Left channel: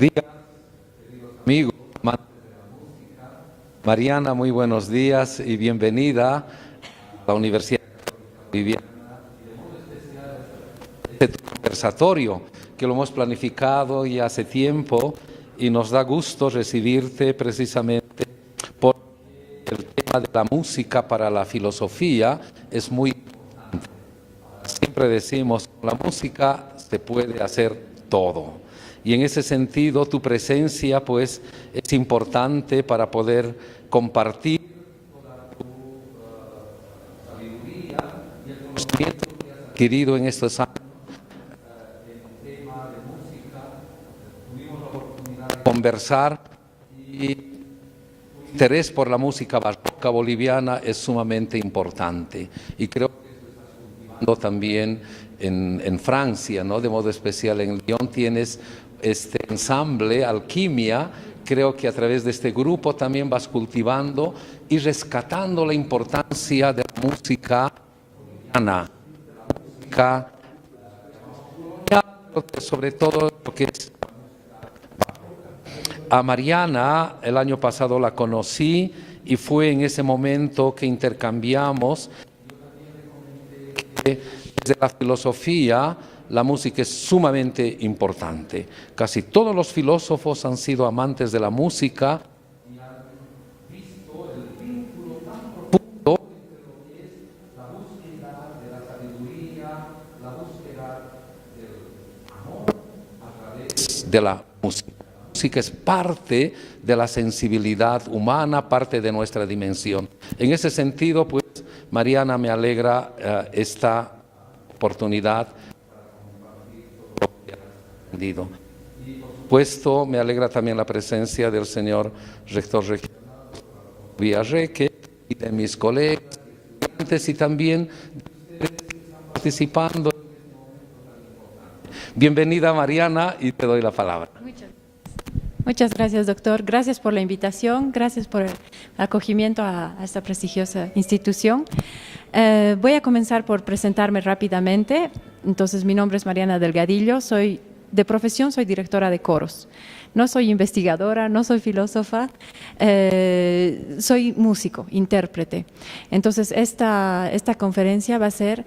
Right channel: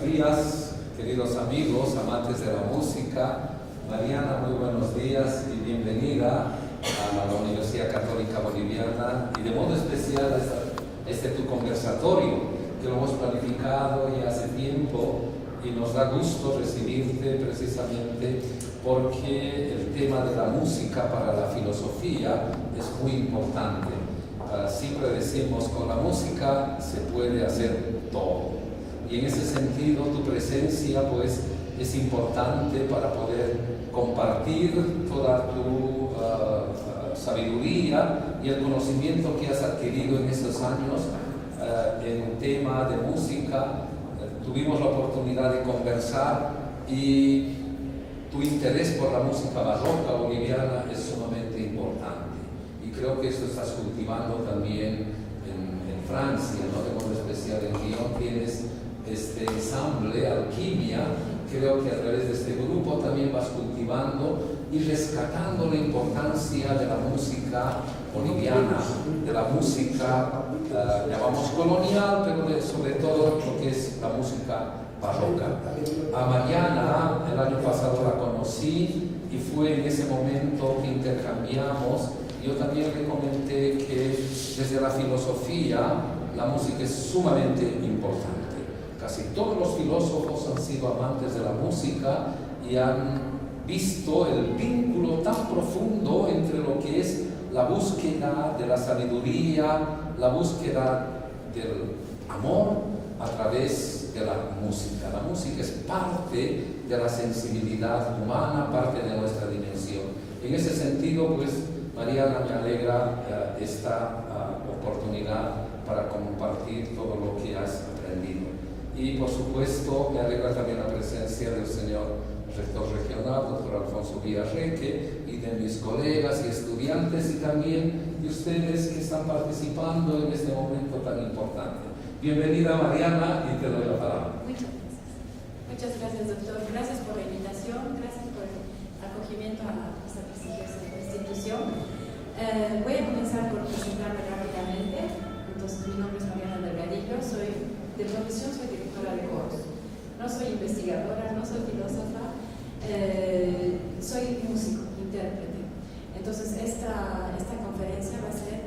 días, queridos amigos, amantes de la música. Mariana, muy buenos días y bienvenida a la Universidad Católica Boliviana y de modo especial a este tu conversatorio que lo hemos planificado ya hace tiempo y nos da gusto recibirte precisamente porque el tema de la música para la filosofía es muy importante. Siempre decimos, con la música se puede hacer todo. Y en ese sentido tu presencia pues es importante para poder compartir toda tu sabiduría y el conocimiento que has adquirido en estos años en un tema de música. Tuvimos la oportunidad de conversar y tu interés por la música barroca boliviana es sumamente importante y creo que eso estás cultivando también en Francia, ¿no? De modo especial en Lyon tienes este ensamble Alquimia. Creo que a través de este grupo también vas cultivando y rescatando la importancia de la música boliviana, de la música, llamamos colonial, pero sobre todo lo que es la música barroca. A Mariana el año pasado la conocí y fue en ese momento que intercambiamos. Yo también le comenté que desde la filosofía la música es sumamente importante. Casi todos los filósofos han sido amantes de la música y han visto el vínculo tan profundo entre lo que es la búsqueda de la sabiduría, la búsqueda del amor a través de la música. La música es parte de la sensibilidad humana, parte de nuestra dimensión. En ese sentido, pues, Mariana, me alegra esta oportunidad para compartir todo lo que has aprendido. Y por supuesto me alegra también la presencia del señor rector regional, doctor Alfonso Villarreque, y de mis colegas y estudiantes y también de ustedes que están participando en este momento tan importante. Bienvenida Mariana y te doy la palabra. Muchas gracias, doctor. Gracias por la invitación, gracias por el acogimiento a esta prestigiosa institución. Voy a comenzar por presentarme rápidamente. Entonces, mi nombre es Mariana Delgadillo, de profesión soy directora de coros. No soy investigadora, no soy filósofa, soy músico, intérprete. Entonces, esta conferencia va a ser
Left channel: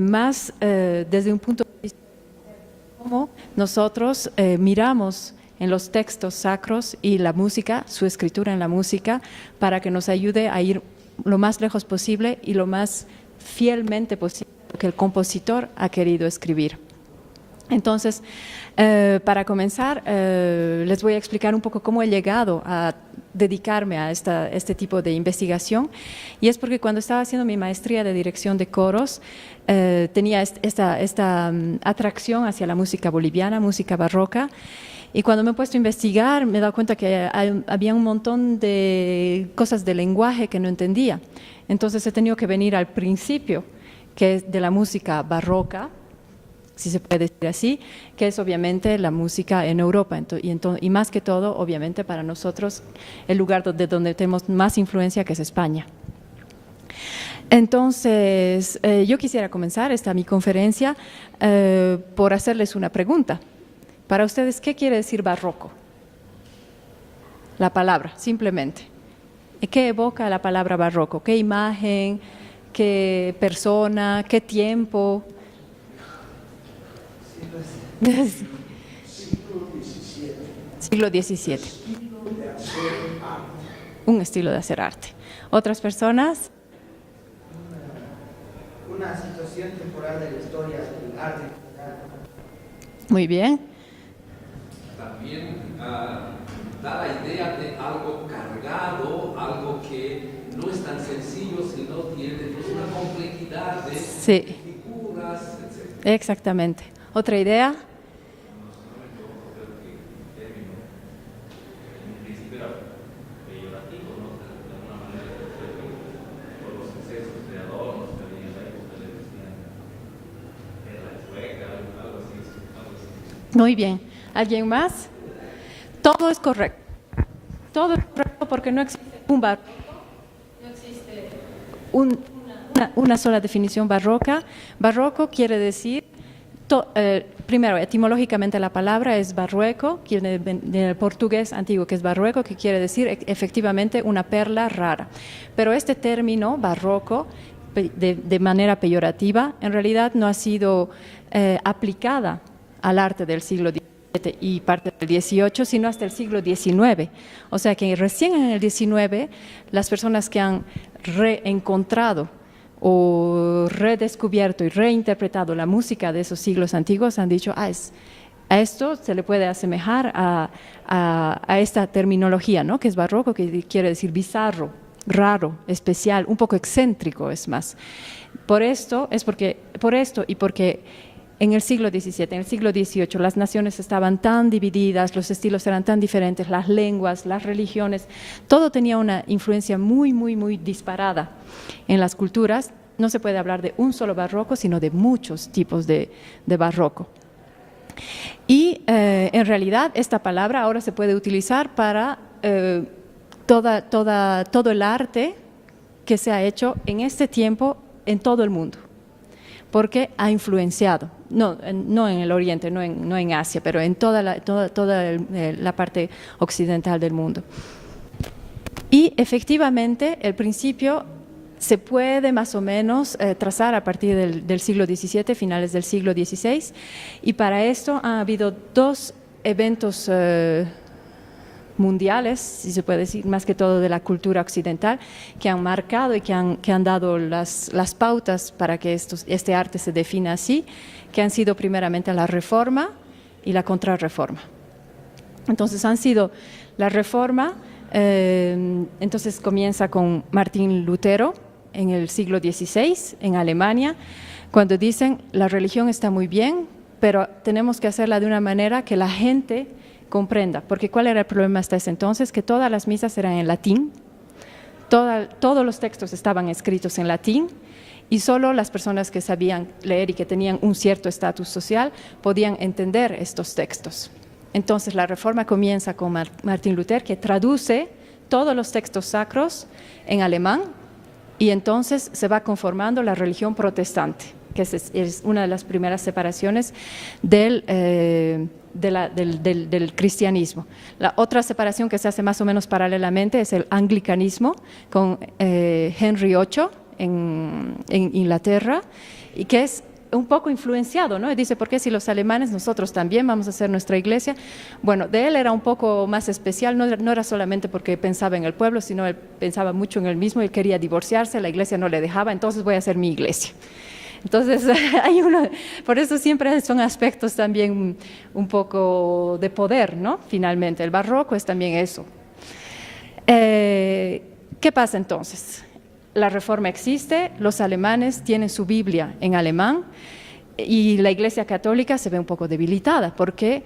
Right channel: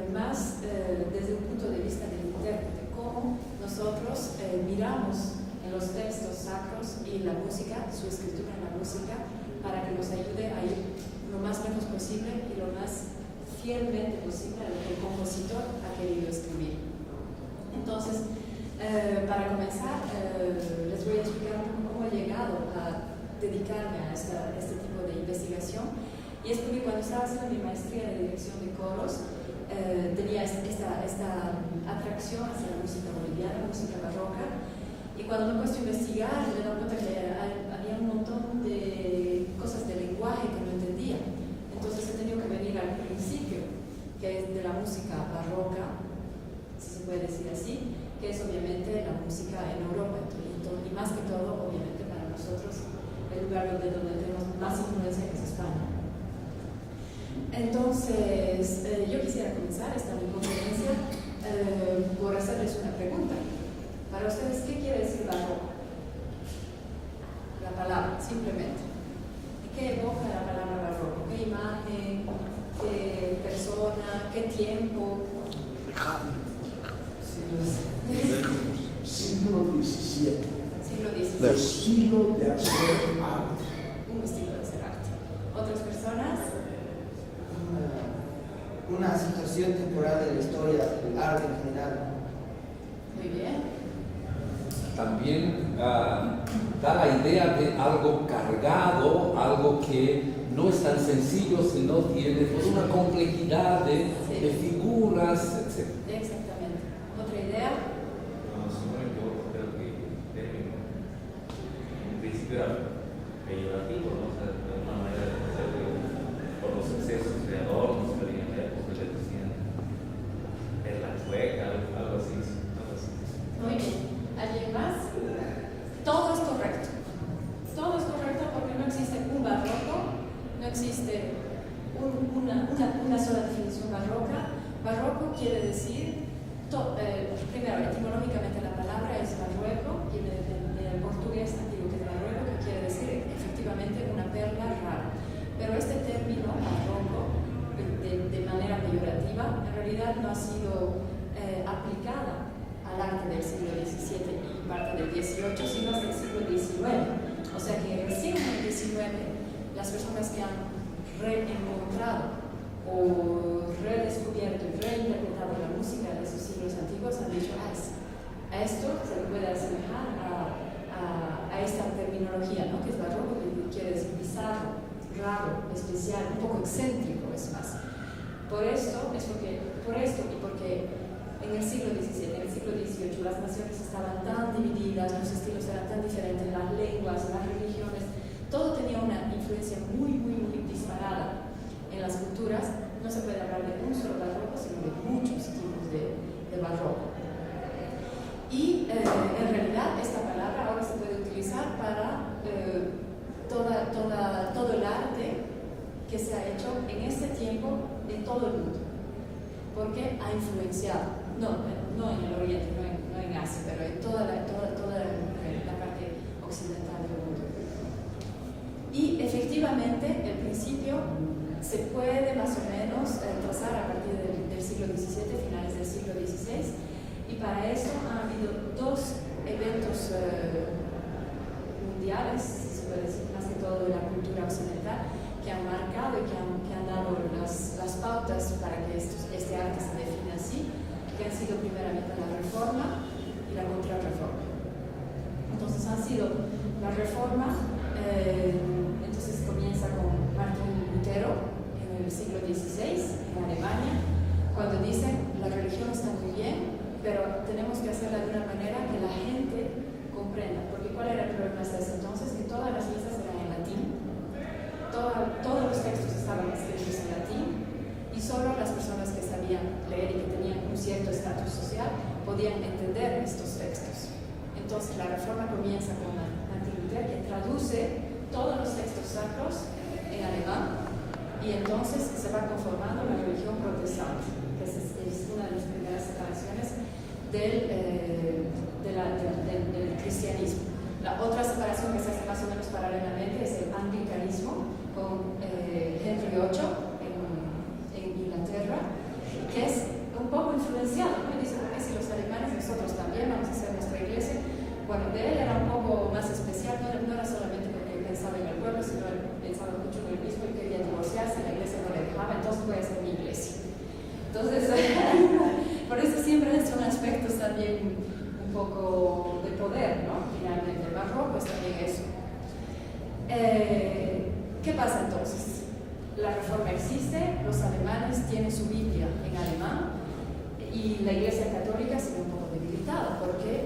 más desde un punto de vista del intérprete, cómo nosotros miramos en los textos sacros y la música, su escritura en la música, para que nos ayude a ir lo más lejos posible y lo más fielmente posible que el compositor ha querido escribir. Entonces, para comenzar, les voy a explicar un poco cómo he llegado a dedicarme a este tipo de investigación, y es porque cuando estaba haciendo mi maestría de dirección de coros, tenía esta atracción hacia la música boliviana, música barroca. Y cuando me he puesto a investigar, me he dado cuenta que había un montón de cosas de lenguaje que no entendía. Entonces he tenido que venir al principio, que es de la música barroca, si se puede decir así, que es obviamente la música en Europa. Y más que todo, obviamente, para nosotros, el lugar donde tenemos más influencia, que es España. Entonces, yo quisiera comenzar mi conferencia por hacerles una pregunta. Para ustedes, ¿qué quiere decir barroco? La palabra, simplemente. ¿Qué evoca la palabra barroco? ¿Qué imagen? ¿Qué persona? ¿Qué tiempo? Siglo XVII. Siglo XVII. Estilo de hacer arte. Un estilo de hacer arte. ¿Otras personas? Una situación temporal de la historia del arte en general. Muy bien. También da la idea de algo cargado, algo que no es tan sencillo, sino tiene una complejidad de figuras, etc. Exactamente. ¿Otra idea? En principio era peyorativo, ¿no? O sea, de alguna manera, por los excesos de adornos que había en la época, le decían en la chueca, algo así. Muy bien. ¿Alguien más? Todo es correcto. Todo es correcto porque no existe un barroco, no existe una sola definición barroca. Barroco quiere decir Primero, etimológicamente la palabra es barrueco, viene del portugués antiguo, que es barrueco, que quiere decir efectivamente una perla rara. Pero este término, barroco, de manera peyorativa, en realidad no ha sido aplicada al arte del siglo XVII y parte del XVIII, sino hasta el siglo XIX. O sea que recién en el XIX, las personas que han reencontrado o redescubierto y reinterpretado la música de esos siglos antiguos han dicho, a esto se le puede asemejar a esta terminología, ¿no? Que es barroco, que quiere decir bizarro, raro, especial, un poco excéntrico, es más. Por esto y porque en el siglo XVII, en el siglo XVIII, las naciones estaban tan divididas, los estilos eran tan diferentes, las lenguas, las religiones, todo tenía una influencia muy, muy, muy disparada en las culturas. No se puede hablar de un solo barroco, sino de muchos tipos de barroco. Y en realidad esta palabra ahora se puede utilizar para todo el arte que se ha hecho en este tiempo en todo el mundo, porque ha influenciado, no en el Oriente, no en Asia, pero en toda la parte occidental del mundo. Y efectivamente el principio se puede más o menos trazar a partir del siglo XVII, finales del siglo XVI, y para esto ha habido dos eventos mundiales, si se puede decir, más que todo de la cultura occidental, que han marcado y que han dado las pautas para que este arte se defina así, que han sido primeramente la Reforma y la Contrarreforma. Entonces han sido la Reforma, entonces comienza con Martín Lutero en el siglo XVI en Alemania, cuando dicen la religión está muy bien, pero tenemos que hacerla de una manera que la gente comprenda, porque ¿cuál era el problema hasta ese entonces? Que todas las misas eran en latín, todos los textos estaban escritos en latín y solo las personas que sabían leer y que tenían un cierto estatus social podían entender estos textos. Entonces la Reforma comienza con Martín Lutero, que traduce todos los textos sacros en alemán, y entonces se va conformando la religión protestante, que es una de las primeras separaciones del cristianismo. La otra separación que se hace más o menos paralelamente es el anglicanismo con Henry VIII en Inglaterra, y que es un poco influenciado, ¿no? Y dice, ¿por qué si los alemanes, nosotros también vamos a hacer nuestra iglesia? Bueno, de él era un poco más especial, no era solamente porque pensaba en el pueblo, sino él pensaba mucho en él mismo, él quería divorciarse, la iglesia no le dejaba, entonces voy a hacer mi iglesia. Entonces, por eso siempre son aspectos también un poco de poder, ¿no? Finalmente, el barroco es también eso. ¿Qué pasa entonces? La Reforma existe, los alemanes tienen su Biblia en alemán y la Iglesia Católica se ve un poco debilitada porque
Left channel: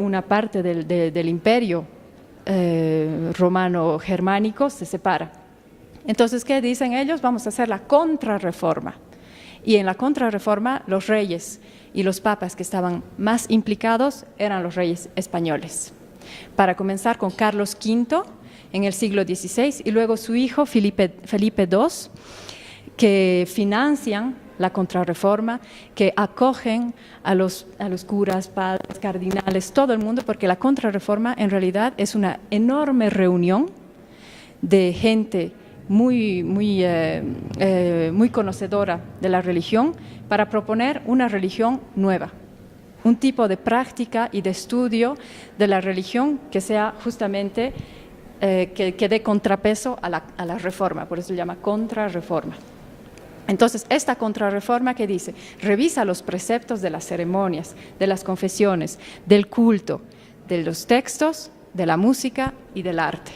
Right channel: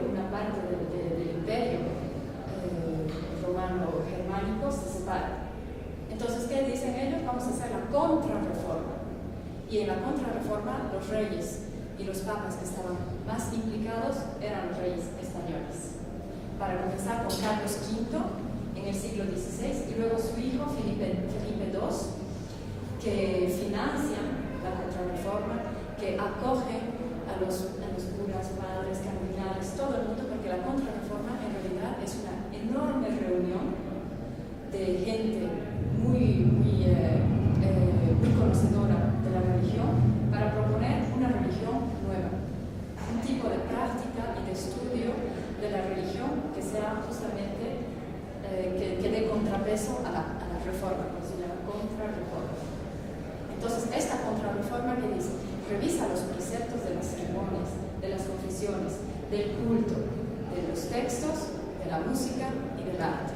una parte del imperio romano-germánico se separa. Entonces, ¿qué dicen ellos? Vamos a hacer la Contrarreforma. Y en la Contrarreforma los reyes y los papas que estaban más implicados eran los reyes españoles. Para comenzar con Carlos V en el siglo XVI y luego su hijo Felipe II, que financian la Contrarreforma, que acogen a los curas, padres, cardinales, todo el mundo, porque la Contrarreforma en realidad es una enorme reunión de gente muy conocedora de la religión para proponer una religión nueva, un tipo de práctica y de estudio de la religión que sea justamente que dé contrapeso a la reforma, por eso se llama Contrarreforma. Entonces, esta Contrarreforma que dice, revisa los preceptos de las ceremonias, de las confesiones, del culto, de los textos, de la música y del arte.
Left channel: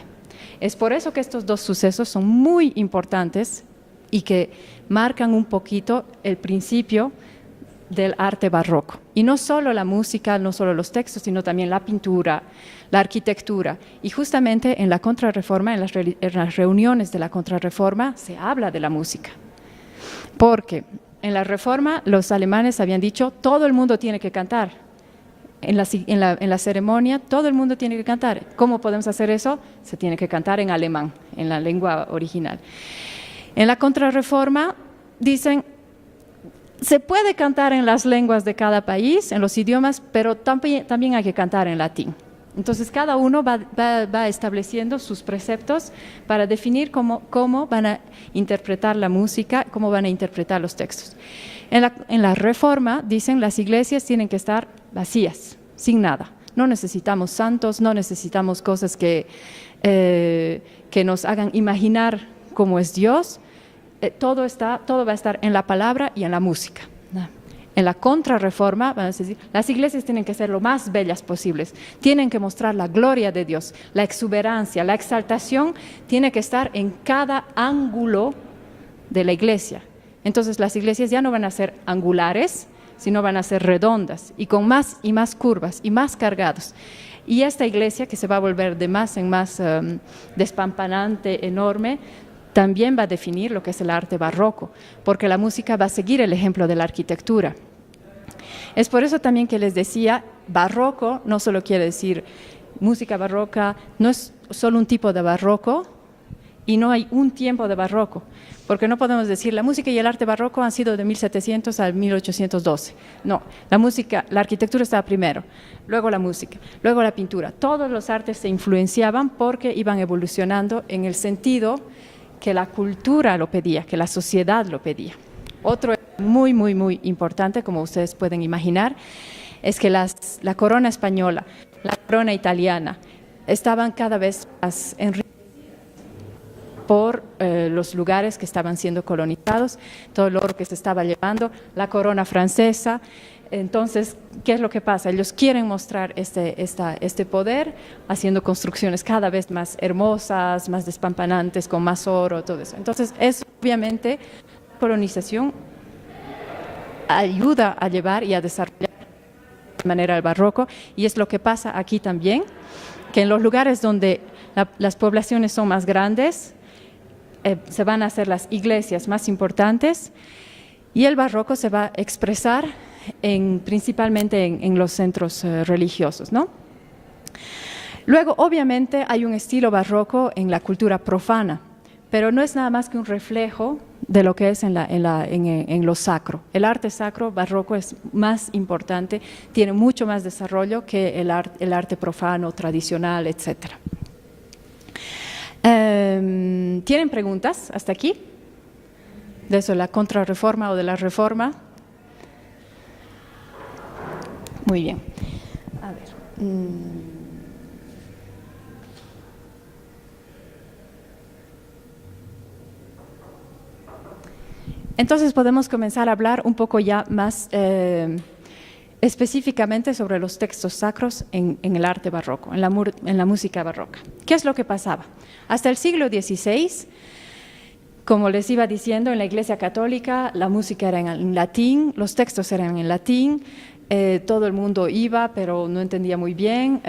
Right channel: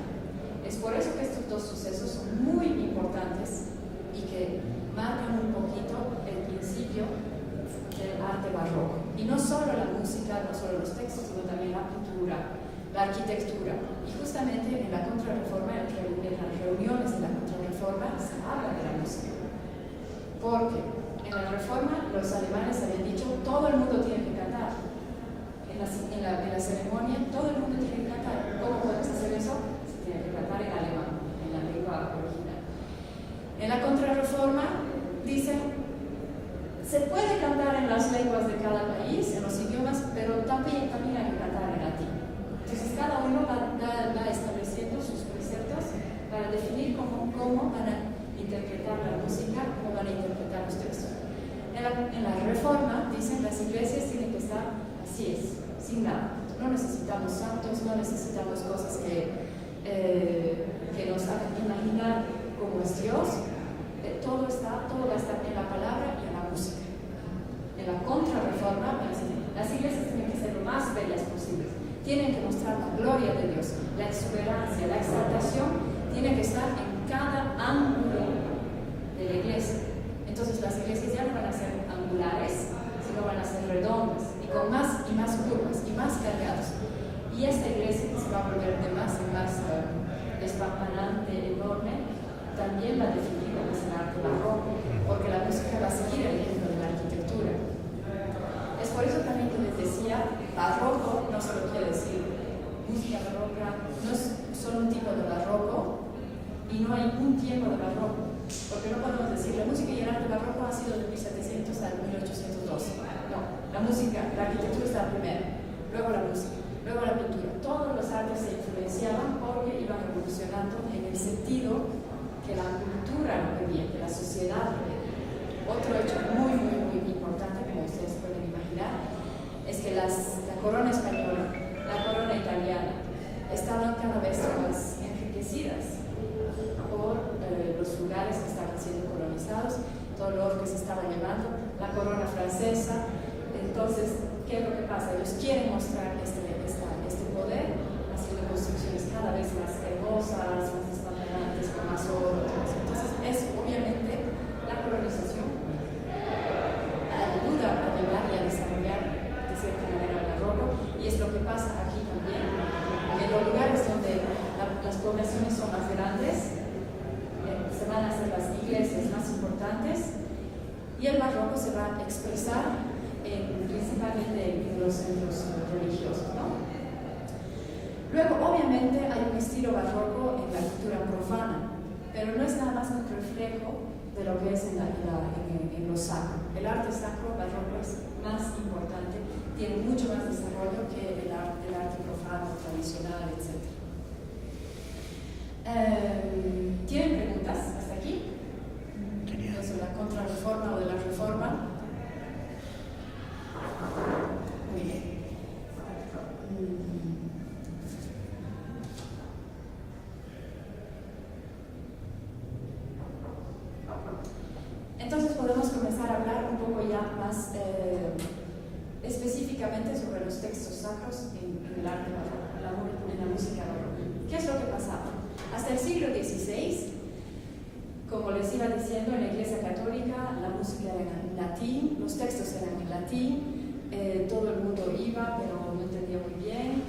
Es por eso que estos dos sucesos son muy importantes y que marcan un poquito el principio del arte barroco. Y no solo la música, no solo los textos, sino también la pintura, la arquitectura. Y justamente en la Contrarreforma, en las reuniones de la Contrarreforma, se habla de la música. Porque en la Reforma los alemanes habían dicho, todo el mundo tiene que cantar. En la ceremonia, todo el mundo tiene que cantar. ¿Cómo podemos hacer eso? Se tiene que cantar en alemán, en la lengua original. En la Contrarreforma dicen, Se puede cantar en las lenguas de cada país, en los idiomas, pero también hay que cantar en latín. Entonces cada uno va estableciendo sus preceptos para definir cómo van a interpretar la música, cómo van a interpretar los textos. En la Reforma dicen las iglesias tienen que estar vacías, sin nada. No necesitamos santos, no necesitamos cosas que nos hagan imaginar cómo es Dios. Todo va a estar en la palabra y en la música. En la Contrarreforma, vamos a decir, las iglesias tienen que ser lo más bellas posibles, tienen que mostrar la gloria de Dios, la exuberancia, la exaltación tiene que estar en cada ángulo de la iglesia. Entonces las iglesias ya no van a ser angulares, sino van a ser redondas y con más y más curvas y más cargados. Y esta iglesia, que se va a volver de más en más despampanante, enorme, también va a definir lo que es el arte barroco, porque la música va a seguir el ejemplo de la arquitectura. Es por eso también que les decía, barroco no solo quiere decir música barroca, no es solo un tipo de barroco y no hay un tiempo de barroco, porque no podemos decir la música y el arte barroco han sido de 1700 a 1812. No, la arquitectura estaba primero, luego la música, luego la pintura. Todos los artes se influenciaban porque iban evolucionando en el sentido que la cultura lo pedía, que la sociedad lo pedía. Otro muy, muy, muy importante, como ustedes pueden imaginar, es que la corona española, la corona italiana, estaban cada vez más enriquecidas por los lugares que estaban siendo colonizados, todo el oro que se estaba llevando, la corona francesa. Entonces, ¿qué es lo que pasa? Ellos quieren mostrar este poder haciendo construcciones cada vez más hermosas, más despampanantes, con más oro, todo eso. Entonces, obviamente, la colonización ayuda a llevar y a desarrollar de cierta manera el barroco, y es lo que pasa aquí también, que en los lugares donde las poblaciones son más grandes, se van a hacer las iglesias más importantes, y el barroco se va a expresar principalmente en los centros religiosos, ¿no? Luego, obviamente, hay un estilo barroco en la cultura profana, pero no es nada más que un reflejo de lo que es en lo sacro. El arte sacro barroco es más importante, tiene mucho más desarrollo que el arte profano, tradicional, etc. ¿Tienen preguntas hasta aquí? De eso, la Contrarreforma o de la Reforma. Muy bien. A ver. Entonces podemos comenzar a hablar un poco ya más específicamente sobre los textos sacros en el arte barroco, en la música barroca. ¿Qué es lo que pasaba? Hasta el siglo XVI, como les iba diciendo, en la Iglesia Católica la música era en latín, los textos eran en latín. Todo el mundo iba, pero no entendía muy bien.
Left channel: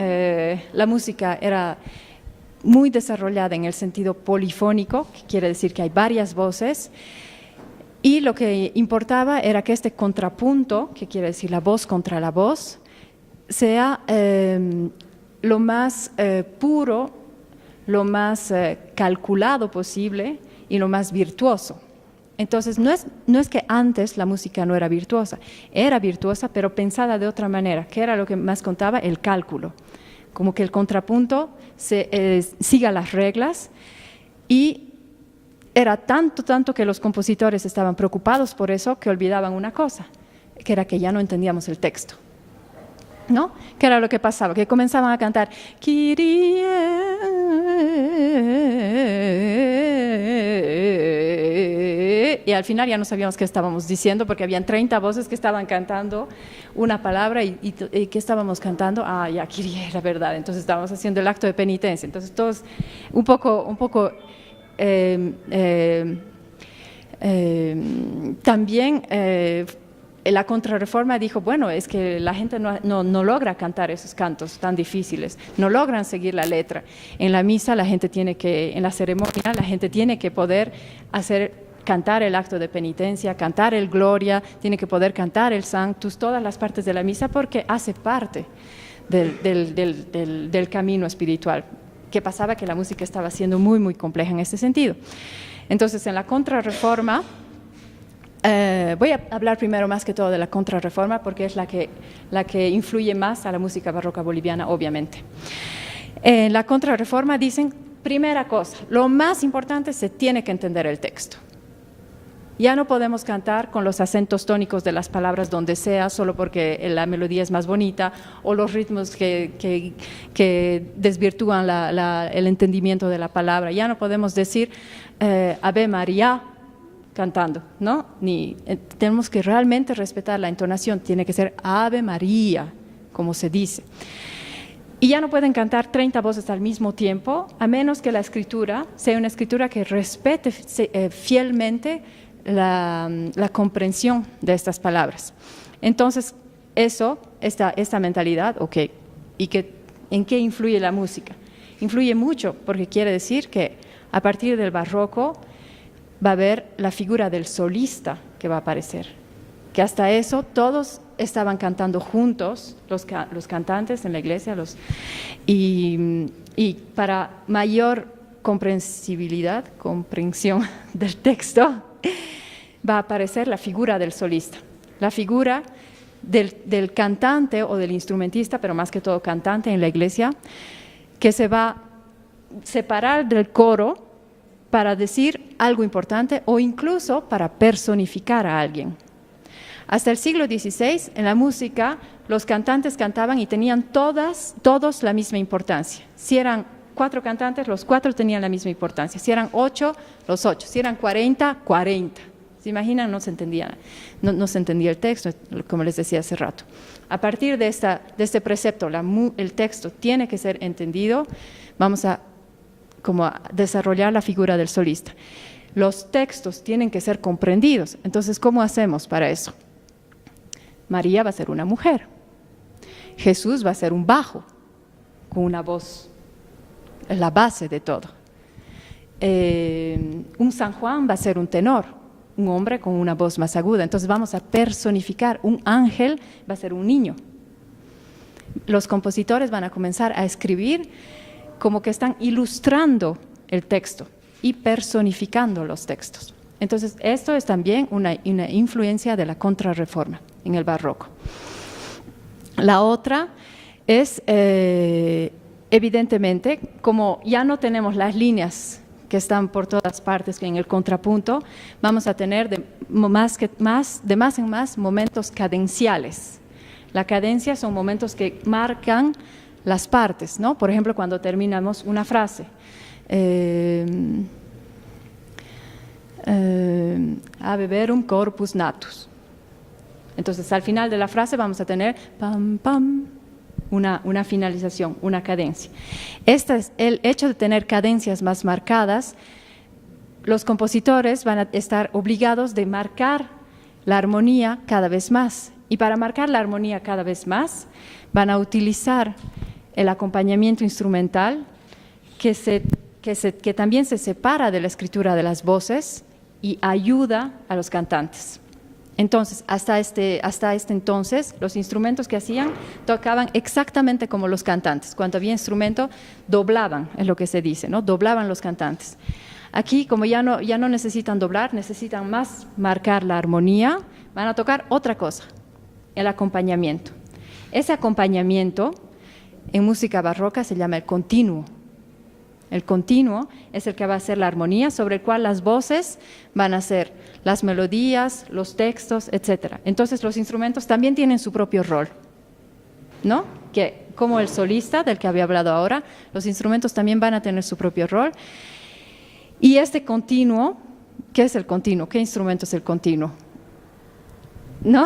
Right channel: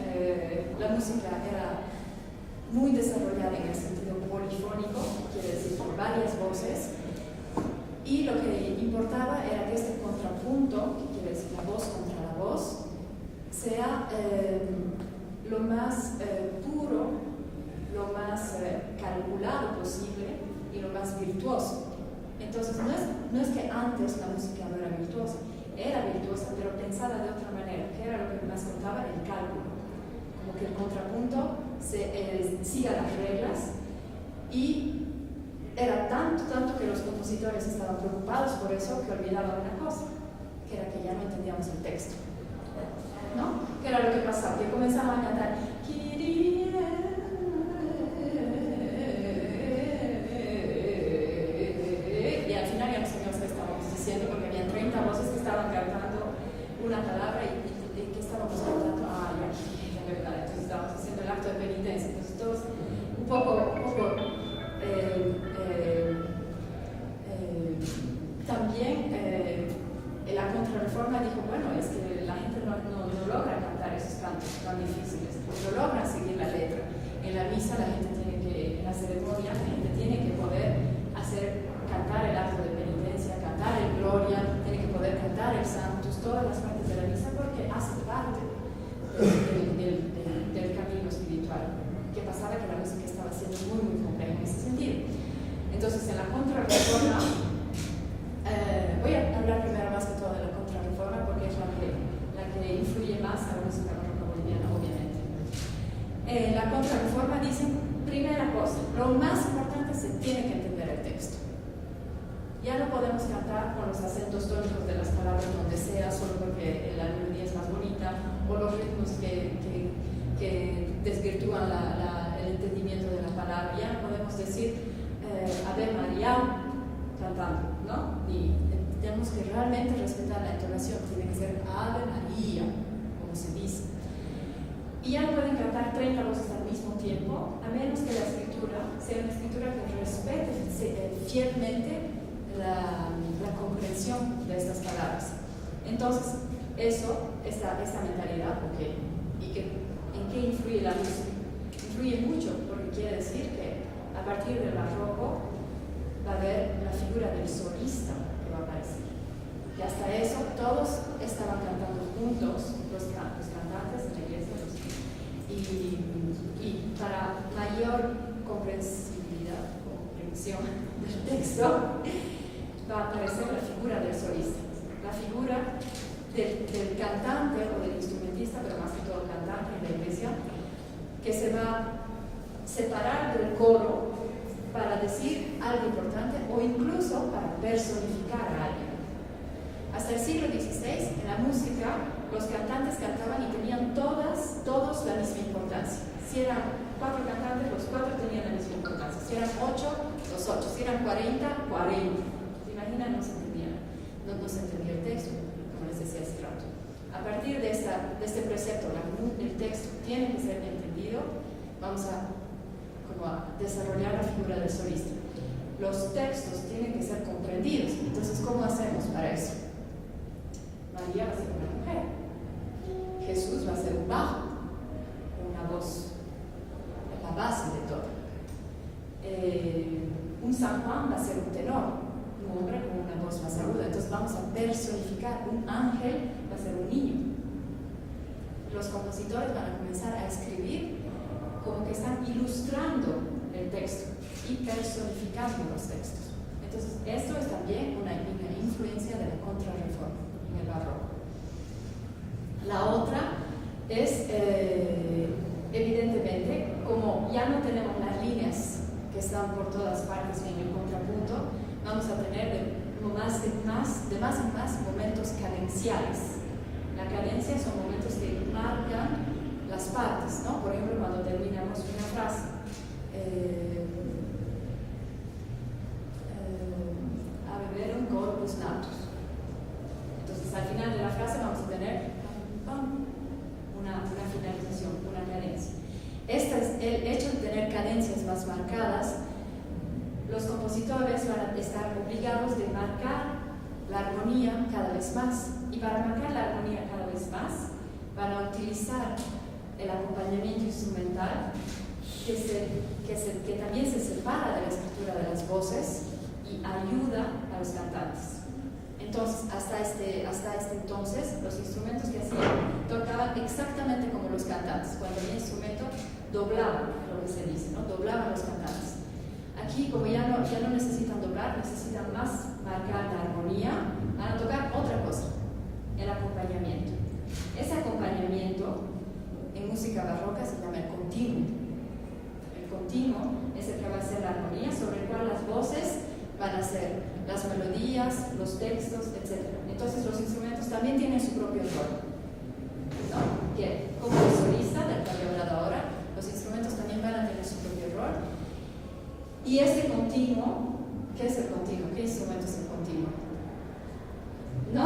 La música era muy desarrollada en el sentido polifónico, que quiere decir que hay varias voces, y lo que importaba era que este contrapunto, que quiere decir la voz contra la voz, sea lo más puro, lo más calculado posible y lo más virtuoso. Entonces, no es que antes la música no era virtuosa, pero pensada de otra manera, que era lo que más contaba, el cálculo, como que el contrapunto siga las reglas, y era tanto que los compositores estaban preocupados por eso que olvidaban una cosa, que era que ya no entendíamos el texto, ¿no? ¿Qué era lo que pasaba? Que comenzaban a cantar Kyrie, y al final ya no sabíamos qué estábamos diciendo, porque habían 30 voces que estaban cantando una palabra y ¿qué estábamos cantando? Ah, ya, Kyrie, la verdad. Entonces estábamos haciendo el acto de penitencia. Entonces todos un poco también la Contrarreforma dijo, bueno, es que la gente no logra cantar esos cantos tan difíciles, no logran seguir la letra. En la misa en la ceremonia la gente tiene que poder cantar el acto de penitencia, cantar el Gloria, tiene que poder cantar el Sanctus, todas las partes de la misa, porque hace parte del camino espiritual. ¿Qué pasaba? Que la música estaba siendo muy, muy compleja en ese sentido. Entonces, en la Contrarreforma, Voy a hablar primero más que todo de la Contrarreforma porque es la que influye más a la música barroca boliviana, obviamente. En la Contrarreforma dicen, primera cosa, lo más importante, se tiene que entender el texto. Ya no podemos cantar con los acentos tónicos de las palabras donde sea, solo porque la melodía es más bonita, o los ritmos que desvirtúan el entendimiento de la palabra. Ya no podemos decir Ave María cantando, ¿no? Tenemos que realmente respetar la entonación, tiene que ser Ave María, como se dice. Y ya no pueden cantar 30 voces al mismo tiempo, a menos que la escritura sea una escritura que respete fielmente la comprensión de estas palabras. Entonces, esta mentalidad, ok, ¿en qué influye la música? Influye mucho, porque quiere decir que a partir del barroco va a haber la figura del solista que va a aparecer, que hasta eso todos estaban cantando juntos, los cantantes en la iglesia, y para mayor comprensión del texto, va a aparecer la figura del solista, la figura del cantante o del instrumentista, pero más que todo cantante en la iglesia, que se va a separar del coro para decir algo importante o incluso para personificar a alguien. Hasta el siglo XVI, en la música, los cantantes cantaban y tenían todos la misma importancia. Si eran 4 cantantes, los 4 tenían la misma importancia. Si eran 8, los 8. Si eran 40, 40. ¿Se imaginan? No se entendía el texto, como les decía hace rato. A partir de este precepto, el texto tiene que ser entendido, vamos a desarrollar la figura del solista. Los textos tienen que ser comprendidos. Entonces, ¿cómo hacemos para eso? María va a ser una mujer. Jesús va a ser un bajo, con una voz, es la base de todo. Un San Juan va a ser un tenor, un hombre con una voz más aguda. Entonces vamos a personificar. Un ángel va a ser un niño. Los compositores van a comenzar a escribir como que están ilustrando el texto y personificando los textos. Entonces, esto es también una influencia de la Contrarreforma en el barroco. La otra es, evidentemente, como ya no tenemos las líneas que están por todas partes en el contrapunto, vamos a tener de más en más momentos cadenciales. La cadencia son momentos que marcan las partes, ¿no? Por ejemplo, cuando terminamos una frase, habeverum corpus natus. Entonces, al final de la frase vamos a tener pam, pam, una finalización, una cadencia. El hecho de tener cadencias más marcadas, los compositores van a estar obligados de marcar la armonía cada vez más. Y para marcar la armonía cada vez más, van a utilizar el acompañamiento instrumental que también se separa de la escritura de las voces y ayuda a los cantantes. Entonces, hasta este entonces, los instrumentos que hacían tocaban exactamente como los cantantes. Cuando había instrumento, doblaban, es lo que se dice, ¿no? Doblaban los cantantes. Aquí, como ya no necesitan doblar, necesitan más marcar la armonía, van a tocar otra cosa, el acompañamiento. Ese acompañamiento en música barroca se llama el continuo. El continuo es el que va a ser la armonía sobre el cual las voces van a ser las melodías, los textos, etc. Entonces los instrumentos también tienen su propio rol, ¿no? Que como el solista del que había hablado ahora, los instrumentos también van a tener su propio rol. Y este continuo, ¿qué es el continuo? ¿Qué instrumento es el continuo? ¿No?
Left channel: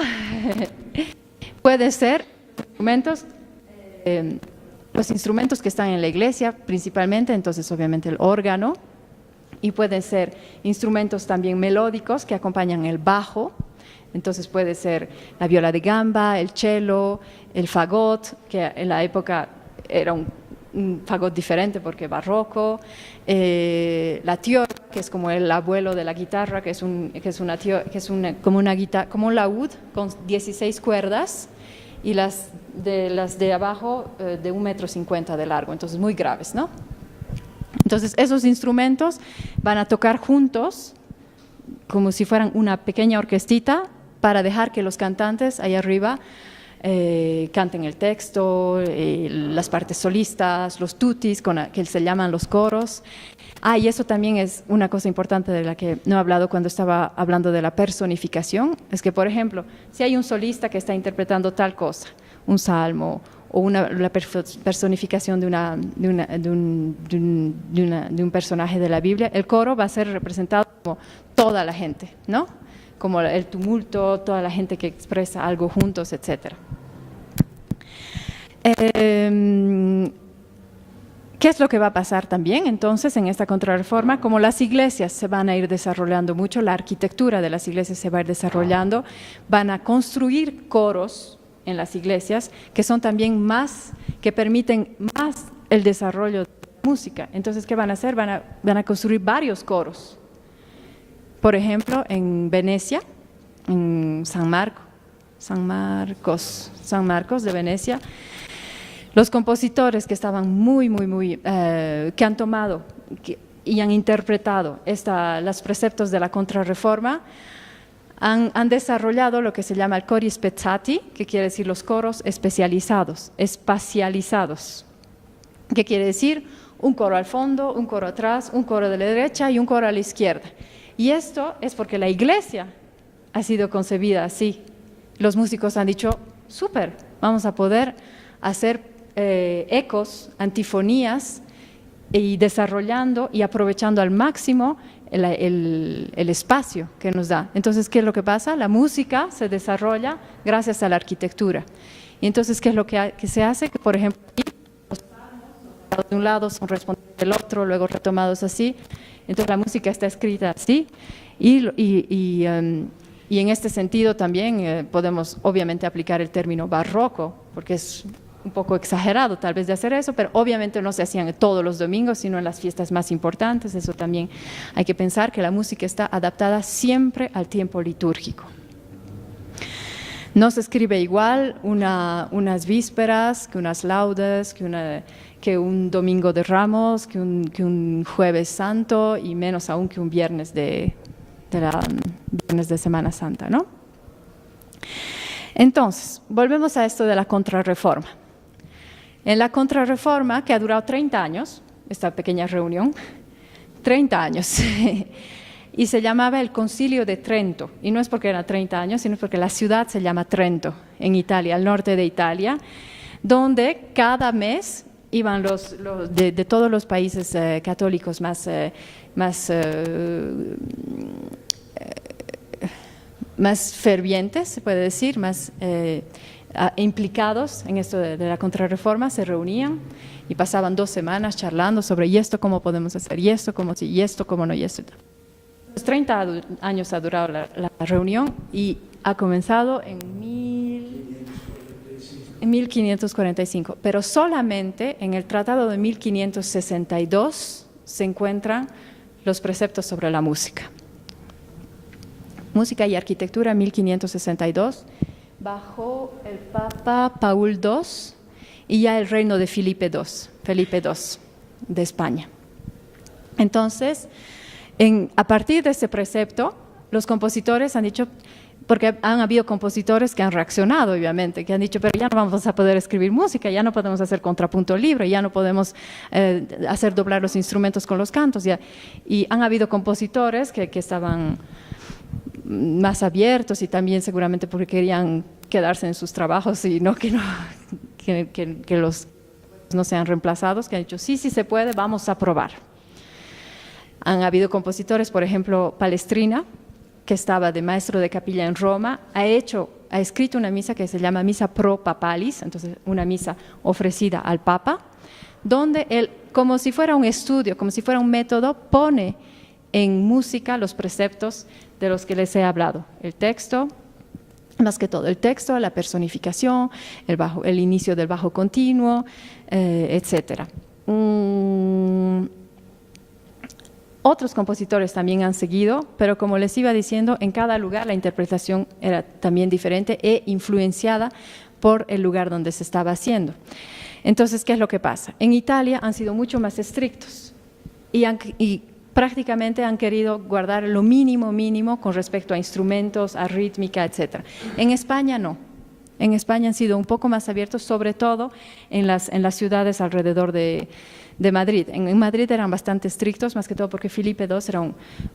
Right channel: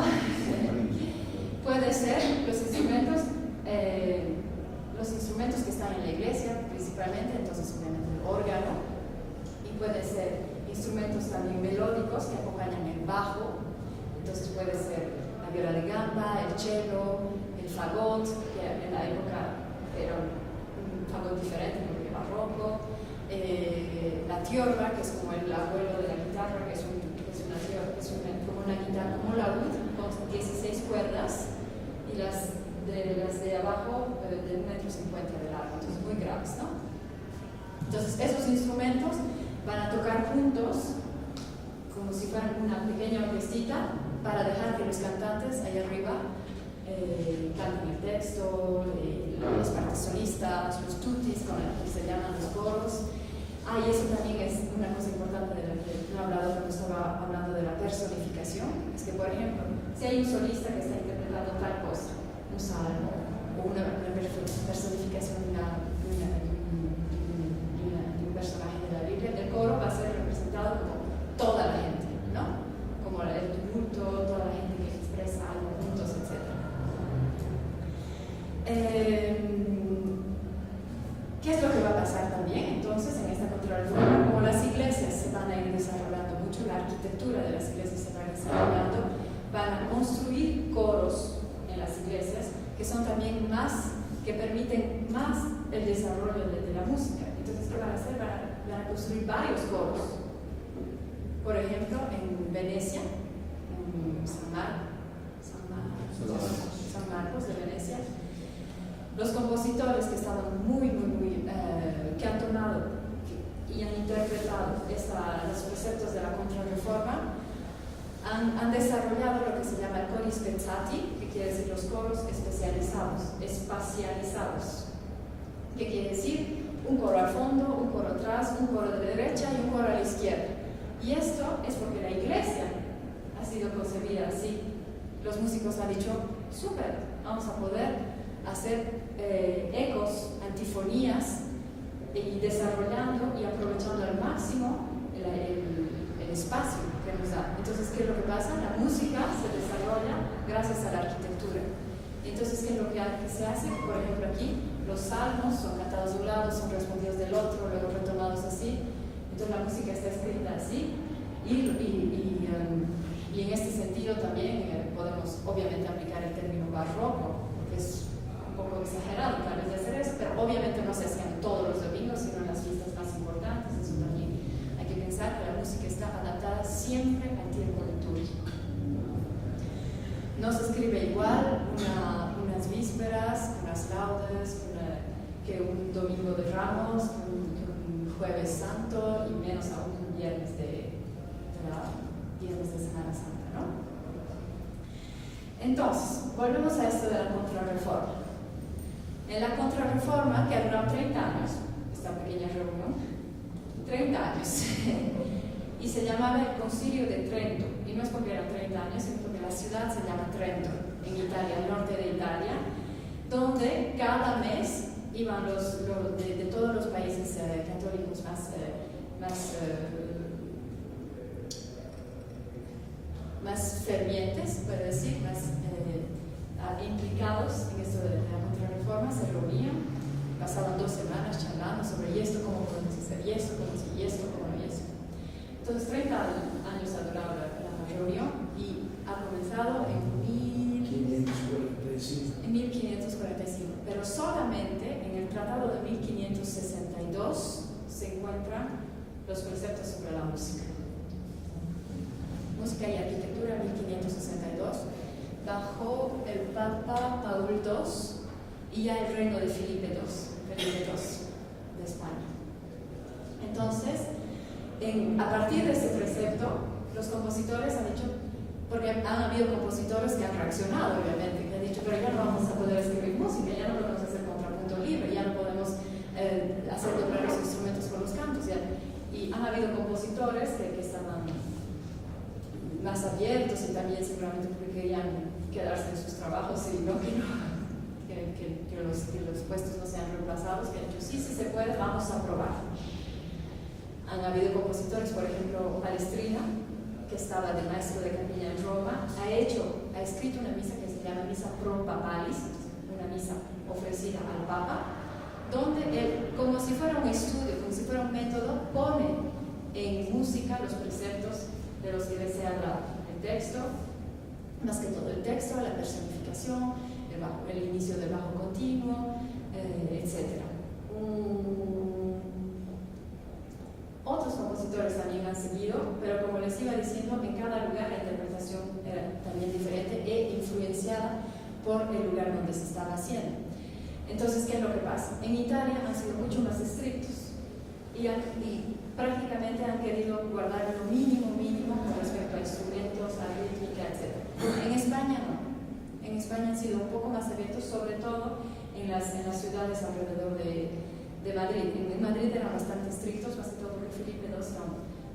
Puede ser los instrumentos que están en la iglesia principalmente, entonces obviamente el órgano, y puede ser instrumentos también melódicos que acompañan el bajo, entonces puede ser la viola de gamba, el cello, el fagot, que en la época era un fagot diferente porque barroco, la tiorba, que es como el abuelo de la guitarra, como un laúd con 16 cuerdas, y las de abajo de 1,50 m de largo, entonces muy graves, ¿no? Entonces esos instrumentos van a tocar juntos como si fueran una pequeña orquestita para dejar que los cantantes ahí arriba canten el texto, las partes solistas, los tutis, que se llaman los coros. Y eso también es una cosa importante de la que no he hablado cuando estaba hablando de la personificación. Es que, por ejemplo, si hay un solista que está interpretando tal cosa, un salmo o la personificación de un personaje de la Biblia, el coro va a ser representado como toda la gente, ¿no? Como el tumulto, toda la gente que expresa algo juntos, etc. ¿Qué es lo que va a pasar también entonces en esta contrarreforma? Como las iglesias se van a ir desarrollando mucho, la arquitectura de las iglesias se va a ir desarrollando, van a construir coros en las iglesias que son también que permiten más el desarrollo de la música. Entonces, ¿qué van a hacer? Van a construir varios coros. Por ejemplo, en Venecia, en San Marcos de Venecia, los compositores que estaban que han tomado y han interpretado los preceptos de la Contrarreforma, han desarrollado lo que se llama el cori spezzati, que quiere decir los coros especializados, espacializados. ¿Qué quiere decir? Un coro al fondo, un coro atrás, un coro de la derecha y un coro a la izquierda. Y esto es porque la iglesia ha sido concebida así. Los músicos han dicho, súper, vamos a poder hacer ecos, antifonías, y desarrollando y aprovechando al máximo el espacio que nos da. Entonces, ¿qué es lo que pasa? La música se desarrolla gracias a la arquitectura. Y entonces, ¿qué es lo que se hace? Que, por ejemplo, aquí los salmos son cantados de un lado, son respondidos del otro, luego retomados así. Entonces, la música está escrita así. Y en este sentido también podemos obviamente aplicar el término barroco, porque es un poco exagerado tal vez de hacer eso, pero obviamente no se hacían todos los domingos, sino en las fiestas más importantes. Eso también hay que pensar, que la música está adaptada siempre al tiempo litúrgico. No se escribe igual unas vísperas, que unas laudes, que un domingo de Ramos, que un jueves santo, y menos aún que un viernes de Semana Santa, ¿no? Entonces, volvemos a esto de la Contrarreforma. En la Contrarreforma, que ha durado 30 años, esta pequeña reunión, 30 años, y se llamaba el Concilio de Trento, y no es porque eran 30 años, sino porque la ciudad se llama Trento, en Italia, al norte de Italia, donde cada mes iban de todos los países católicos más fervientes, se puede decir, más implicados en esto de la Contrarreforma, se reunían y pasaban 2 semanas charlando sobre y esto cómo podemos hacer, y esto cómo sí, y esto cómo no, y esto. Entonces, 30 años ha durado la reunión y ha comenzado en 1545, pero solamente en el Tratado de 1562 se encuentran los preceptos sobre la música. Música y arquitectura, 1562, bajo el Papa Paul II y ya el reino de Felipe II de España. Entonces, a partir de ese precepto, los compositores han dicho, porque han habido compositores que han reaccionado, obviamente, que han dicho, pero ya no vamos a poder escribir música, ya no podemos hacer contrapunto libre, ya no podemos hacer doblar los instrumentos con los cantos. Y han habido compositores que estaban más abiertos, y también seguramente porque querían quedarse en sus trabajos y no que los puestos no sean reemplazados, que han dicho, sí se puede, vamos a probar. Han habido compositores, por ejemplo, Palestrina, que estaba de maestro de capilla en Roma, ha escrito una misa que se llama Misa Pro Papalis, entonces una misa ofrecida al Papa, donde él, como si fuera un estudio, como si fuera un método, pone en música los preceptos de los que les he hablado, el texto, más que todo el texto, la personificación, el inicio del bajo continuo, etc. Otros compositores también han seguido, pero como les iba diciendo, en cada lugar la interpretación era también diferente e influenciada por el lugar donde se estaba haciendo. Entonces, ¿qué es lo que pasa? En Italia han sido mucho más estrictos y prácticamente han querido guardar lo mínimo con respecto a instrumentos, a rítmica, etc. En España no. En España han sido un poco más abiertos, sobre todo en las ciudades alrededor de Madrid. En Madrid eran bastante estrictos, más que todo porque Felipe II era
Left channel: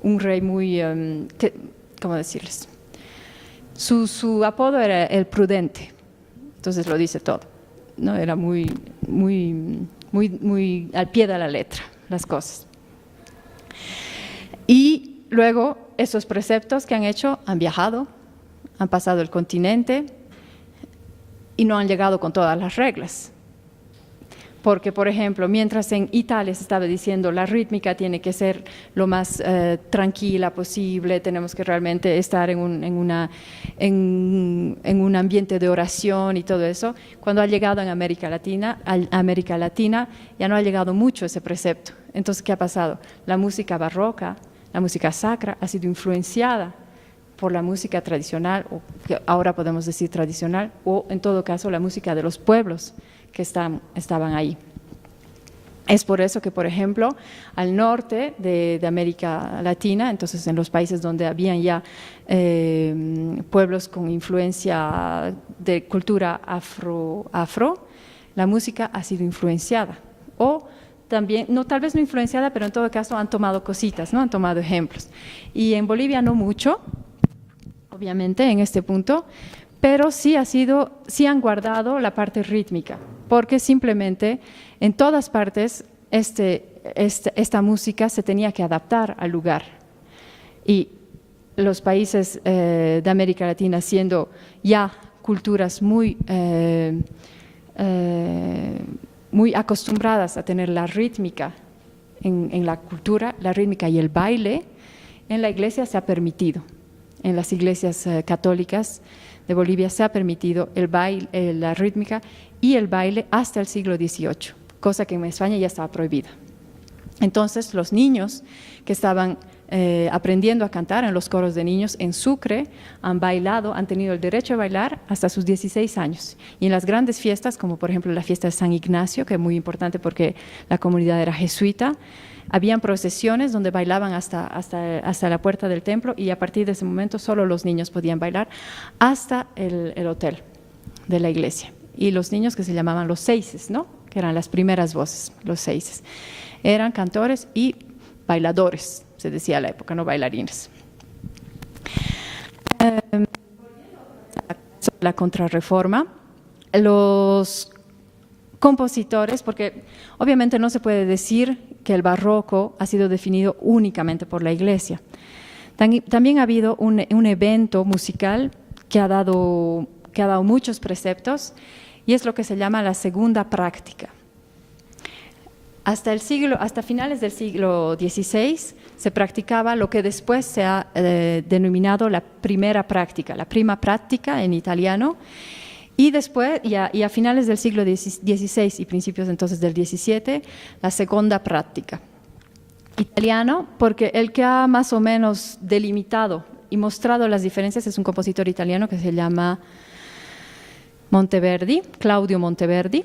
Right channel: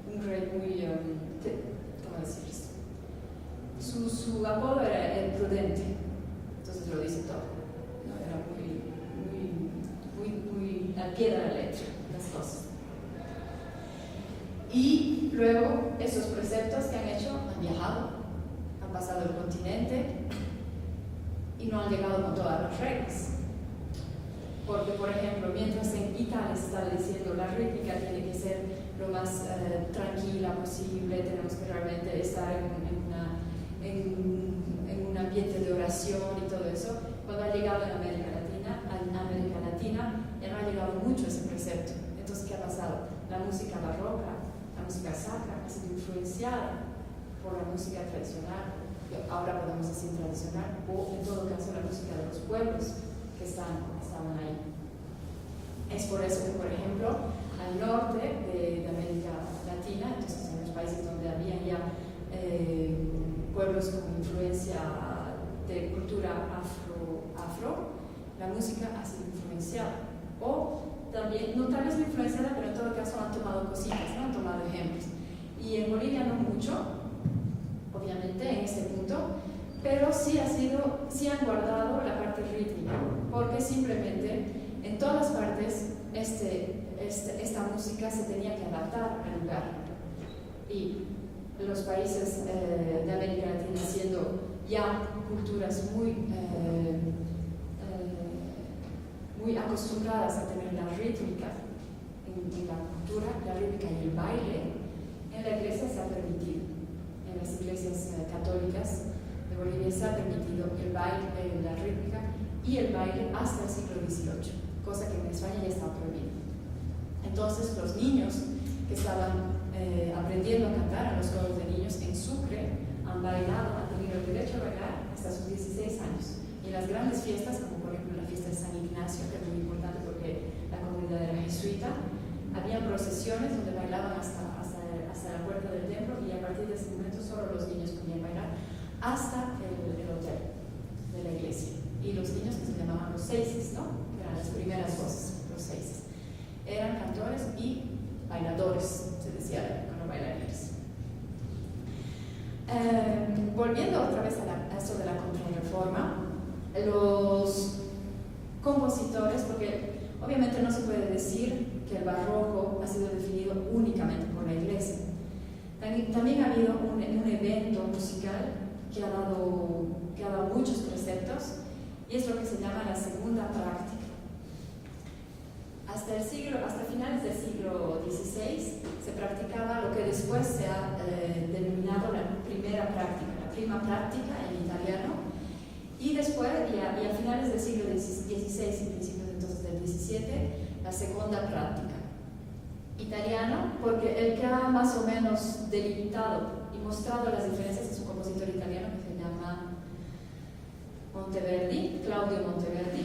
un rey muy, ¿cómo decirles? Su apodo era el prudente, entonces lo dice todo, ¿no? Era muy al pie de la letra las cosas. Y luego esos preceptos que han hecho han viajado, han pasado el continente y no han llegado con todas las reglas. Porque, por ejemplo, mientras en Italia se estaba diciendo la rítmica tiene que ser lo más tranquila posible, tenemos que realmente estar en un ambiente de oración y todo eso, cuando ha llegado a América Latina ya no ha llegado mucho ese precepto. Entonces, ¿qué ha pasado? La música barroca, la música sacra ha sido influenciada por la música tradicional, o que ahora podemos decir tradicional, o en todo caso la música de los pueblos que estaban ahí. Es por eso que, por ejemplo, al norte de América Latina, entonces en los países donde habían ya pueblos con influencia de cultura afro, la música ha sido influenciada. O también, no, tal vez no influenciada, pero en todo caso han tomado cositas, ¿no? Han tomado ejemplos. Y en Bolivia no mucho, obviamente, en este punto, pero sí han guardado la parte rítmica, porque simplemente en todas partes esta música se tenía que adaptar al lugar. Y los países de América Latina, siendo ya culturas muy acostumbradas a tener la rítmica en la cultura, la rítmica y el baile, en la iglesia se ha permitido, en las iglesias católicas de Bolivia se ha permitido el baile, la rítmica y el baile hasta el siglo XVIII, cosa que en España ya estaba prohibida. Entonces los niños que estaban aprendiendo a cantar en los coros de niños en Sucre han tenido el derecho a bailar hasta sus 16 años. Y en las grandes fiestas, como por ejemplo la fiesta de San Ignacio, que es muy importante porque la comunidad era jesuita, habían procesiones donde bailaban hasta la puerta del templo, y a partir de ese momento solo los niños podían bailar hasta el hotel de la iglesia. Y los niños, que se llamaban los seises, ¿no? Que eran las primeras voces, los seises, eran cantores y bailadores, se decía a la época, no bailarines. Volviendo otra vez a la Contrarreforma, los compositores, porque obviamente no se puede decir que el barroco ha sido definido únicamente por la Iglesia. También ha habido un evento musical que ha dado muchos preceptos, y es lo que se llama la segunda práctica. Hasta finales del siglo XVI se practicaba lo que después se ha denominado la primera práctica, la prima pratica en italiano. Y después, y a finales del siglo XVI y principios entonces del XVII, la segunda práctica. Italiano, porque el que ha más o menos delimitado y mostrado las diferencias es un compositor italiano que se llama Monteverdi, Claudio Monteverdi,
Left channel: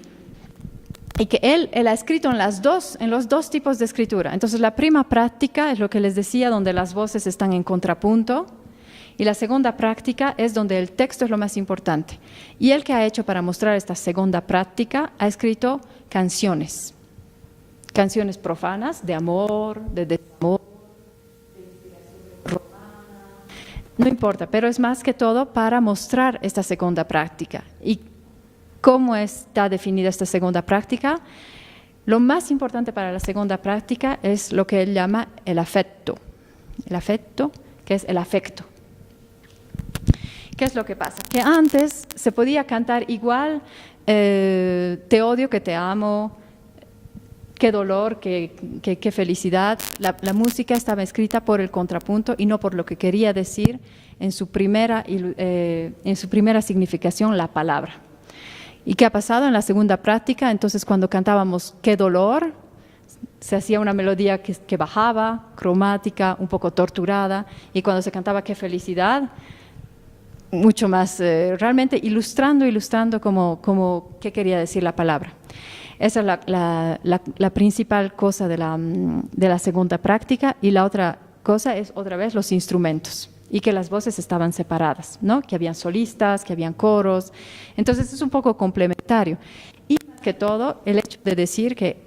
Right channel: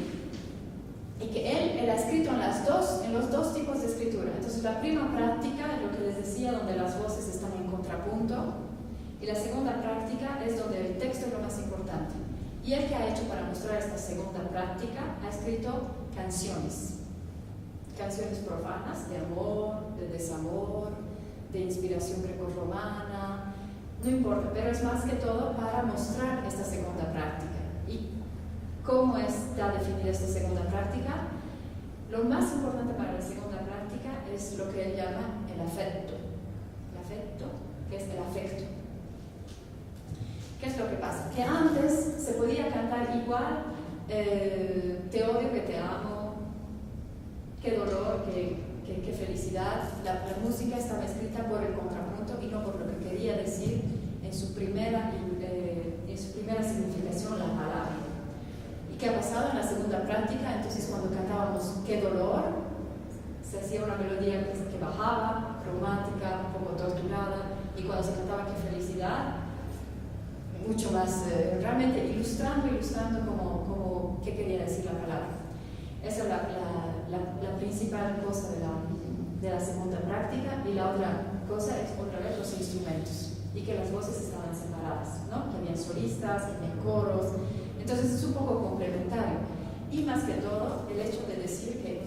y que él ha escrito en los dos tipos de escritura. Entonces la prima práctica es lo que les decía, donde las voces están en contrapunto, y la segunda práctica es donde el texto es lo más importante. Y él, que ha hecho para mostrar esta segunda práctica, ha escrito canciones profanas, de amor, de desamor, de inspiración grecorromana, no importa, pero es más que todo para mostrar esta segunda práctica. ¿Y cómo está definida esta segunda práctica? Lo más importante para la segunda práctica es lo que él llama el afecto, que es el afecto. ¿Qué es lo que pasa? Que antes se podía cantar igual, te odio, que te amo, qué dolor, qué felicidad. La música estaba escrita por el contrapunto y no por lo que quería decir en su primera significación la palabra. ¿Y qué ha pasado en la segunda práctica? Entonces, cuando cantábamos qué dolor, se hacía una melodía que bajaba, cromática, un poco torturada, y cuando se cantaba qué felicidad, mucho más, realmente ilustrando como qué quería decir la palabra. Esa es la principal cosa de la segunda práctica. Y la otra cosa es, otra vez, los instrumentos. Y que las voces estaban separadas, ¿no? Que habían solistas, que habían coros. Entonces es un poco complementario. Y más que todo, el hecho de decir que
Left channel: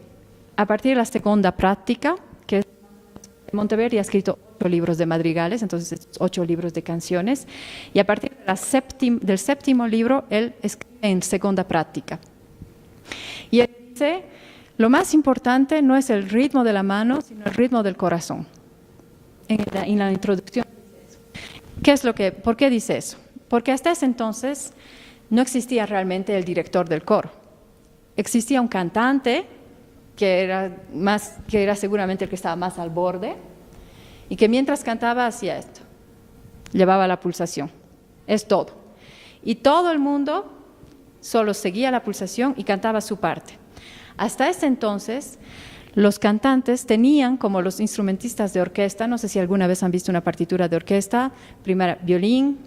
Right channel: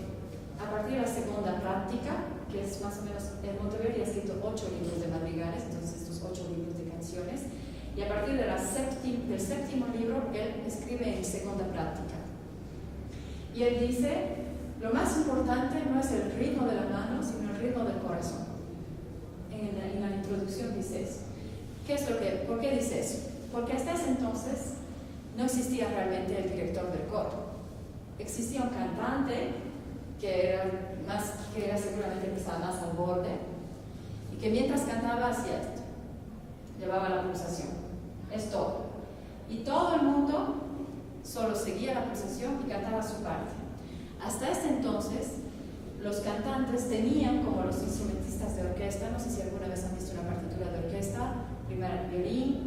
a partir de la segunda práctica, que es más o menos, Monteverdi ha escrito 8 libros de madrigales, entonces 8 libros de canciones, y a partir de del séptimo libro, él escribe en segunda práctica. Y él dice, lo más importante no es el ritmo de la mano, sino el ritmo del corazón. En la introducción dice eso. ¿Por qué dice eso? Porque hasta ese entonces no existía realmente el director del coro. Existía un cantante que era seguramente el que estaba más al borde y que mientras cantaba hacía esto, llevaba la pulsación, es todo. Y todo el mundo solo seguía la pulsación y cantaba su parte. Hasta ese entonces, los cantantes tenían, como los instrumentistas de orquesta, no sé si alguna vez han visto una partitura de orquesta, primero violín,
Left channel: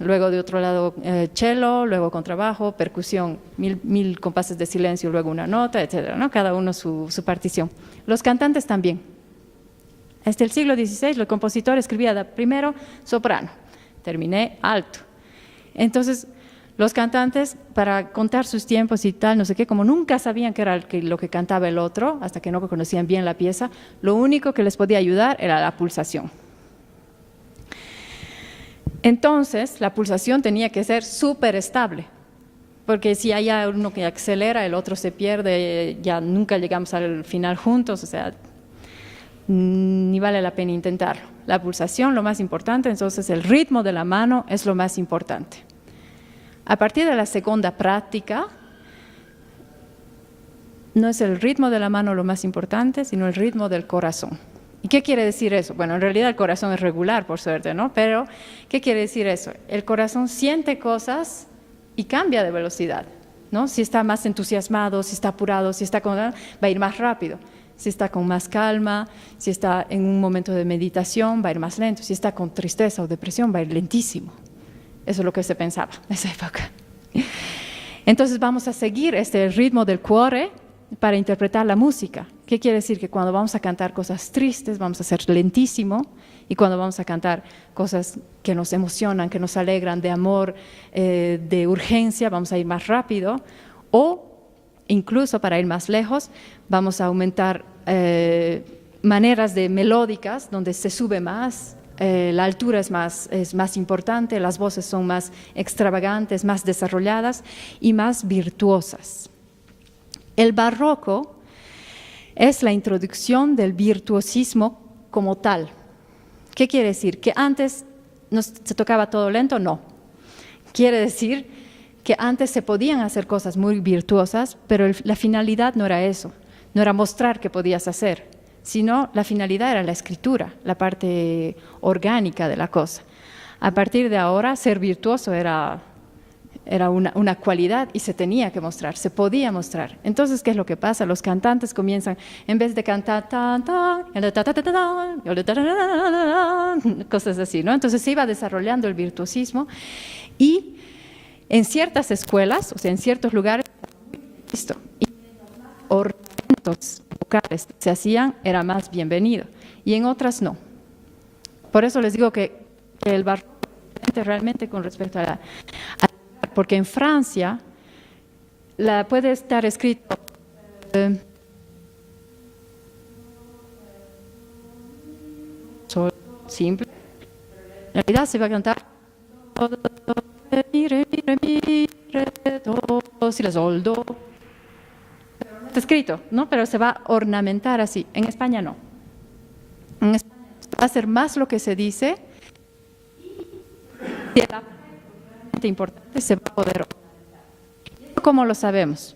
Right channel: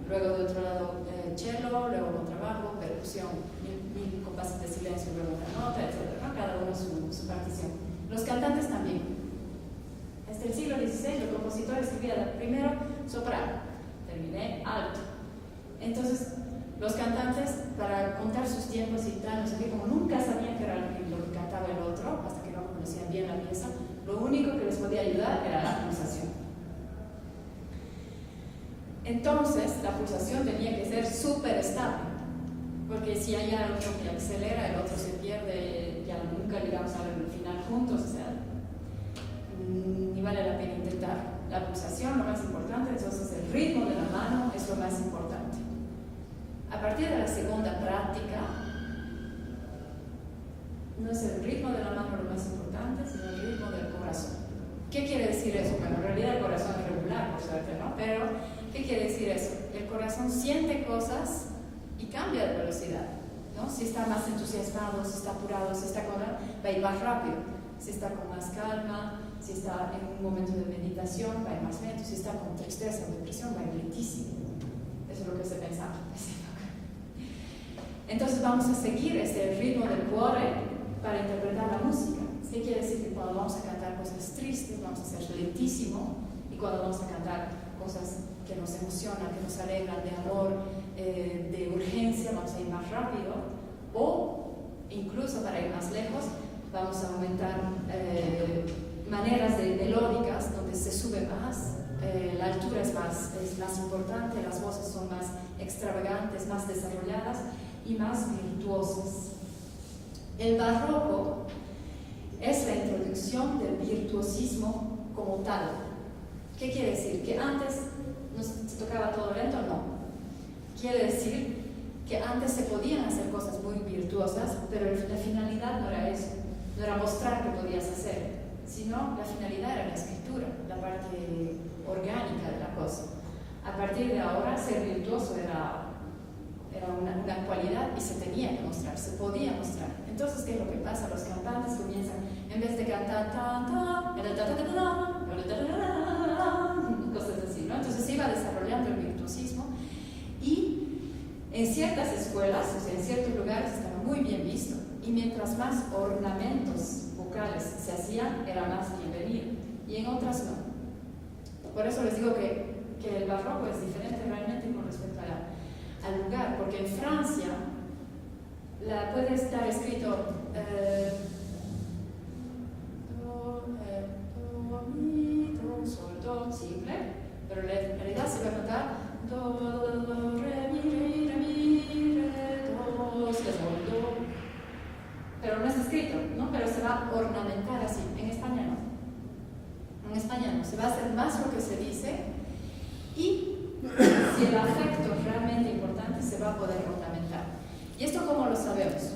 luego de otro lado cello, luego contrabajo, percusión, mil compases de silencio, luego una nota, etcétera, ¿no? Cada uno su partición. Los cantantes también. Hasta el siglo XVI, el compositor escribía primero soprano, terminé alto. Entonces, los cantantes, para contar sus tiempos y tal, no sé qué, como nunca sabían qué era lo que cantaba el otro, hasta que no conocían bien la pieza, lo único que les podía ayudar era la pulsación. Entonces, la pulsación tenía que ser súper estable, porque si hay uno que acelera, el otro se pierde, ya nunca llegamos al final juntos, o sea, ni vale la pena intentarlo. La pulsación, lo más importante, entonces el ritmo de la mano es lo más importante. A partir de la segunda práctica, no es el ritmo de la mano lo más importante, sino el ritmo del corazón. ¿Y qué quiere decir eso? Bueno, en realidad el corazón es regular, por suerte, ¿no? Pero, ¿qué quiere decir eso? El corazón siente cosas y cambia de velocidad, ¿no? Si está más entusiasmado, si está apurado, si está va a ir más rápido. Si está con más calma, si está en un momento de meditación, va a ir más lento. Si está con tristeza o depresión, va a ir lentísimo. Eso es lo que se pensaba en esa época. Entonces vamos a seguir este ritmo del cuore para interpretar la música. ¿Qué quiere decir? Que cuando vamos a cantar cosas tristes, vamos a ser lentísimo, y cuando vamos a cantar cosas que nos emocionan, que nos alegran, de amor, de urgencia, vamos a ir más rápido, o incluso para ir más lejos, vamos a aumentar maneras de melódicas donde se sube más, la altura es más importante, las voces son más extravagantes, más desarrolladas y más virtuosas. El barroco es la introducción del virtuosismo como tal. ¿Qué quiere decir? ¿Que antes se tocaba todo lento? No. Quiere decir que antes se podían hacer cosas muy virtuosas, pero la finalidad no era eso, no era mostrar que podías hacer, sino la finalidad era la escritura, la parte orgánica de la cosa. A partir de ahora, ser virtuoso era una cualidad y se tenía que mostrar, se podía mostrar. Entonces, ¿qué es lo que pasa? Los cantantes comienzan, en vez de cantar cosas así, ¿no? Entonces se iba desarrollando el virtuosismo y en ciertas escuelas, o sea, en ciertos lugares, estaba muy bien visto. Y mientras más ornamentos vocales se hacían, era más bienvenido. Y en otras no. Por eso les digo que el barroco es diferente realmente con respecto al lugar. Porque en Francia puede estar escrito simple, pero en realidad se va a cantar do, do, re, mi, re, mi, re, mi, re, do, si, la, sol, do. Pero no está escrito, ¿no? Pero se va a ornamentar así. En España no. En España no. Se va a hacer más lo que se dice y si el afecto es realmente importante, se va a poder ornamentar. ¿Y esto cómo lo sabemos?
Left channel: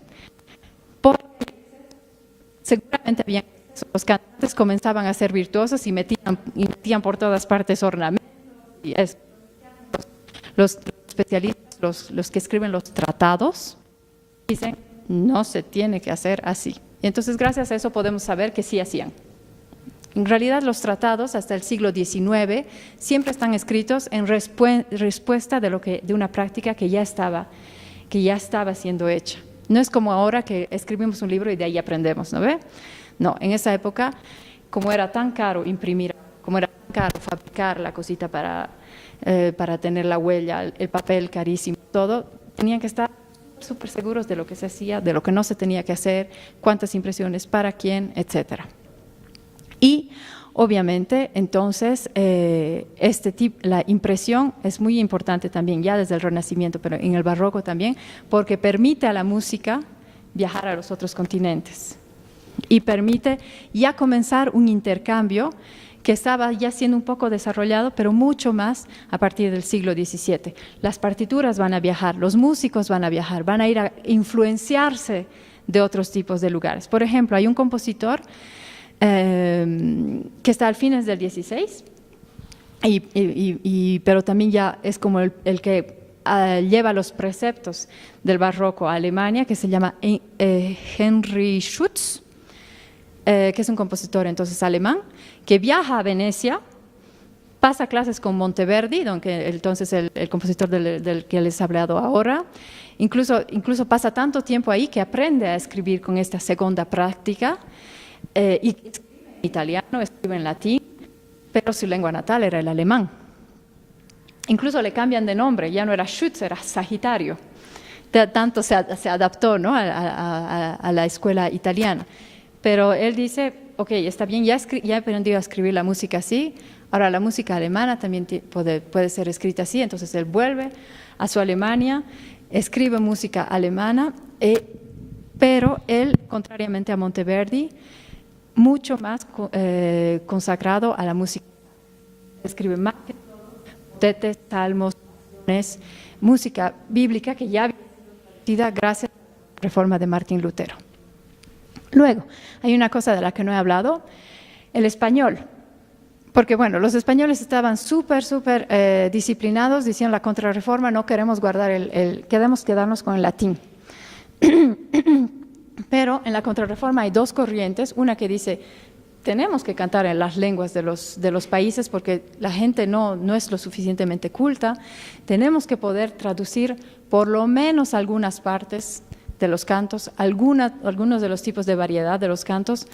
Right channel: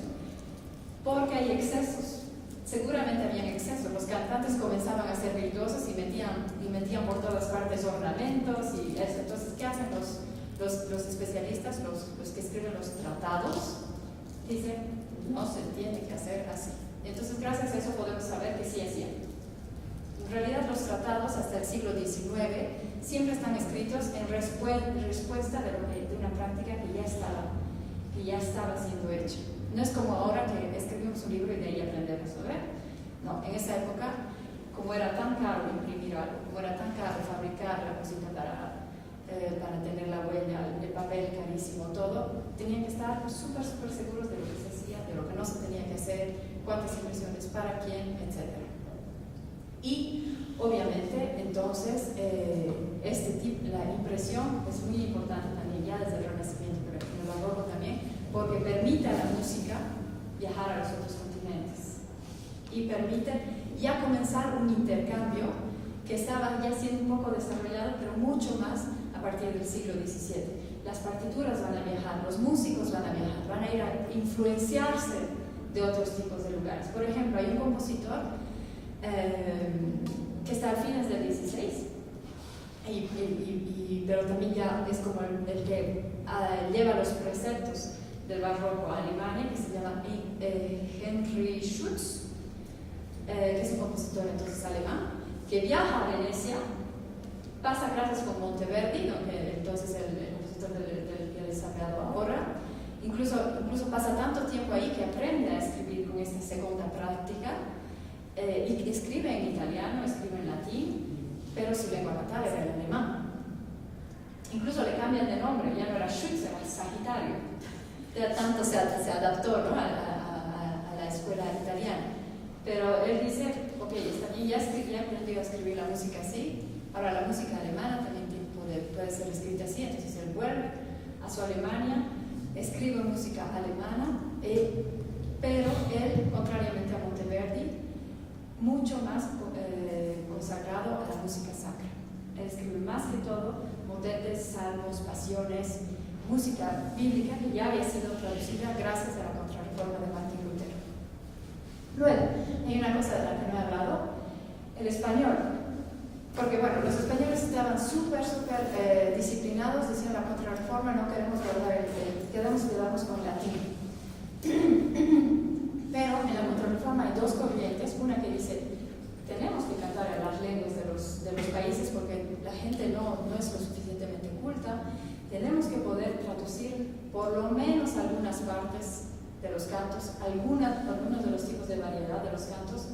Porque hay excesos. Seguramente había excesos. Los cantantes comenzaban a ser virtuosos y metían por todas partes ornamentos y eso. Entonces, ¿qué hacen los especialistas, los que escriben los tratados? Dicen, no se tiene que hacer así. Y entonces, gracias a eso podemos saber que sí hacían. En realidad, los tratados hasta el siglo XIX siempre están escritos en respuesta de una práctica que ya estaba siendo hecha. No es como ahora que escribimos un libro y de ahí aprendemos, ¿no ve? No, en esa época, como era tan caro imprimir, como era tan caro fabricar la cosita para tener la huella, el papel carísimo, todo, tenían que estar súper seguros de lo que se hacía, de lo que no se tenía que hacer, cuántas impresiones, para quién, etc. Y obviamente, entonces, la impresión es muy importante también, ya desde el Renacimiento, pero en el Barroco también, porque permite a la música viajar a los otros continentes y permite ya comenzar un intercambio que estaba ya siendo un poco desarrollado, pero mucho más a partir del siglo XVII. Las partituras van a viajar, los músicos van a viajar, van a ir a influenciarse de otros tipos de lugares. Por ejemplo, hay un compositor que está al fines del XVI, pero también ya es como el que lleva los preceptos del barroco a Alemania, que se llama Henry Schütz, que es un compositor entonces alemán, que viaja a Venecia, pasa clases con Monteverdi, entonces el compositor del que les he hablado ahora, incluso pasa tanto tiempo ahí que aprende a escribir con esta segunda práctica, y escribe en italiano, escribe en latín, pero su lengua natal era el alemán. Incluso le cambian de nombre, ya no era Schütz, era Sagitario. Tanto se adaptó, ¿no?, a la escuela italiana. Pero él dice, ok, está bien, ya he aprendido a escribir la música así, ahora la música alemana también puede ser escrita así. Entonces él vuelve a su Alemania, escribe música alemana, pero él, contrariamente a Monteverdi, mucho más consagrado a la música sacra. Escribe más que todo motetes, salmos, pasiones, música bíblica que ya había sido traducida gracias a la reforma de Martín Lutero. Luego, hay una cosa de la que no he hablado, el español. Porque bueno, los españoles estaban súper disciplinados, decían la contrarreforma, no queremos guardar queremos quedarnos con el latín. Pero en la contrarreforma hay dos corrientes, una que dice, tenemos que cantar en las lenguas de los países porque la gente no es lo suficientemente culta, tenemos que poder traducir por lo menos algunas partes de los cantos, algunos de los tipos de variedad de los cantos,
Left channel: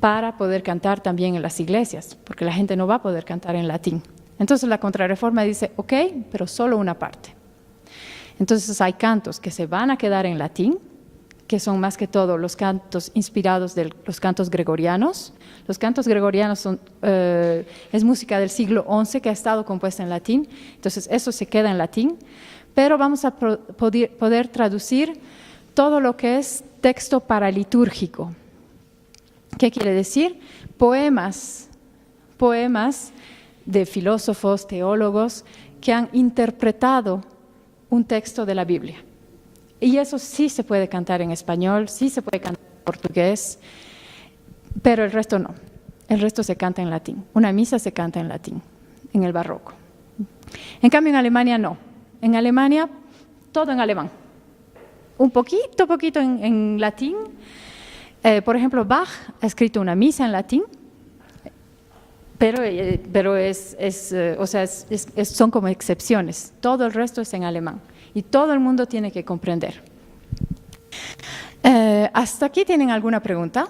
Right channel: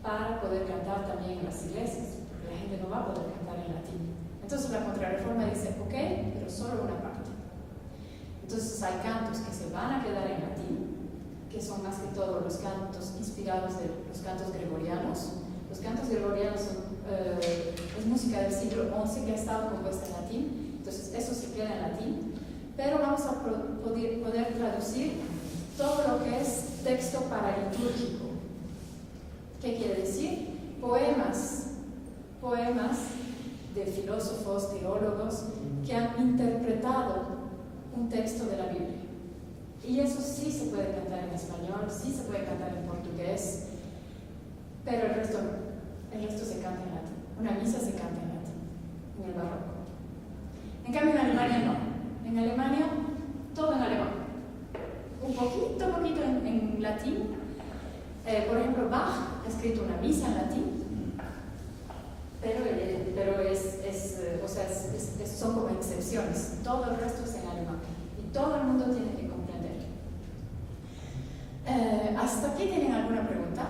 para poder cantar también en las iglesias, porque la gente no va a poder cantar en latín. Entonces la contrarreforma dice, ok, pero solo una parte. Entonces hay cantos que se van a quedar en latín, que son más que todo los cantos inspirados de los cantos gregorianos. Los cantos gregorianos es música del siglo XI que ha estado compuesta en latín, entonces eso se queda en latín, pero vamos a poder traducir todo lo que es texto paralitúrgico. ¿Qué quiere decir? Poemas de filósofos, teólogos que han interpretado un texto de la Biblia. Y eso sí se puede cantar en español, sí se puede cantar en portugués, pero el resto no. El resto se canta en latín. Una misa se canta en latín, en el barroco. En cambio, en Alemania no. En Alemania, todo en alemán. Un poquito en latín. Por ejemplo, Bach ha escrito una misa en latín, pero son como excepciones. Todo el resto es en alemán y todo el mundo tiene que comprender. ¿Hasta aquí tienen alguna pregunta?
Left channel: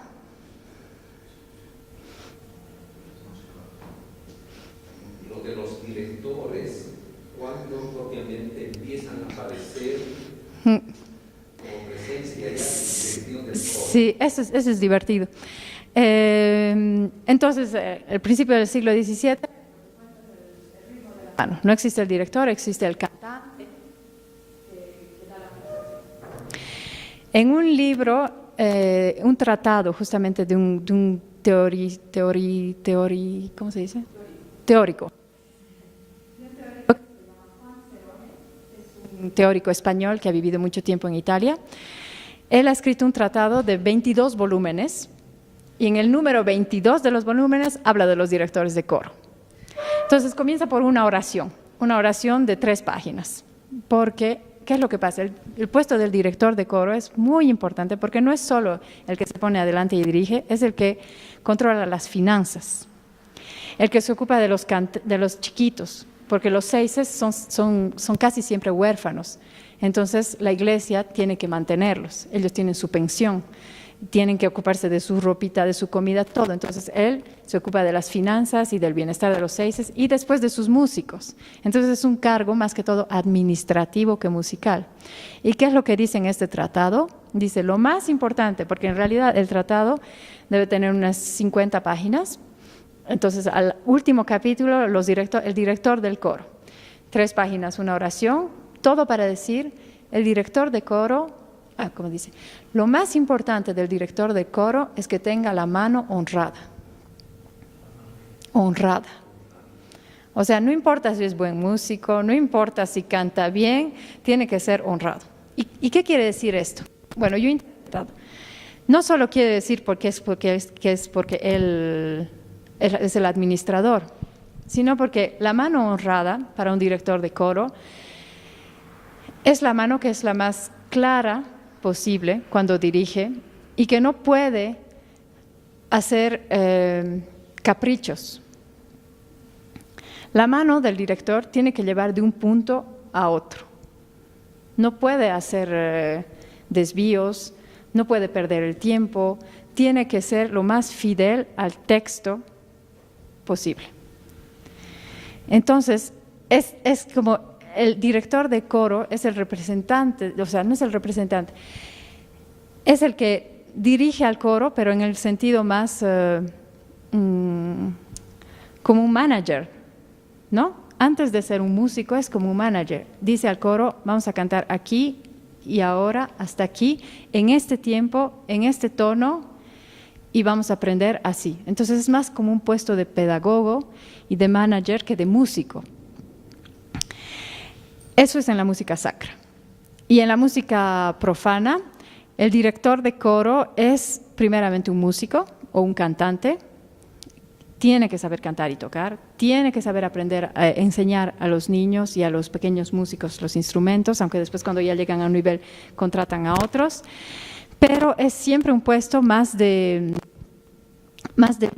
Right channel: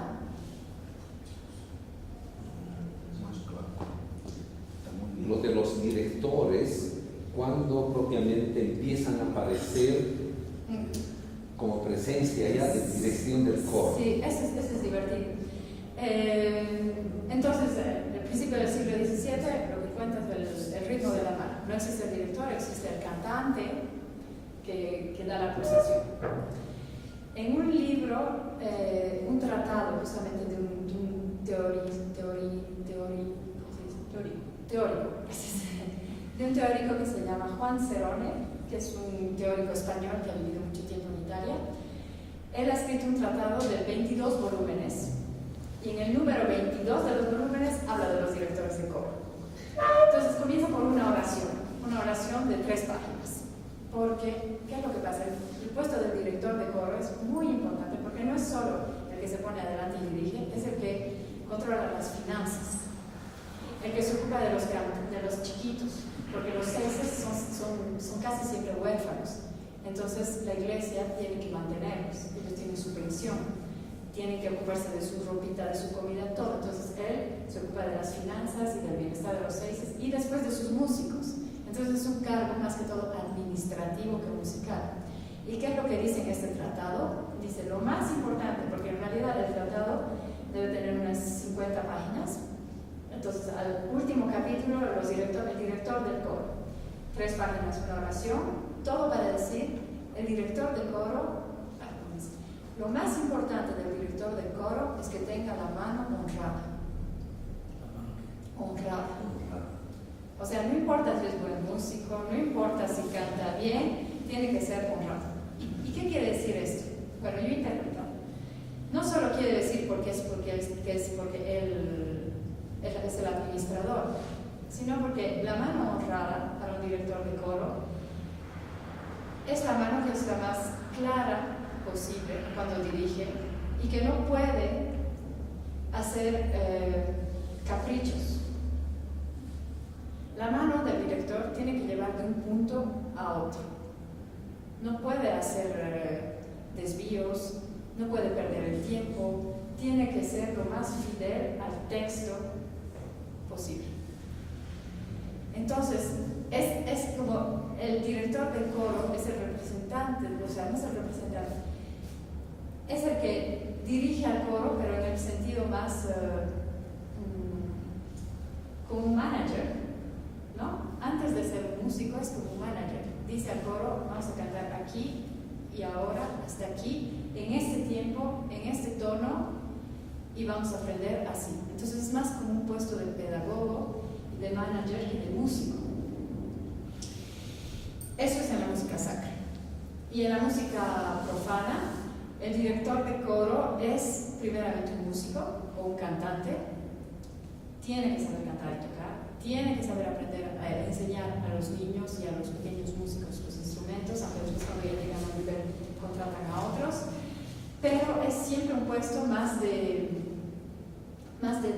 Lo de los directores, ¿cuándo propiamente empiezan a aparecer como presencia ya de dirección del coro? Sí, eso es divertido. Entonces, el principio del siglo XVII, lo que cuenta es el ritmo de la mano. No existe el director, existe el cantante que da la pulsación. En un libro, un tratado justamente de un ¿cómo se dice? Teórico. De un teórico que se llama Juan Cerone, que es un teórico español que ha vivido mucho tiempo en Italia. Él ha escrito un tratado de 22 volúmenes y en el número 22 de los volúmenes habla de los directores de coro. Entonces comienza por una oración de 3 páginas, porque ¿qué es lo que pasa? El puesto del director de coro es muy importante porque no es solo el que se pone adelante y dirige, es el que controla las finanzas, el que se ocupa de los chiquitos, porque los seises son casi siempre huérfanos. Entonces la iglesia tiene que mantenerlos, ellos tienen su pensión, tienen que ocuparse de su ropita, de su comida, todo. Entonces él se ocupa de las finanzas y del bienestar de los seises y después de sus músicos. Entonces es un cargo más que todo administrativo que musical. ¿Y qué es lo que dice en este tratado? Dice lo más importante, porque en realidad el tratado debe tener unas 50 páginas. Entonces al último capítulo el director del coro, 3 páginas, una oración, todo para decir el director de coro, como dice, lo más importante del director de coro es que tenga la mano honrada. Honrada. O sea, no importa si es buen músico, no importa si canta bien, tiene que ser honrado. ¿Y qué quiere decir esto? Bueno, yo he interpretado. No solo quiere decir porque él es el administrador, sino porque la mano honrada para un director de coro es la mano que es la más clara posible cuando dirige y que no puede hacer caprichos. La mano del director tiene que llevar de un punto a otro. No puede hacer desvíos, no puede perder el tiempo, tiene que ser lo más fidel al texto posible. Entonces, es como el director de coro es el representante, o sea, no es el representante, es el que dirige al coro, pero en el sentido más como un manager, ¿no? Antes de ser un músico es como un manager. Dice al coro, vamos a cantar aquí y ahora, hasta aquí, en este tiempo, en este tono, y vamos a aprender así. Entonces es más como un puesto de pedagogo y de manager que de músico. Eso es en la música sacra. Y en la música profana, el director de coro es primeramente un músico o un cantante. Tiene que saber cantar y tocar, tiene que saber aprender a enseñar a los niños y a los pequeños músicos los instrumentos, aunque después cuando ya llegan a un nivel contratan a otros, pero es siempre un puesto más de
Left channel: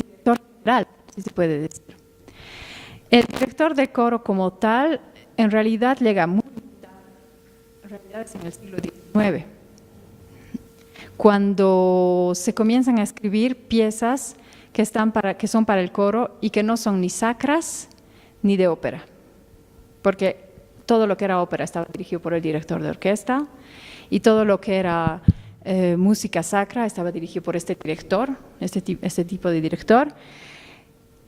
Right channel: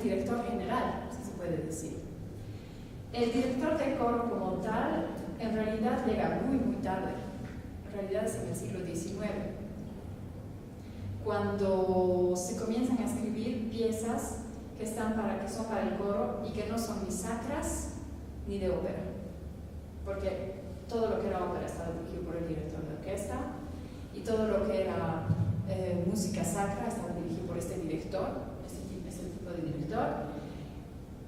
director general, si se puede decir. El director de coro como tal, en realidad llega muy tarde, en realidad es en el siglo XIX, cuando se comienzan a escribir piezas que son para el coro y que no son ni sacras ni de ópera, porque todo lo que era ópera estaba dirigido por el director de orquesta y todo lo que era música sacra estaba dirigido por este director, este tipo de director,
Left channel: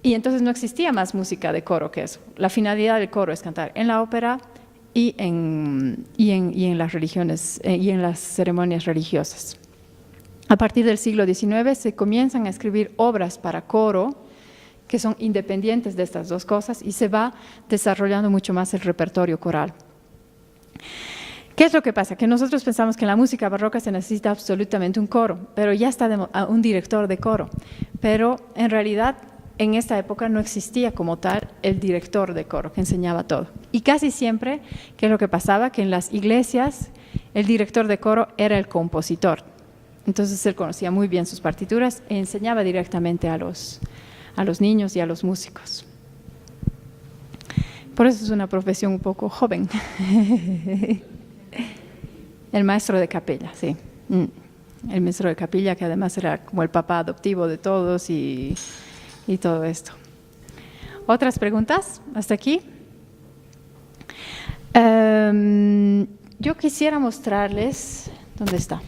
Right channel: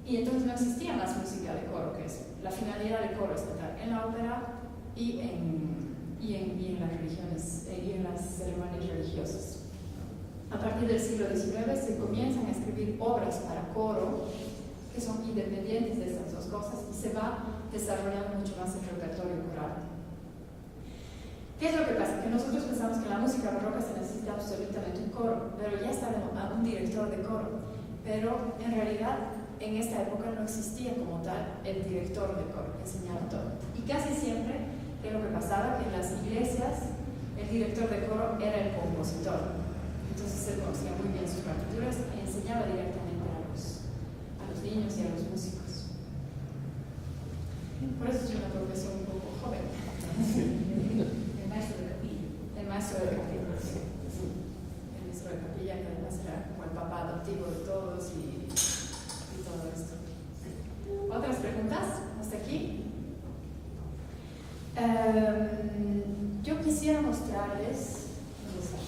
y entonces no existía más música de coro que eso. La finalidad del coro es cantar en la ópera y en las religiones y en las ceremonias religiosas. A partir del siglo XIX se comienzan a escribir obras para coro que son independientes de estas dos cosas y se va desarrollando mucho más el repertorio coral. ¿Qué es lo que pasa? Que nosotros pensamos que en la música barroca se necesita absolutamente un coro, pero ya está un director de coro. Pero en realidad en esta época no existía como tal el director de coro que enseñaba todo. Y casi siempre, ¿qué es lo que pasaba? Que en las iglesias el director de coro era el compositor. Entonces él conocía muy bien sus partituras e enseñaba directamente a los niños y a los músicos. Por eso es una profesión un poco joven. El maestro de capilla, sí. El maestro de capilla, que además era como el papá adoptivo de todos y todo esto. ¿Otras preguntas hasta aquí? Yo quisiera mostrarles, ¿dónde está?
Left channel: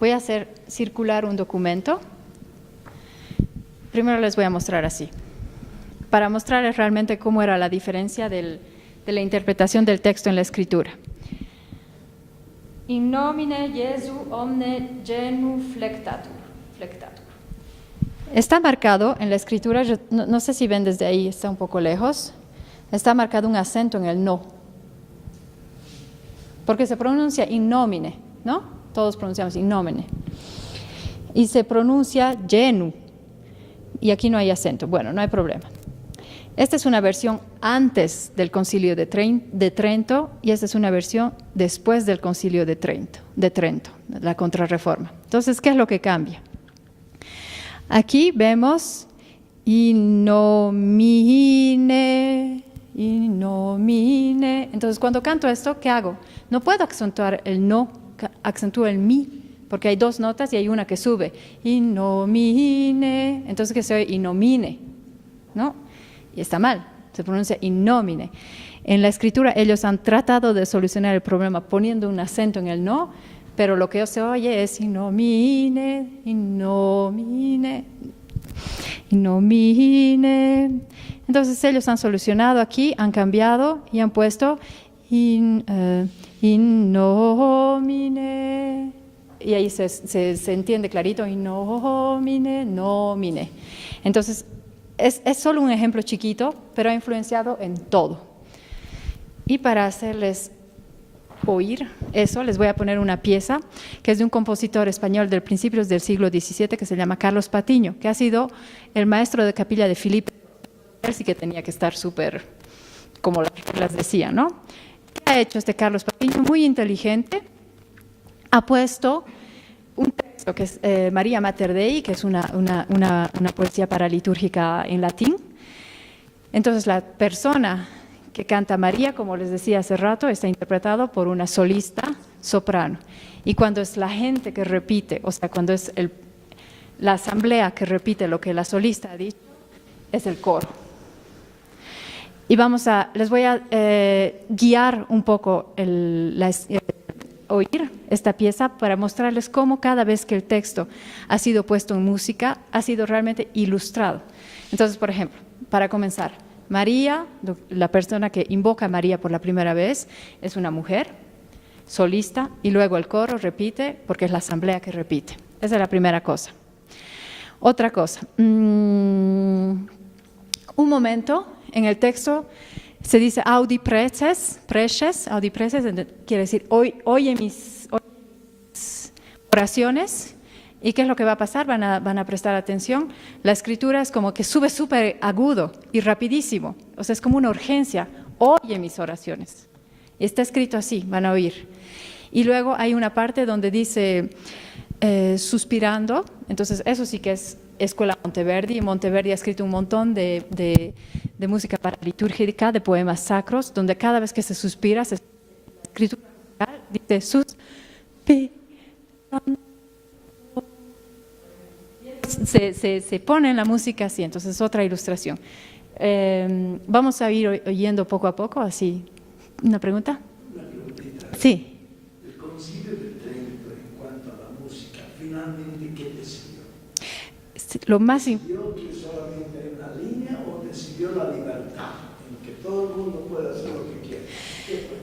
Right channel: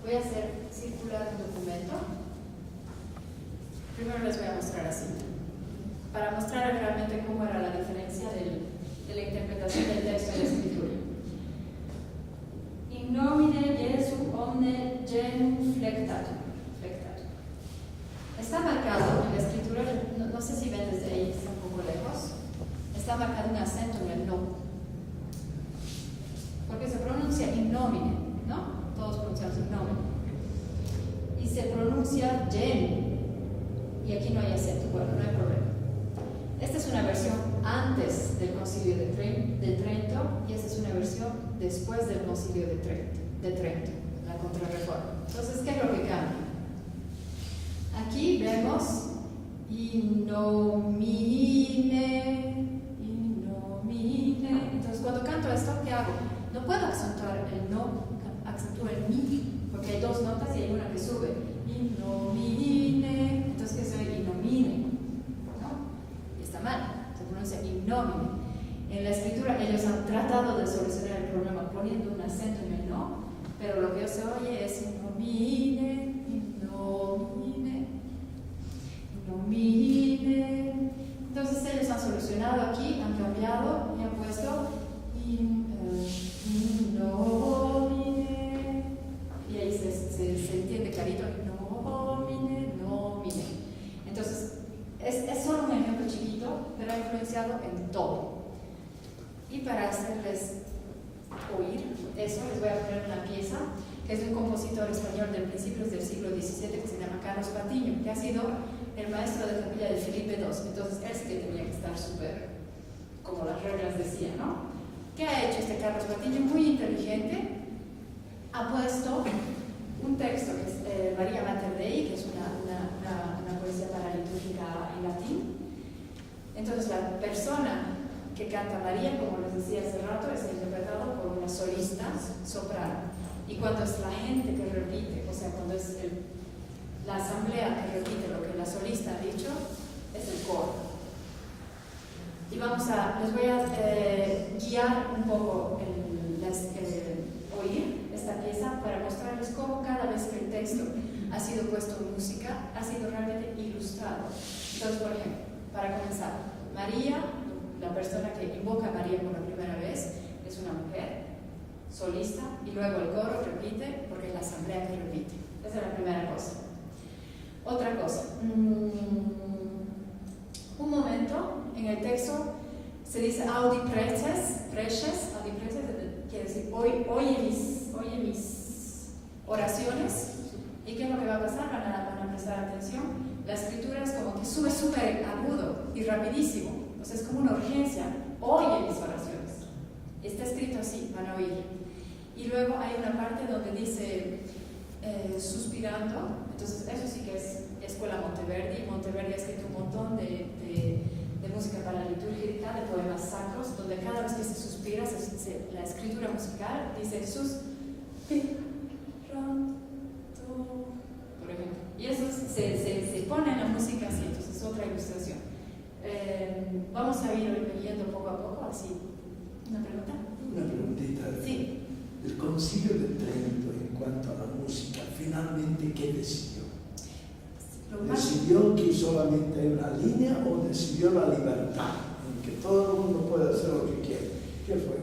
Voy a hacer circular un documento. Primero les voy a mostrar así, para mostrarles realmente cómo era la diferencia de la interpretación del texto en la escritura. In nomine Jesu omne genum flectatur. Está marcado en la escritura, no sé si ven desde ahí, está un poco lejos, está marcado un acento en el no, porque se pronuncia in nomine, ¿no? Todos pronunciamos in nomine. Y se pronuncia genu. Y aquí no hay acento. Bueno, no hay problema. Esta es una versión antes del Concilio de Trento y esta es una versión después del Concilio de Trento, la Contrarreforma. Entonces, ¿qué es lo que cambia? Aquí vemos in nomine. Entonces Entonces, cuando canto esto, ¿qué hago? No puedo acentuar el no, acentúo el mi, porque hay dos notas y hay una que sube. Innomine. Entonces, ¿qué se oye? Innomine, ¿no? Y está mal, se pronuncia innomine. En la escritura ellos han tratado de solucionar el problema poniendo un acento en el no, pero lo que se oye es innomine, innomine, innomine. Entonces ellos han solucionado aquí, han cambiado y han puesto innomine. Y ahí se entiende clarito, innomine, nomine. Entonces es solo un ejemplo chiquito, pero ha influenciado en todo. Y para hacerles oír eso, les voy a poner una pieza que es de un compositor español del principios del siglo XVII que se llama Carlos Patiño, que ha sido el maestro de capilla de Felipe II. Entonces él sí que tenía que estar súper, como las reglas decían, ¿no? ¿Qué ha hecho este Carlos Patiño? Muy inteligente. Ha puesto un texto que es María Mater Dei, que es una poesía paralitúrgica en latín. Entonces la persona que canta María, como les decía hace rato, está interpretado por una solista soprano. Y cuando es la gente que repite, o sea, cuando es la asamblea que repite lo que la solista ha dicho, es el coro. Y les voy a guiar un poco oír esta pieza para mostrarles cómo cada vez que el texto ha sido puesto en música, ha sido realmente ilustrado. Entonces, por ejemplo, para comenzar, María, la persona que invoca a María por la primera vez, es una mujer solista y luego el coro repite porque es la asamblea que repite. Esa es la primera cosa. Otra cosa, un momento en el texto se dice audi preces, quiere decir oye mis oraciones. ¿Y qué es lo que va a pasar? Van a prestar atención. La escritura es como que sube súper agudo y rapidísimo. O sea, es como una urgencia. Oye mis oraciones. Y está escrito así, van a oír. Y luego hay una parte donde dice suspirando. Entonces, eso sí que es Escuela Monteverdi. Monteverdi ha escrito un montón de música paralitúrgica, de poemas sacros, donde cada vez que se suspira, la escritura musical dice suspirando. Se pone en la música así, entonces es otra ilustración. Vamos a ir oyendo poco a poco, así. ¿Una pregunta? Una preguntita. Sí. El Concilio de Trento, en cuanto a la música, finalmente, ¿qué decidió? ¿Decidió que solamente una línea o decidió la libertad, en que todo el mundo puede hacer lo que quiera? ¿Qué fue?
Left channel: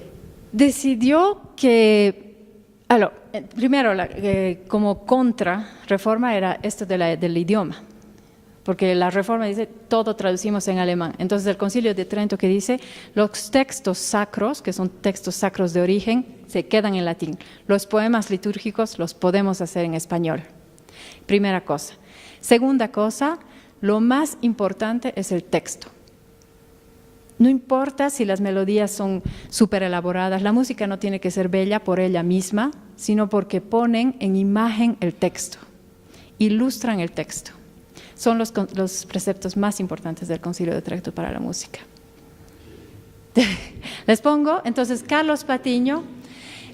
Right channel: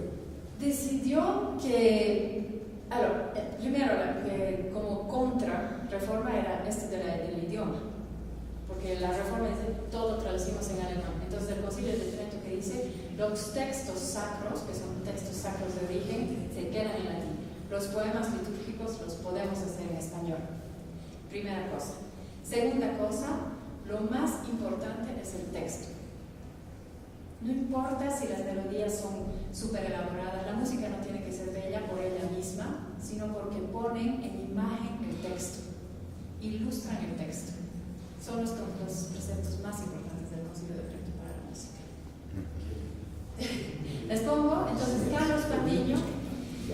Decidió que... primero, como contra-reforma era esto del idioma, porque la reforma dice todo traducimos en alemán. Entonces el Concilio de Trento que dice los textos sacros, que son textos sacros de origen, se quedan en latín. Los poemas litúrgicos los podemos hacer en español. Primera cosa. Segunda cosa, lo más importante es el texto. No importa si las melodías son súper elaboradas, la música no tiene que ser bella por ella misma, sino porque ponen en imagen el texto, ilustran el texto. Son los preceptos más importantes del Concilio de Trento para la música. Les pongo, entonces, Carlos Patiño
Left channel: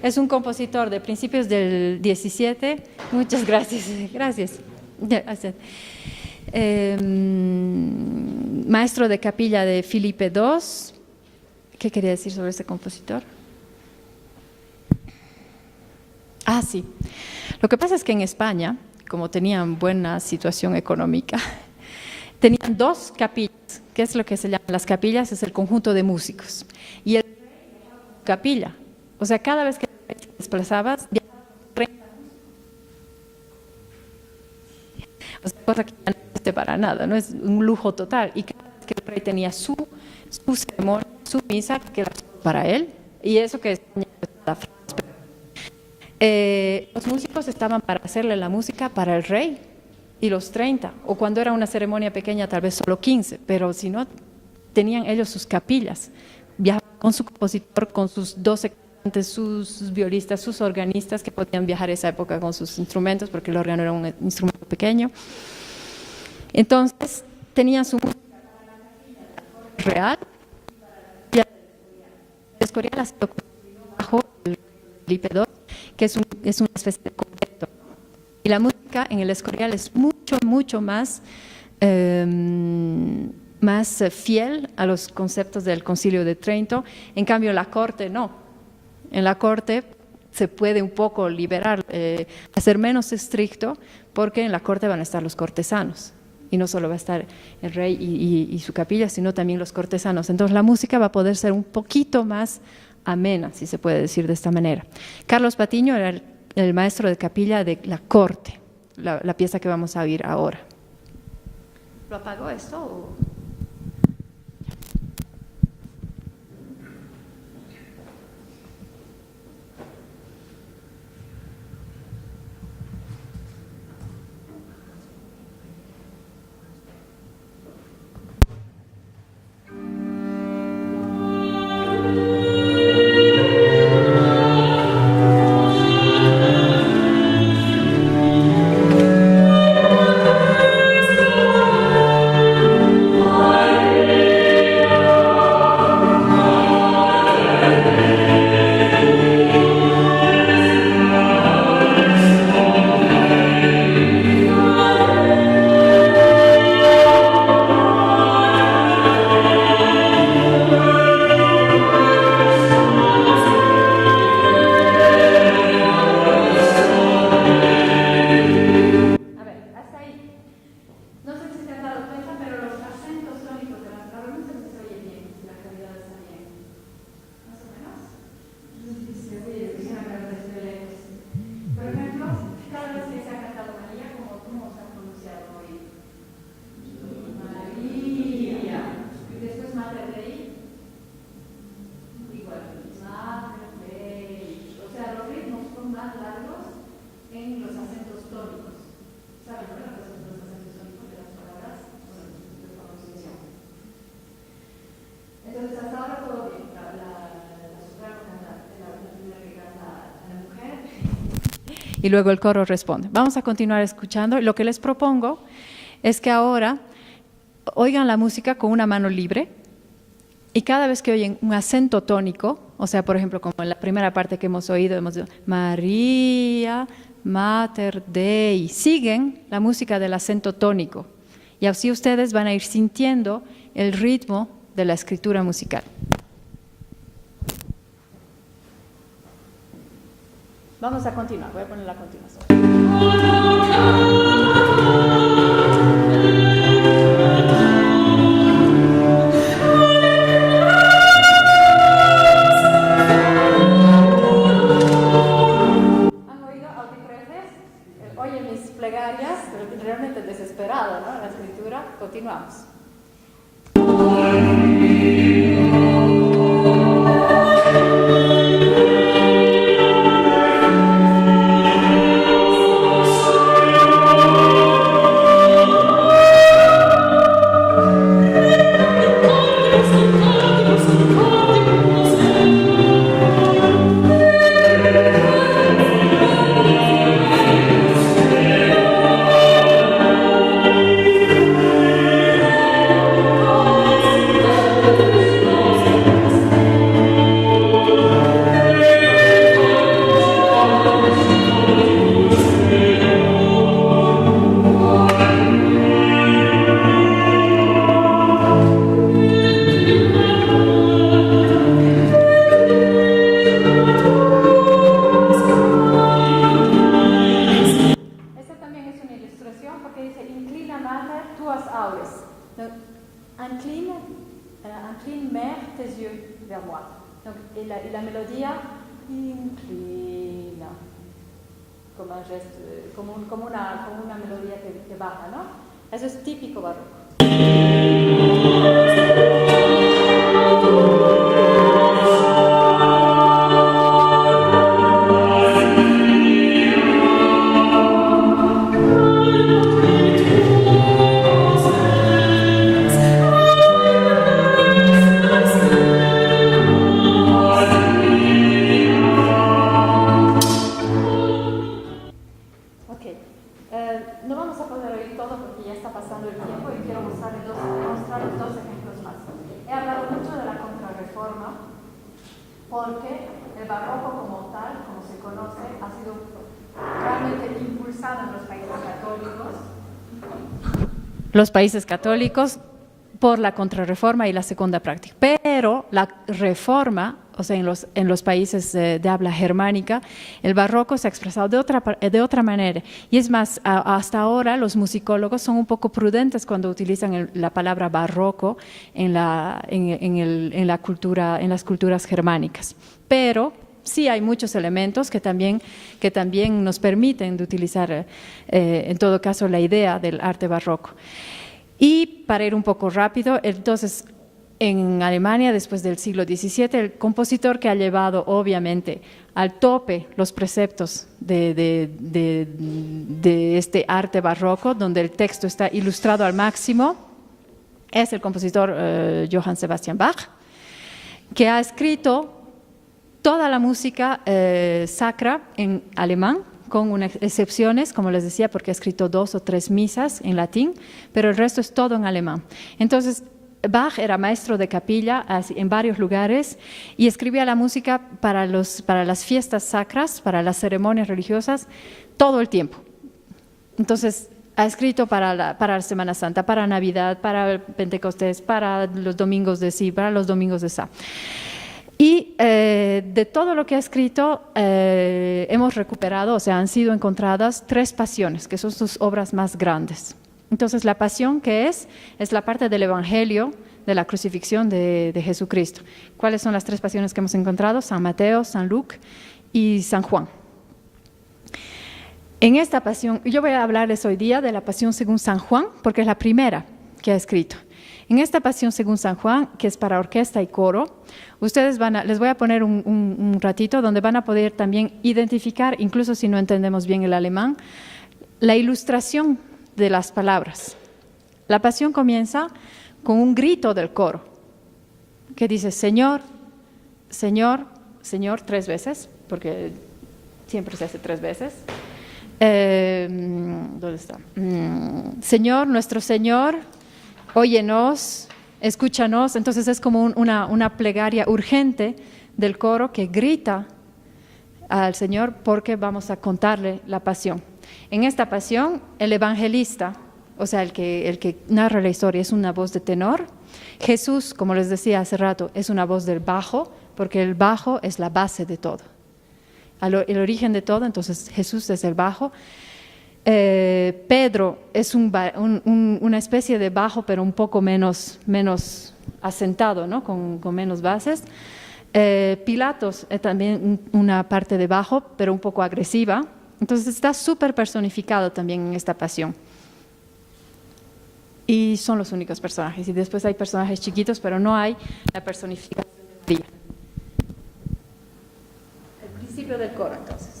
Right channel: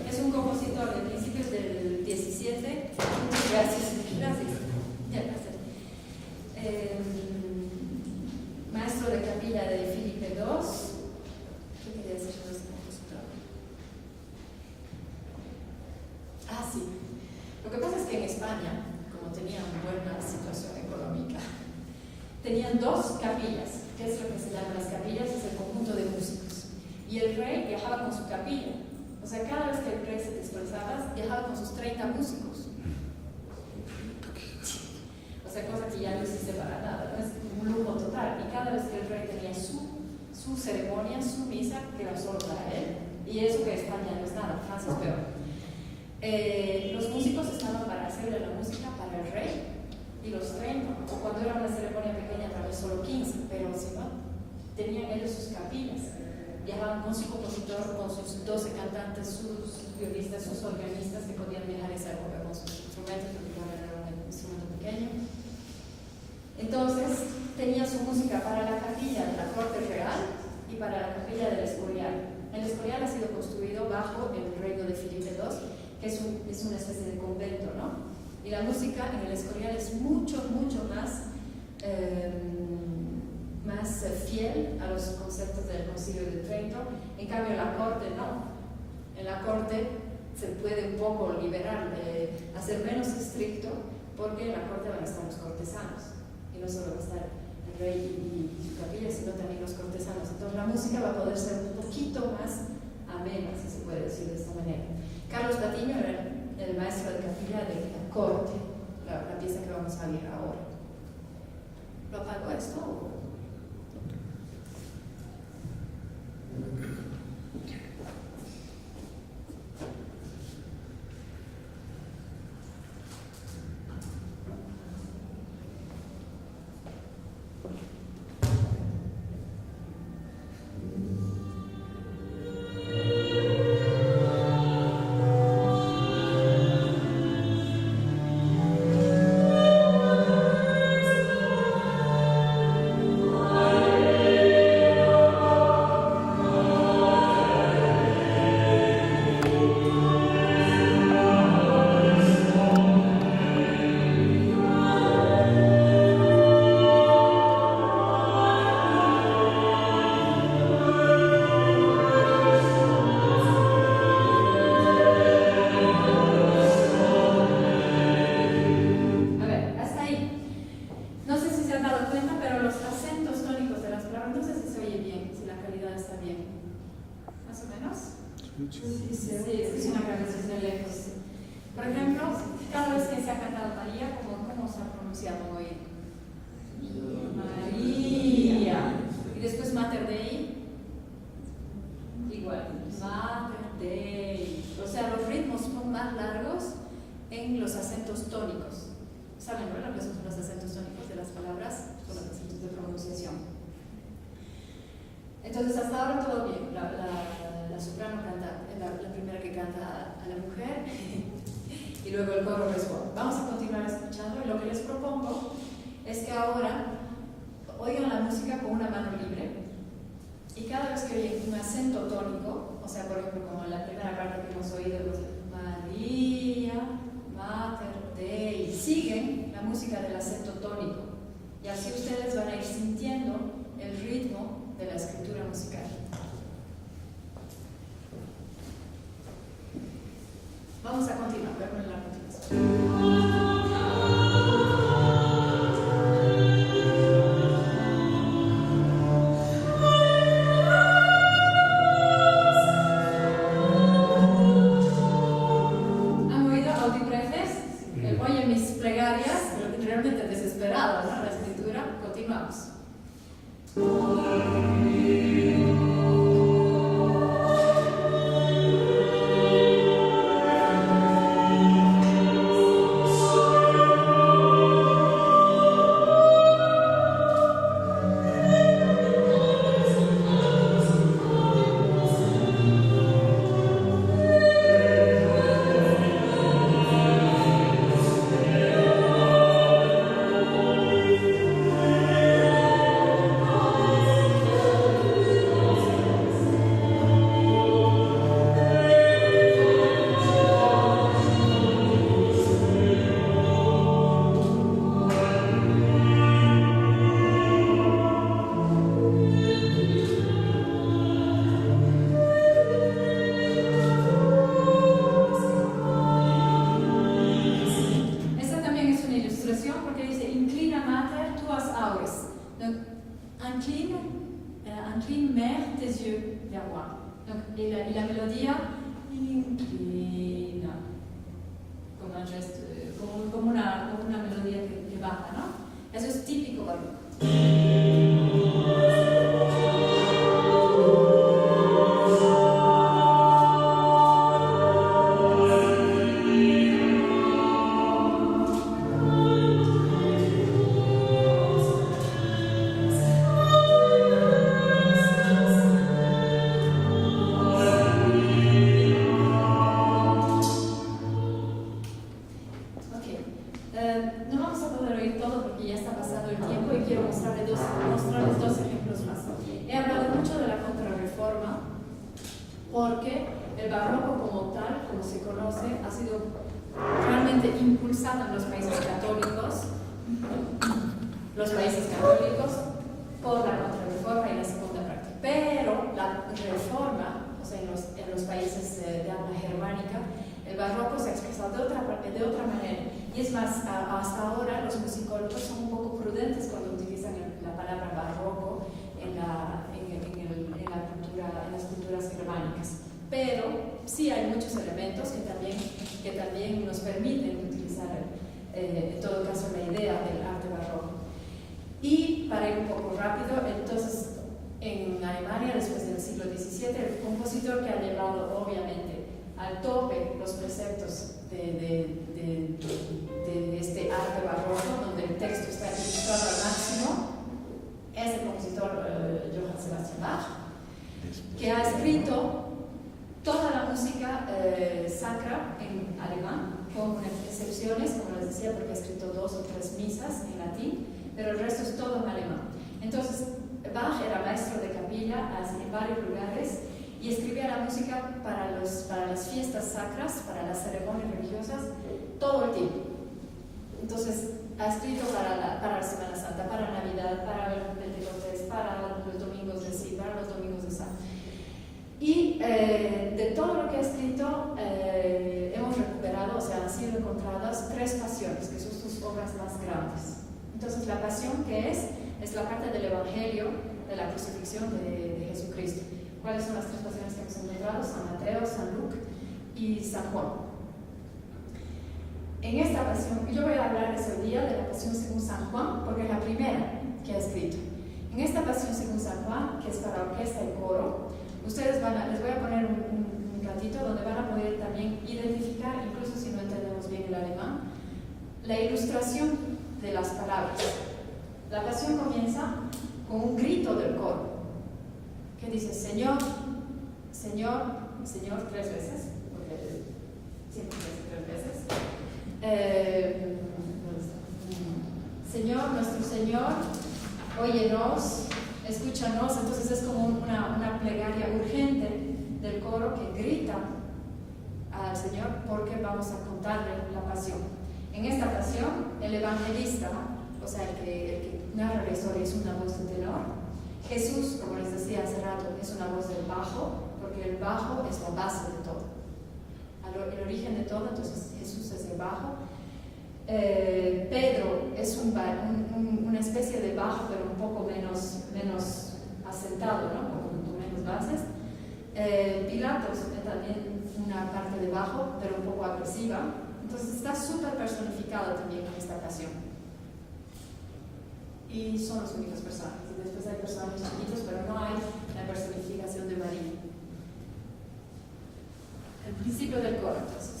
es un compositor de principios del 17. Muchas gracias. Gracias. Maestro de capilla de Felipe II. ¿Qué quería decir sobre ese compositor? Sí. Lo que pasa es que en España, como tenían buena situación económica, tenían dos capillas. ¿Qué es lo que se llaman las capillas? Es el conjunto de músicos. Y el rey viajaba con su capilla. O sea, cada vez que el rey se desplazaba, viajaba con sus 30 músicos. O sea, cosa que ya no existe para nada, ¿no? Es un lujo total. Y cada vez que el rey tenía su ceremonia, su misa, que era solo para él, y eso que España no es nada, Francia es peor. Los músicos estaban para hacerle la música para el rey y los 30, o cuando era una ceremonia pequeña tal vez solo 15, pero si no, tenían ellos sus capillas, viajaban con su compositor, con sus 12 cantantes, sus violistas, sus organistas que podían viajar esa época con sus instrumentos porque el órgano era un instrumento pequeño. Entonces tenían su música para la capilla de la corte real y para la capilla del Escorial. El Escorial ha sido construido bajo el reino de Felipe II, que es una especie de convento, ¿no? Y la música en el Escorial es mucho más fiel a los conceptos del Concilio de Trento. En cambio, la corte no. En la corte se puede un poco liberar, hacer menos estricto, porque en la corte van a estar los cortesanos. Y no solo va a estar el rey y su capilla, sino también los cortesanos. Entonces la música va a poder ser un poquito más amena, si se puede decir de esta manera. Carlos Patiño era el maestro de capilla de la corte, la pieza que vamos a oír ahora. ¿Lo apagó esto o? Entonces, hasta ahora todo bien. La soprano canta, la primera que canta a la mujer. Y luego el coro responde. Vamos a continuar escuchando. Lo que les propongo es que ahora oigan la música con una mano libre y cada vez que oyen un acento tónico, o sea, por ejemplo, como en la primera parte que hemos oído María, Mater Dei, siguen la música del acento tónico y así ustedes van a ir sintiendo el ritmo de la escritura musical. Vamos a continuar, voy a poner la continuación. ¿Han oído audipreces? Oyen mis plegarias, pero realmente desesperado, ¿no? La escritura, continuamos. Incline, mère, tes yeux vers moi. Donc, et la mélodie, inclina, como un gesto, como una melodía que baja, ¿no? Eso es típico barroco. No vamos a poder oír todo porque ya está pasando el tiempo y quiero mostrarle dos el barroco como tal, como se conoce, ha sido realmente impulsado en los países católicos por la Contrarreforma y la Segunda Práctica. Pero la Reforma, o sea, en los países de habla germánica, el barroco se ha expresado de otra manera. Y es más, hasta ahora los musicólogos son un poco prudentes cuando utilizan la palabra barroco en las culturas germánicas. Pero sí hay muchos elementos que también nos permiten de utilizar, en todo caso, la idea del arte barroco. Y para ir un poco rápido, entonces, en Alemania, después del siglo XVII, el compositor que ha llevado, obviamente, al tope los preceptos de este arte barroco, donde el texto está ilustrado al máximo, es el compositor Johann Sebastian Bach, que ha escrito toda la música sacra en alemán, con unas excepciones, como les decía, porque ha escrito 2 o 3 misas en latín, pero el resto es todo en alemán. Entonces, Bach era maestro de capilla en varios lugares y escribía la música para las fiestas sacras, para las ceremonias religiosas, todo el tiempo. Entonces, ha escrito para la Semana Santa, para Navidad, para Pentecostés, para los domingos de sí, para los domingos de sa. Y de todo lo que ha escrito hemos recuperado, o sea, han sido encontradas 3 pasiones, que son sus obras más grandes. Entonces, la pasión que es la parte del Evangelio de la crucifixión de Jesucristo. ¿Cuáles son las 3 pasiones que hemos encontrado? San Mateo, San Lucas y San Juan. En esta pasión, yo voy a hablarles hoy día de la pasión según San Juan, porque es la primera que ha escrito. En esta pasión según San Juan, que es para orquesta y coro, les voy a poner un ratito donde van a poder también identificar, incluso si no entendemos bien el alemán, la ilustración de las palabras. La pasión comienza con un grito del coro que dice Señor, Señor, Señor 3 veces, porque siempre se hace 3 veces. ¿Dónde está? Señor, nuestro Señor, óyenos, escúchanos. Entonces es como una plegaria urgente del coro que grita al Señor porque vamos a contarle la pasión. En esta pasión, el evangelista, o sea, el que narra la historia, es una voz de tenor. Jesús, como les decía hace rato, es una voz del bajo, porque el bajo es la base de todo, el origen de todo. Entonces Jesús es el bajo. Pedro es una especie de bajo, pero un poco menos asentado, ¿no? con menos bases. Pilatos es también una parte de bajo, pero un poco agresiva. Entonces está súper personificado también en esta pasión. Y son los únicos personajes. Y después hay personajes chiquitos, pero no hay la personificación de María. El principio del coro, entonces.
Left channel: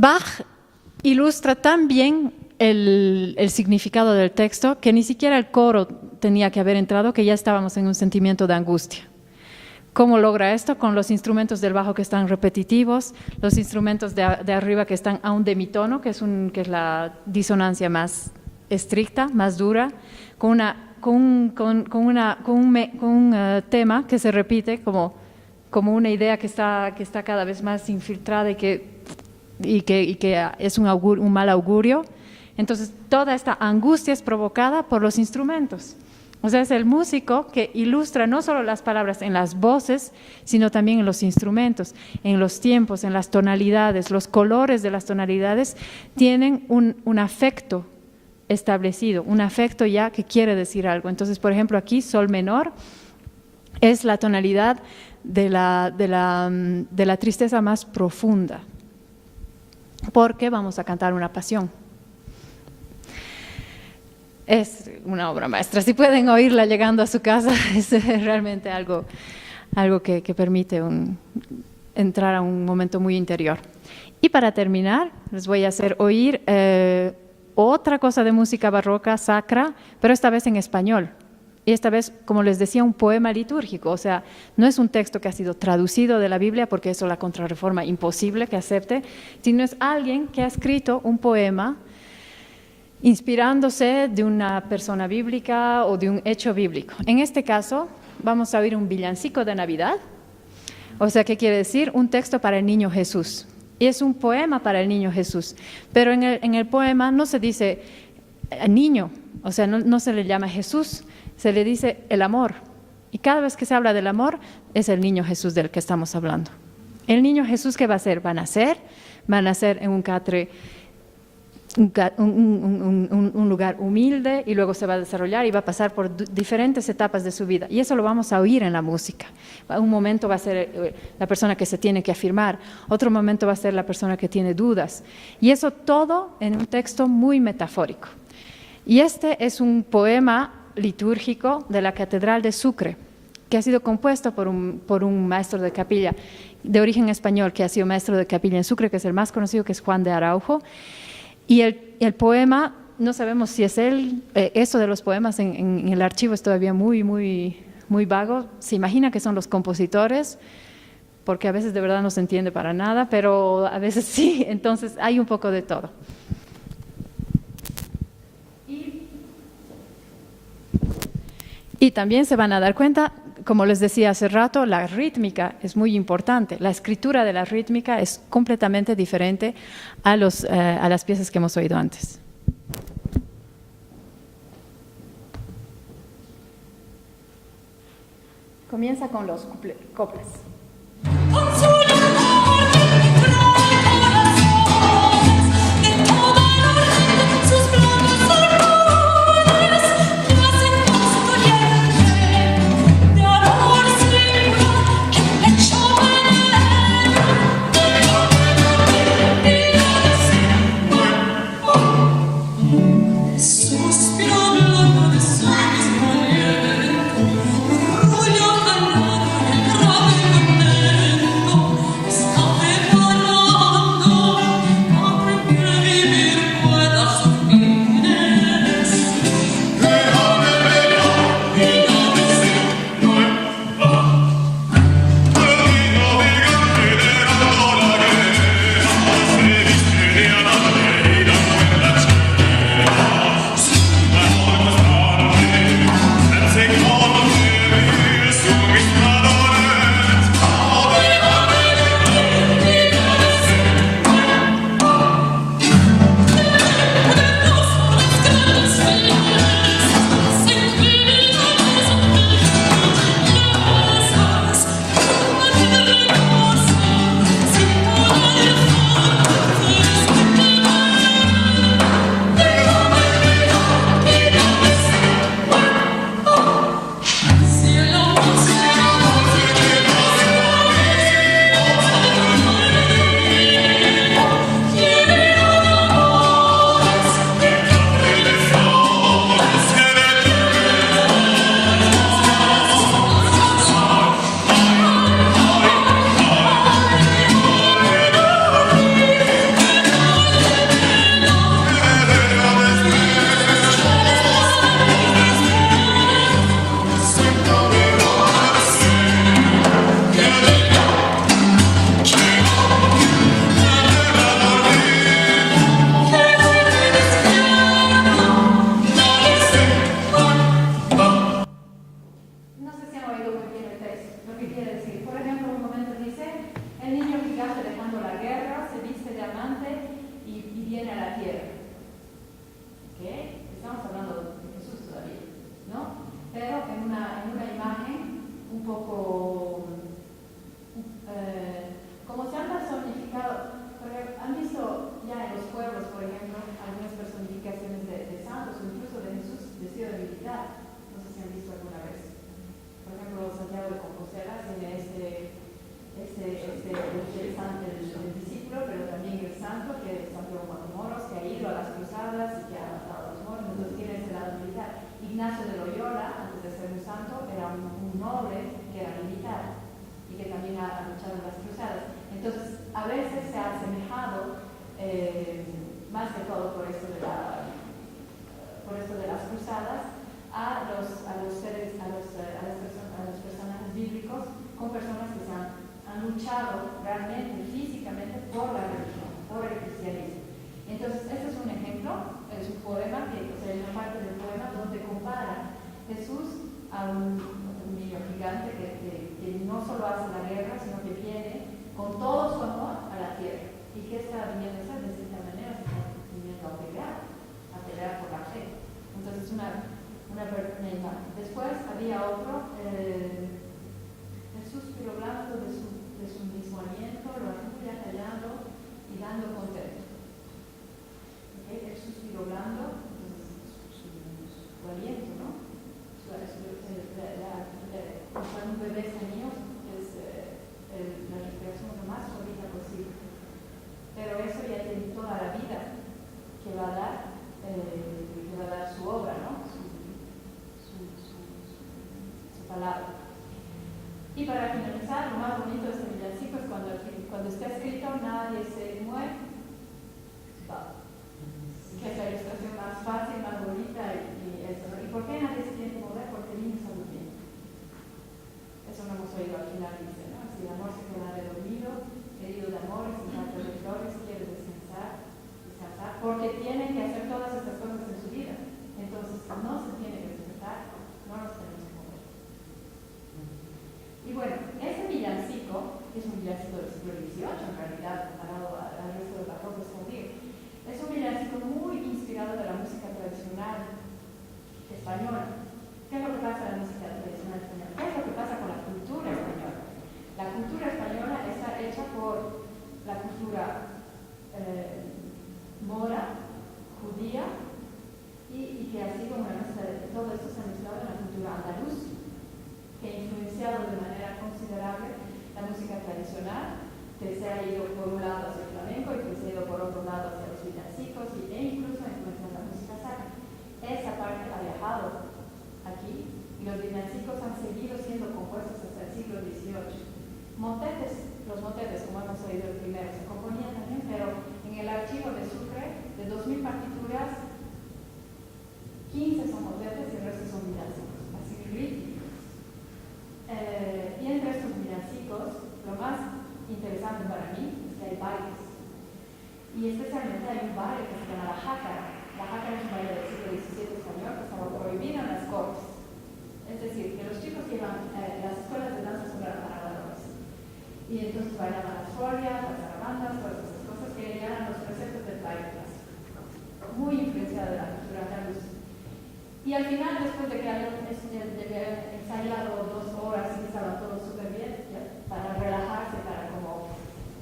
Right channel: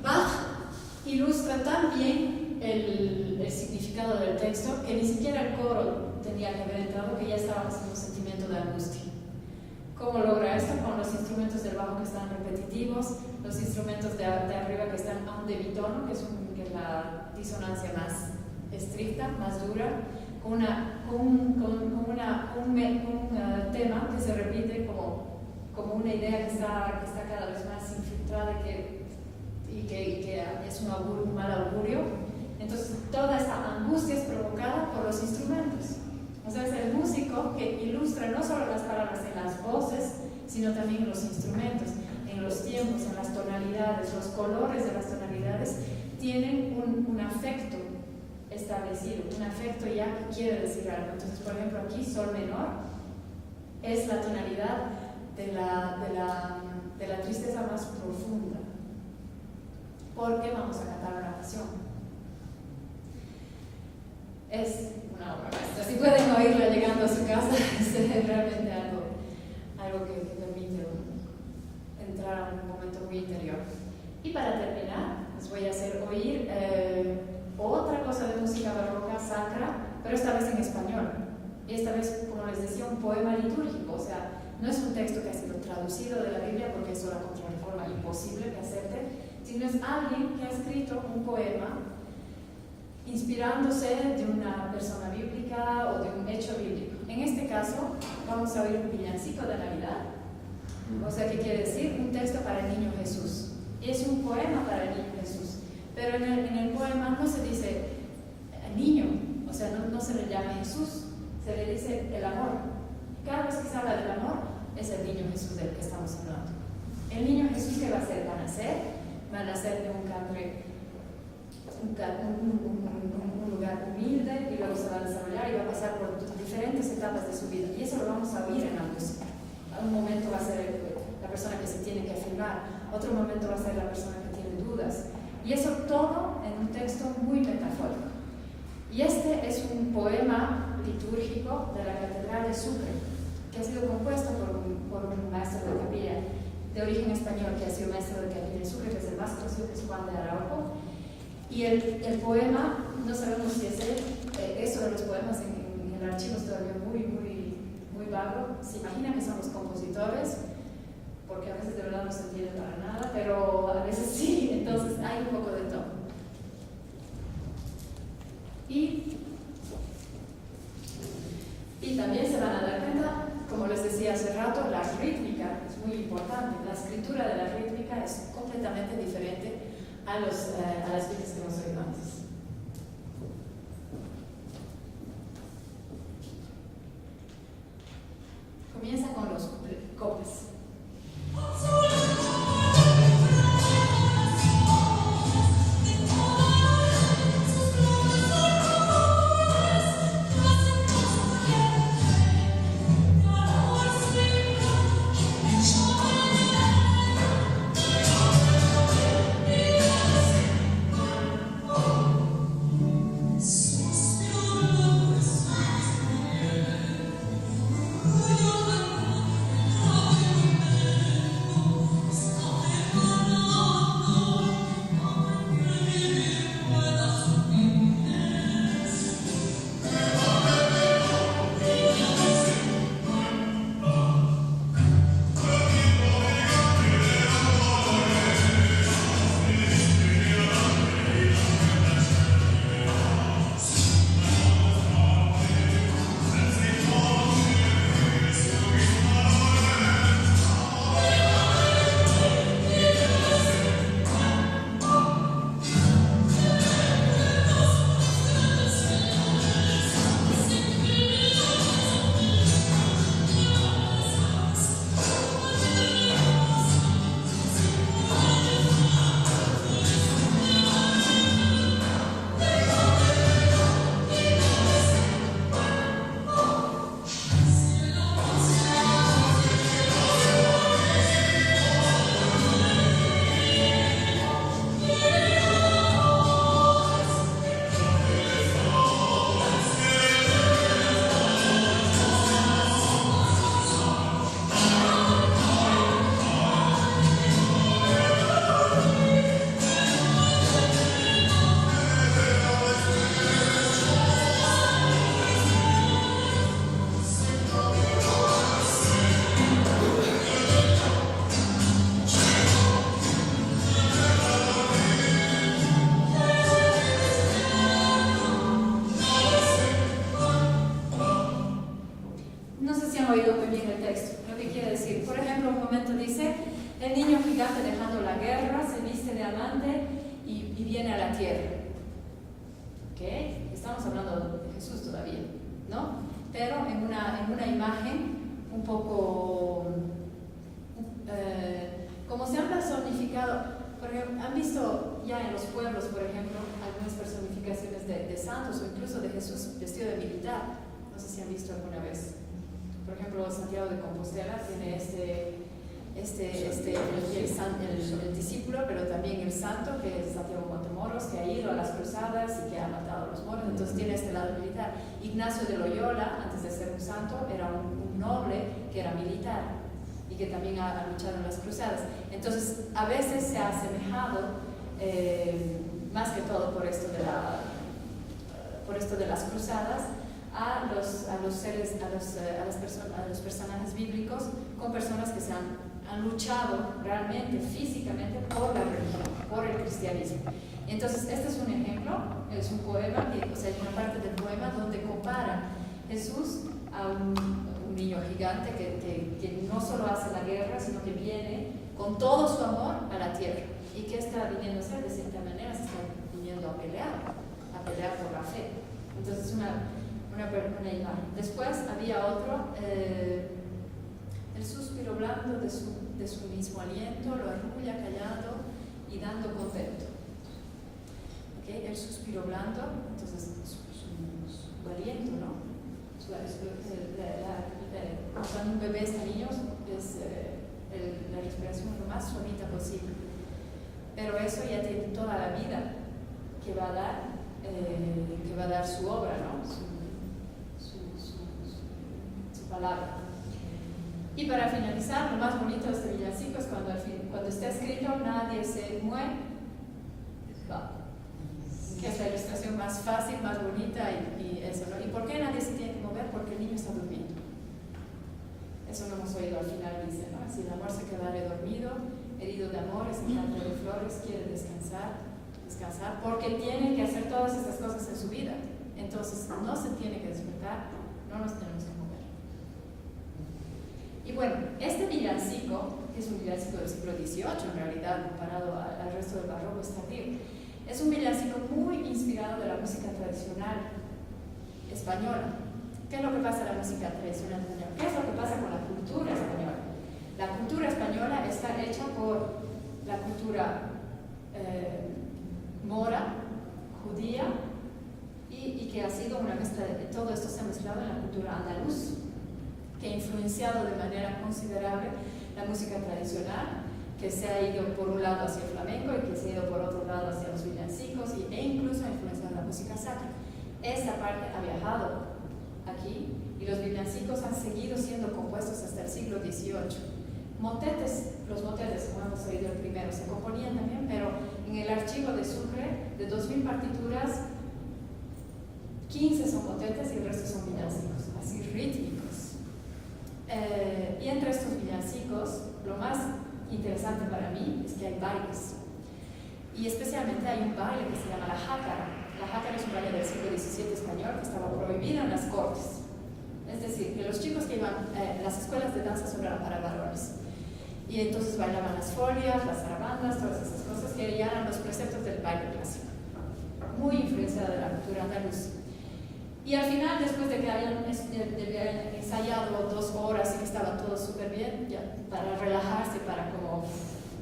Bach ilustra tan bien el significado del texto que ni siquiera el coro tenía que haber entrado, que ya estábamos en un sentimiento de angustia. ¿Cómo logra esto? Con los instrumentos del bajo que están repetitivos, los instrumentos de arriba que están a un demitono, que es la disonancia más estricta, más dura, con un tema que se repite como una idea que está cada vez más infiltrada y que es un mal augurio. Entonces, toda esta angustia es provocada por los instrumentos. O sea, es el músico que ilustra no solo las palabras en las voces, sino también en los instrumentos, en los tiempos, en las tonalidades. Los colores de las tonalidades tienen un afecto establecido, un afecto ya que quiere decir algo. Entonces, por ejemplo, aquí sol menor es la tonalidad de la tristeza más profunda, porque vamos a cantar una pasión. Es una obra maestra. Si pueden oírla llegando a su casa, es realmente algo que permite entrar a un momento muy interior. Y para terminar, les voy a hacer oír otra cosa de música barroca sacra, pero esta vez en español. Y esta vez, como les decía, un poema litúrgico. O sea, no es un texto que ha sido traducido de la Biblia, porque eso la Contrarreforma imposible que acepte, sino es alguien que ha escrito un poema inspirándose de una persona bíblica o de un hecho bíblico. En este caso, vamos a oír un villancico de Navidad. O sea, ¿qué quiere decir? Un texto para el niño Jesús. Y es un poema para el niño Jesús. Pero en el poema no se dice niño, o sea, no se le llama Jesús, se le dice el amor. Y cada vez que se habla del amor, es el niño Jesús del que estamos hablando. El niño Jesús, ¿qué va a hacer? Va a nacer en un catre, un lugar humilde, y luego se va a desarrollar y va a pasar por diferentes etapas de su vida, y eso lo vamos a oír en la música. Un momento va a ser la persona que se tiene que afirmar, otro momento va a ser la persona que tiene dudas, y eso todo en un texto muy metafórico. Y este es un poema litúrgico de la Catedral de Sucre, que ha sido compuesto por un maestro de capilla de origen español, que ha sido maestro de capilla en Sucre, que es el más conocido, que es Juan de Araujo. Y el poema, no sabemos si es él, eso de los poemas en el archivo es todavía muy, muy, muy vago. Se imagina que son los compositores, porque a veces de verdad no se entiende para nada, pero a veces sí, entonces hay un poco de todo. Y también se van a dar cuenta, como les decía hace rato, la rítmica es muy importante. La escritura de la rítmica es completamente diferente a las piezas que hemos oído antes. Comienza con los coplas. Oh han visto ya en los pueblos, por ejemplo, algunas personificaciones de santos o incluso de Jesús vestido de militar. No sé si han visto alguna vez. Por ejemplo, Santiago de Compostela tiene el discípulo, pero también el santo, que es Santiago Matamoros, que ha ido a las cruzadas y que ha matado a los moros. Entonces tiene este lado militar. Ignacio de Loyola, antes de ser un santo, era un noble que era militar y que también ha luchado en las cruzadas. Entonces, a veces se ha asemejado, más que todo por esto de las cruzadas, a los personajes bíblicos con personas que se han luchado realmente, físicamente, por la religión, por el cristianismo. Entonces, este es un ejemplo, es un poema, o sea, una parte del poema donde compara Jesús a un niño gigante que no solo hace la guerra, sino que viene con todo su amor a la tierra. ¿Y qué está viniendo a hacer? De cierta manera se está viniendo a pelear por la fe. Entonces, una imagen. Después había otro, el suspiro blando de su mismo aliento, lo arrulla callado y dando contento. ¿Okay? El suspiro blando, entonces su aliento, ¿no? Cuando un bebé está niño, es la respiración lo más suavita posible. Pero eso ya tiene toda la vida que va a dar su obra, ¿no? Su palabra. Y para finalizar, lo más bonito de este villancico es cuando está escrito nadie se mueve, que es la ilustración más fácil, más bonita y eso, ¿no? ¿Y por qué nadie se tiene que mover? Porque el niño está durmiendo. Eso lo hemos oído al final, dice, ¿no? Si el amor se queda dormido, herido de amores, en campo de flores, quiere descansar, porque tiene que hacer todas estas cosas en su vida. Entonces, no se tiene que despertar, no nos tenemos que mover. Y bueno, este villancico, que es un villancico del siglo XVIII, en realidad, comparado al resto del barroco tardío, es un villancico muy inspirado de la música tradicional española. ¿Qué es lo que pasa en la música tradicional española? ¿Qué es lo que pasa con la cultura española? La cultura española está hecha por la cultura mora, judía, y que ha sido una mezcla de todo esto se ha mezclado en la cultura andaluz, que ha influenciado de manera considerable la música tradicional, que se ha ido por un lado hacia el flamenco y que se ha ido por otro lado hacia los villancicos e incluso ha influenciado la música sacra. Esa parte ha viajado aquí y los villancicos han seguido siendo compuestos hasta el siglo XVIII. Los motetes, como hemos oído el primero, se componían también, pero en el archivo de Sucre, de 2000 partituras, 15 son motetes y el resto son villancicos, así rítmicos. Y entre estos villancicos, lo más interesante para mí es que hay bailes. Y especialmente hay un baile que se llama la jácara. La jácara es un baile del siglo XVII español que estaba prohibido en las cortes. Es decir, que los chicos que iban, las escuelas de danza solo eran para varones. Y entonces bailaban las folias, las zarabandas, todas esas cosas que eran los preceptos del baile clásico. Muy influenciada de la cultura andaluza. Y al final, después de que habían ensayado 2 horas y que estaba todo súper bien, ya, para relajarse, para como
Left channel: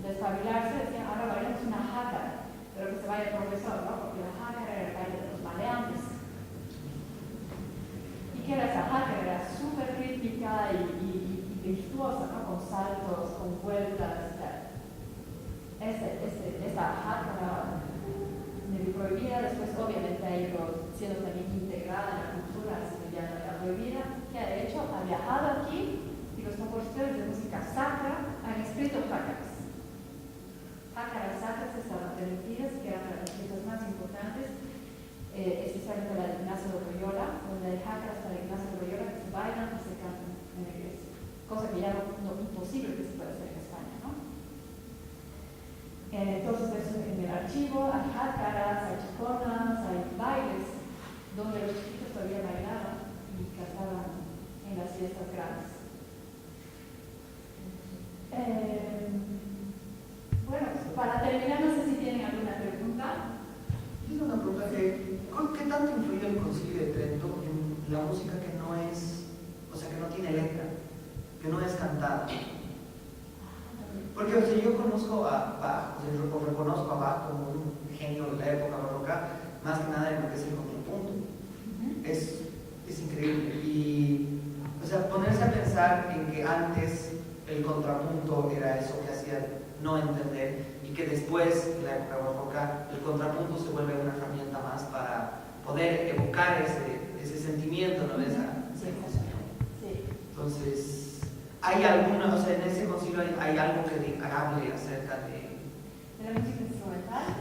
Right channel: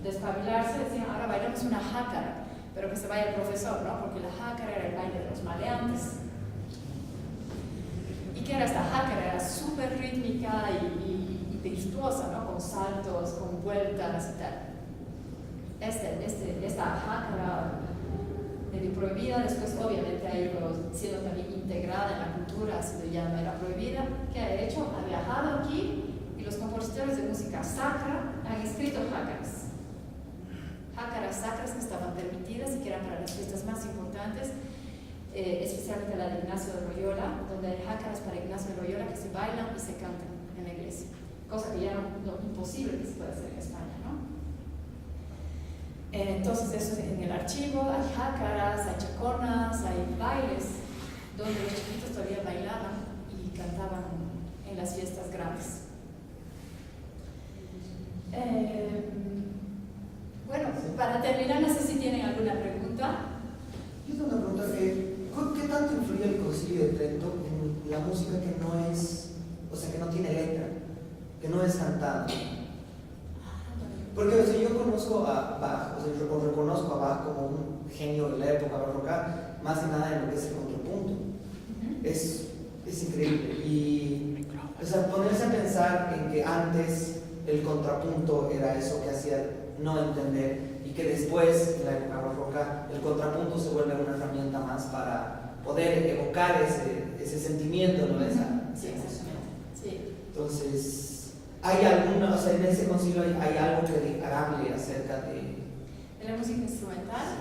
despabilarse, decían, ahora bailemos una jácara, pero que se vaya el profesor, ¿no? Porque la jácara era el baile de los maleantes. ¿Y qué era esta jácara? Era súper rítmica y virtuosa, ¿no? Con saltos, con vueltas y tal. Esta jácara medio prohibida, después obviamente ha ido siendo también integrada en la cultura, así que ya no era prohibida. ¿Qué ha hecho? Ha viajado aquí y los compositores de música sacra han escrito jácaras. Jácaras sacras que estaban permitidas y que eran para las fiestas más importantes, especialmente la de Ignacio de Loyola, donde hay jácaras para Ignacio de Loyola que se bailan y se cantan en la iglesia, cosa que ya no imposible que se puede hacer en España, ¿no? Entonces eso en el archivo hay jácaras, hay chaconas, hay bailes donde los chiquitos todavía bailaban y cantaban en las fiestas grandes. Bueno, para terminar, no sé si tienen alguna pregunta. Yo tengo una pregunta. ¿Qué tanto influye el Concilio de Trento en la música que no es, o sea, que no tiene letra, que no es cantada? Porque o sea, yo conozco a Bach, o sea, yo reconozco a genio de la época barroca, más que nada en lo que es el contrapunto. Es increíble. Y, o sea, ponerse a pensar en que antes el contrapunto era eso que hacía no entender, y que después, en la época barroca, el contrapunto se vuelve una herramienta más para poder evocar ese sentimiento, ¿no? Esa emoción. Sí. Entonces, ¿hay alguna, o sea, en ese concilio hay algo que hable acerca de ¿De la música instrumental?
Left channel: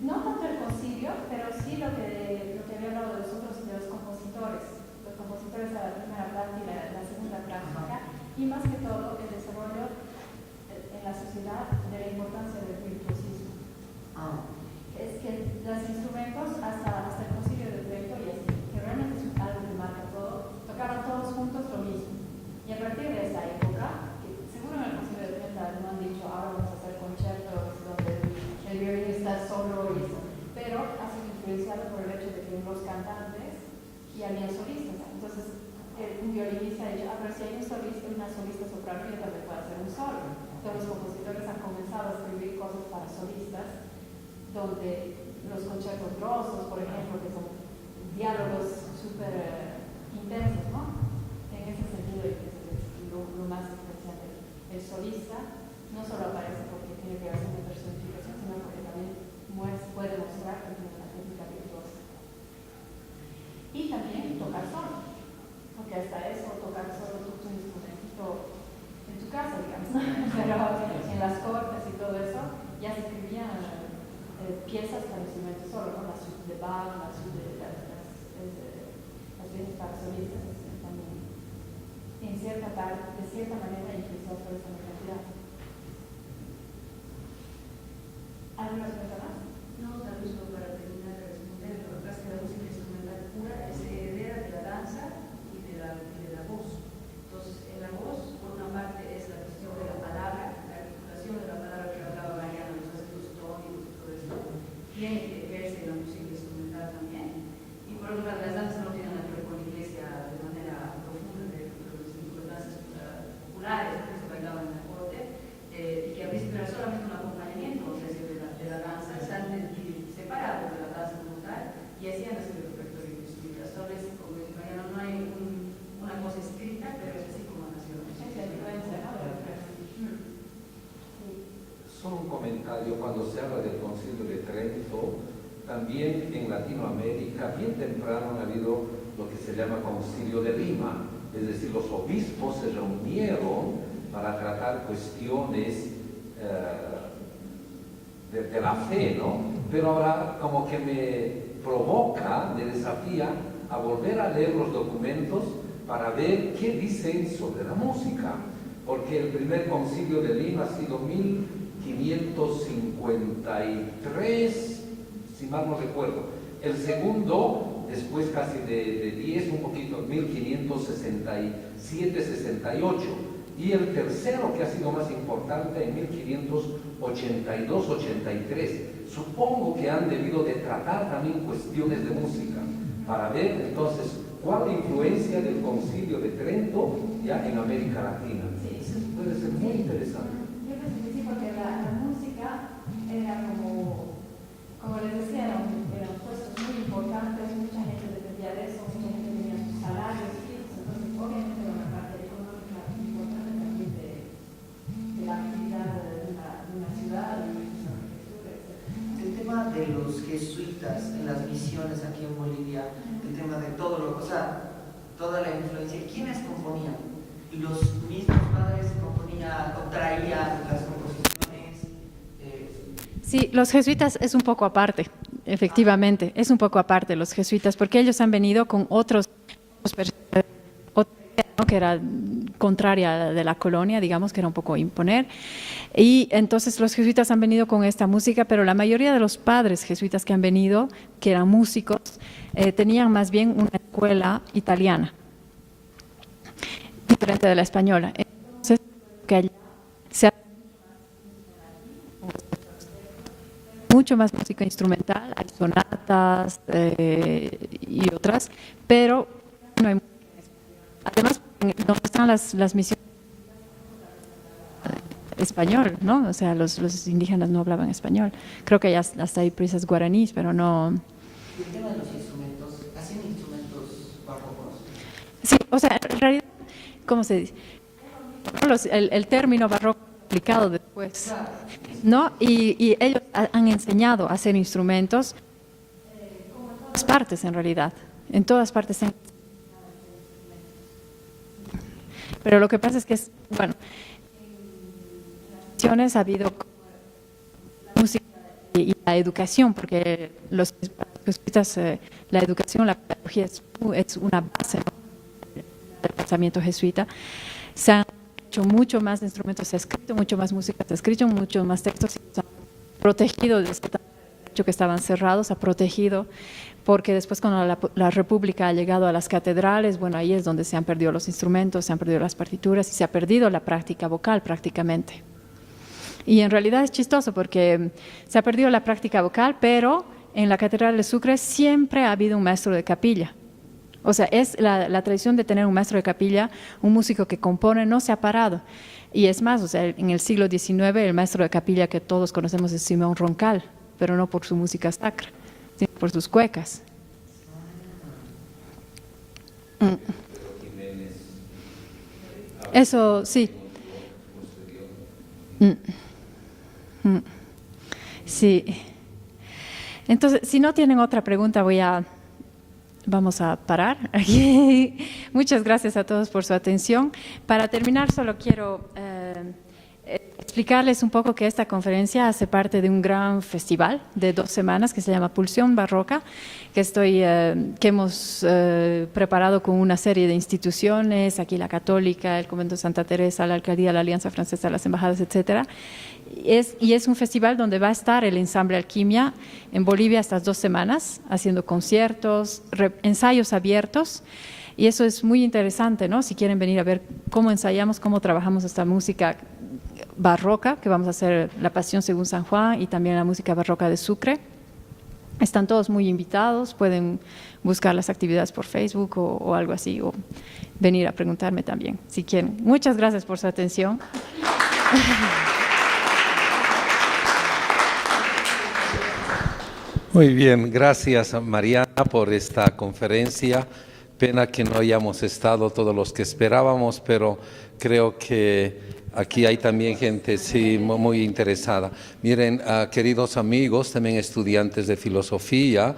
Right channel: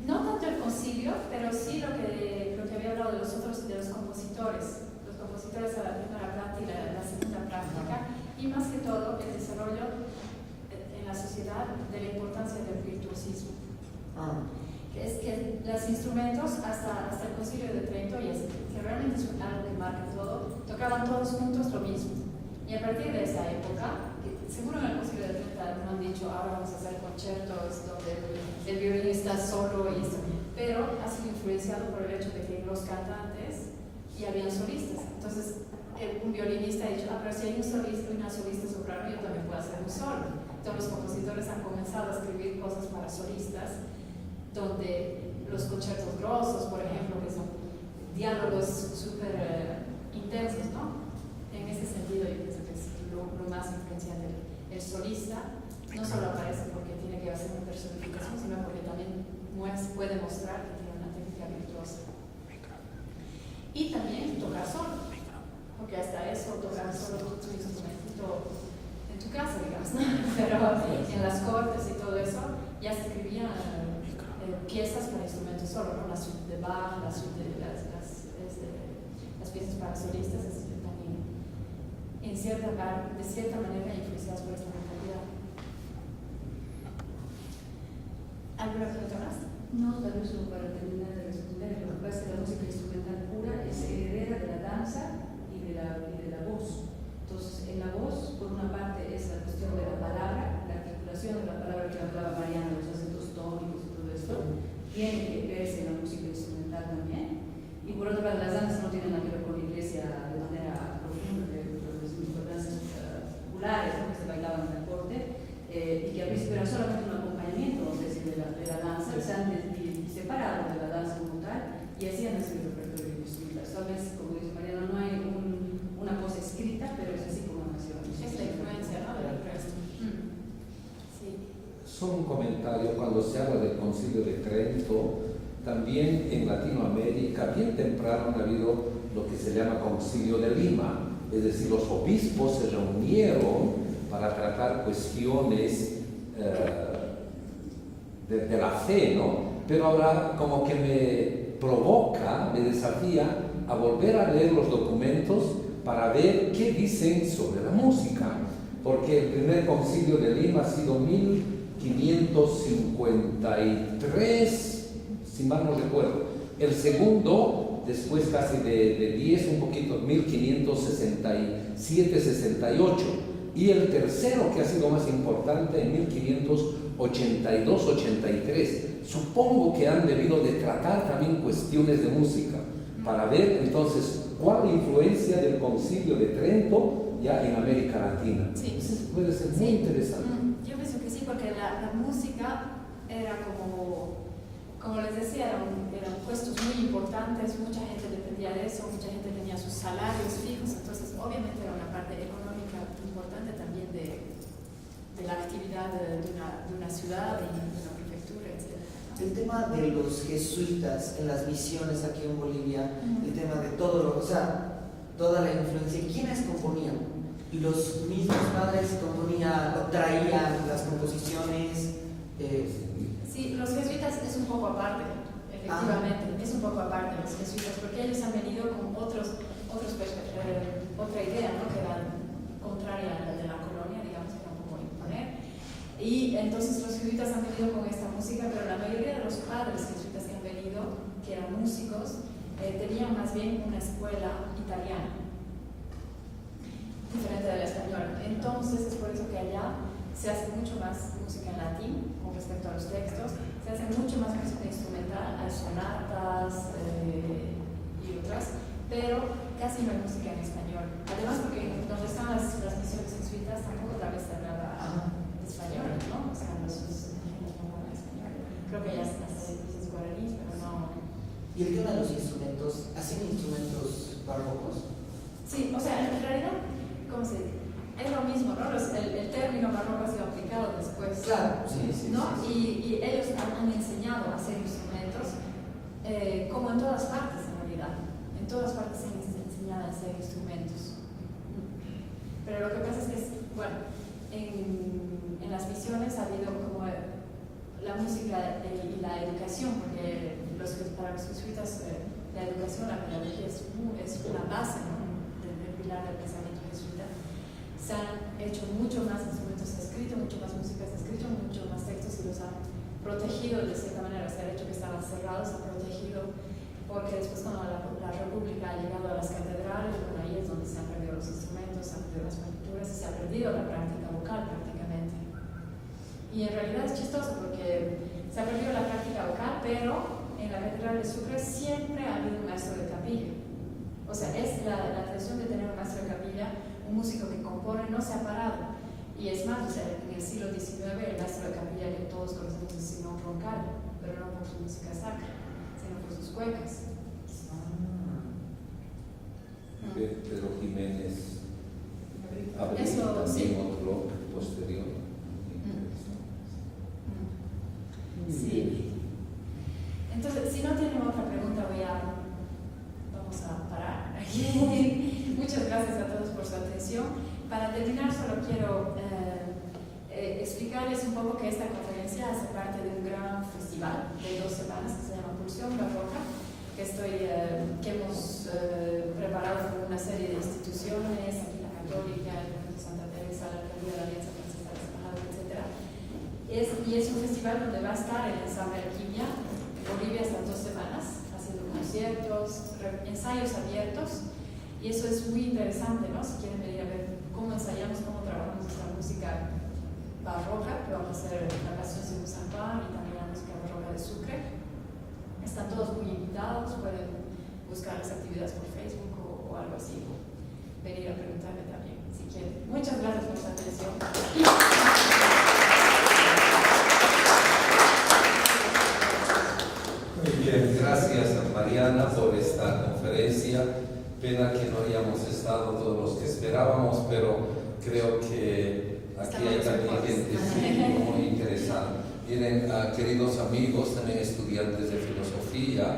No tanto el concilio, pero sí lo que había hablado de los compositores. Los compositores de la primera práctica, la segunda práctica, y más que todo el desarrollo en la sociedad de la importancia del virtuosismo. Es que los instrumentos hasta el concilio de Trento, y así, que realmente es algo que marca todo, tocaban todos juntos lo mismo. Y a partir de esa época, que seguro en el concilio de Trento no han dicho ahora vamos a hacer conciertos donde el violinista solo y esto, pero ha sido influenciado por el hecho de que los cantantes ya habían solistas. Entonces, un violinista ha dicho, pero si hay un solista, una solista soprano, yo también puedo hacer un solo. Todos los compositores han comenzado a escribir cosas para solistas, donde los conciertos grosos, por ejemplo, que son diálogos súper intensos, ¿no? En ese sentido, yo pienso que es lo más influenciante. El solista no solo aparece porque tiene que hacer una personificación, sino porque también puede mostrar que tiene una técnica virtuosa. Y también tocar solo, porque hasta eso, tocar solo tu instrumento en tu casa, digamos, ¿no? Pero en las cortes y todo eso, ya se escribían piezas para instrumentos solo, ¿no? La suite de Bach, la suite de las piezas para solistas, así que también de cierta manera influenciadas por esta mentalidad. ¿Alguna pregunta más? No, tal vez no para terminar de responder. Lo que pasa es que la música instrumental pura es heredera de la danza y de la voz. Entonces, en la voz, por una parte, es la cuestión de la palabra, la articulación de la palabra que hablaba Mariana, los acentos tónicos y todo esto, tiene que verse en la música instrumental también. Y por otra parte, las danzas no tienen nada que ver con la iglesia de manera profunda, los danzas populares, ¿no?, que se bailaban en la corte, y que a veces era solamente un acompañamiento, no sé si de la danza, y separado de la danza como tal, y hacían así el repertorio instrumental. Tal vez, como dice Mariana, no hay una cosa escrita, pero es así como nació. Es la influencia, ¿no?, del resto. Sí. Solo un comentario, cuando se habla del Concilio de Trento, también en Latinoamérica, bien temprano ha habido lo que se llama Concilio de Lima, es decir, los obispos se reunieron para tratar cuestiones de la fe, ¿no? Pero ahora como que me provoca, me desafía a volver a leer los documentos para ver qué dicen sobre la música, porque el primer Concilio de Lima ha sido 1553, si mal no recuerdo. El segundo, después casi de 10, un poquito, 1567-68. Y el tercero, que ha sido más importante, en 1582-83. Supongo que han debido de tratar también cuestiones de música, para ver entonces cuál influencia del Concilio de Trento ya en América Latina. Sí. Eso puede ser muy interesante. Yo pienso que sí, porque la música era como les decía, eran puestos muy importantes, mucha gente dependía de eso, mucha gente tenía sus salarios fijos, entonces obviamente era una parte económica importante también de la actividad de una ciudad y de una prefectura, etc. el tema de los jesuitas en las misiones aquí en Bolivia, el tema de todo o sea, toda la influencia. ¿Quiénes componían? ¿Los mismos padres componían o traían las composiciones? Sí, los jesuitas es un poco aparte, efectivamente, es un poco aparte los jesuitas, porque ellos han venido con otra idea, ¿no?, que era contraria de la colonia, digamos, que era un poco imponer. Y entonces los jesuitas han venido con esta música, pero la mayoría de los padres jesuitas que han venido, que eran músicos, tenían más bien una escuela italiana, diferente de la española. Entonces, por eso que allá se hace mucho más música en latín con respecto a los textos, se hace mucho más música instrumental, hay sonatas y otras, pero casi no hay música en español. Además, porque no están las misiones jesuitas, tampoco tal vez se hablaba español, ¿no? O sea, los indígenas no hablaban español. Creo que ya hasta hay prisas guaraníes, pero no... ¿Y el tema de los instrumentos? ¿Hacen instrumentos barrocos? Sí, o sea, en realidad, ¿cómo se dice? Es lo mismo, ¿no? El término barroco ha sido aplicado después, Claro. ¿no? Y ellos han enseñado a hacer instrumentos como en todas partes, en realidad. En todas partes se han enseñado a hacer instrumentos. Pero lo que pasa es que, bueno, en las misiones ha habido como la música y la educación, porque para los jesuitas la educación, la pedagogía es una base, ¿no?, del pensamiento jesuita. Se han hecho mucho más instrumentos, se ha escrito mucho más música, se ha escrito mucho más textos, y se han protegido de esta manera. Se ha hecho que estaban cerrados, se ha protegido, porque después cuando la República ha llegado a las catedrales, bueno, ahí es donde se han perdido los instrumentos, se han perdido las partituras y se ha perdido la práctica vocal prácticamente. Y en realidad es chistoso porque se ha perdido la práctica vocal, pero en la Catedral de Sucre siempre ha habido un maestro de capilla. O sea, es la tradición de tener un maestro de capilla, un músico que compone, no se ha parado. Y es más, o sea, en el siglo XIX el maestro de capilla que todos conocemos es Simón Roncal, pero no por su música sacra, sino por sus cuecas. Pedro Jiménez. Eso, sí. Sí. Entonces, si no tienen otra pregunta, vamos a parar aquí. Muchas gracias a todos por su atención. Para terminar, solo quiero explicarles un poco que esta conferencia hace parte de un gran festival de 2 semanas que se llama Pulsión Barroca, que hemos preparado con una serie de instituciones, aquí la Católica, el Convento de Santa Teresa, la Alcaldía, la Alianza Francesa, las Embajadas, etcétera. Y es un festival donde va a estar el Ensamble Alquimia en Bolivia estas 2 semanas, haciendo conciertos, ensayos abiertos, y eso es muy interesante, ¿no? Si quieren venir a ver cómo ensayamos, cómo trabajamos esta música barroca, que vamos a hacer la Pasión según San Juan y también la música barroca de Sucre. Están todos muy invitados, pueden buscar las actividades por Facebook o algo así, o venir a preguntarme también, si quieren. Muchas gracias por su atención. Muy bien, gracias Mariana por esta conferencia. Pena que no hayamos estado todos los que esperábamos, pero creo que aquí hay también gente sí, muy interesada. Miren, queridos amigos, también estudiantes de filosofía,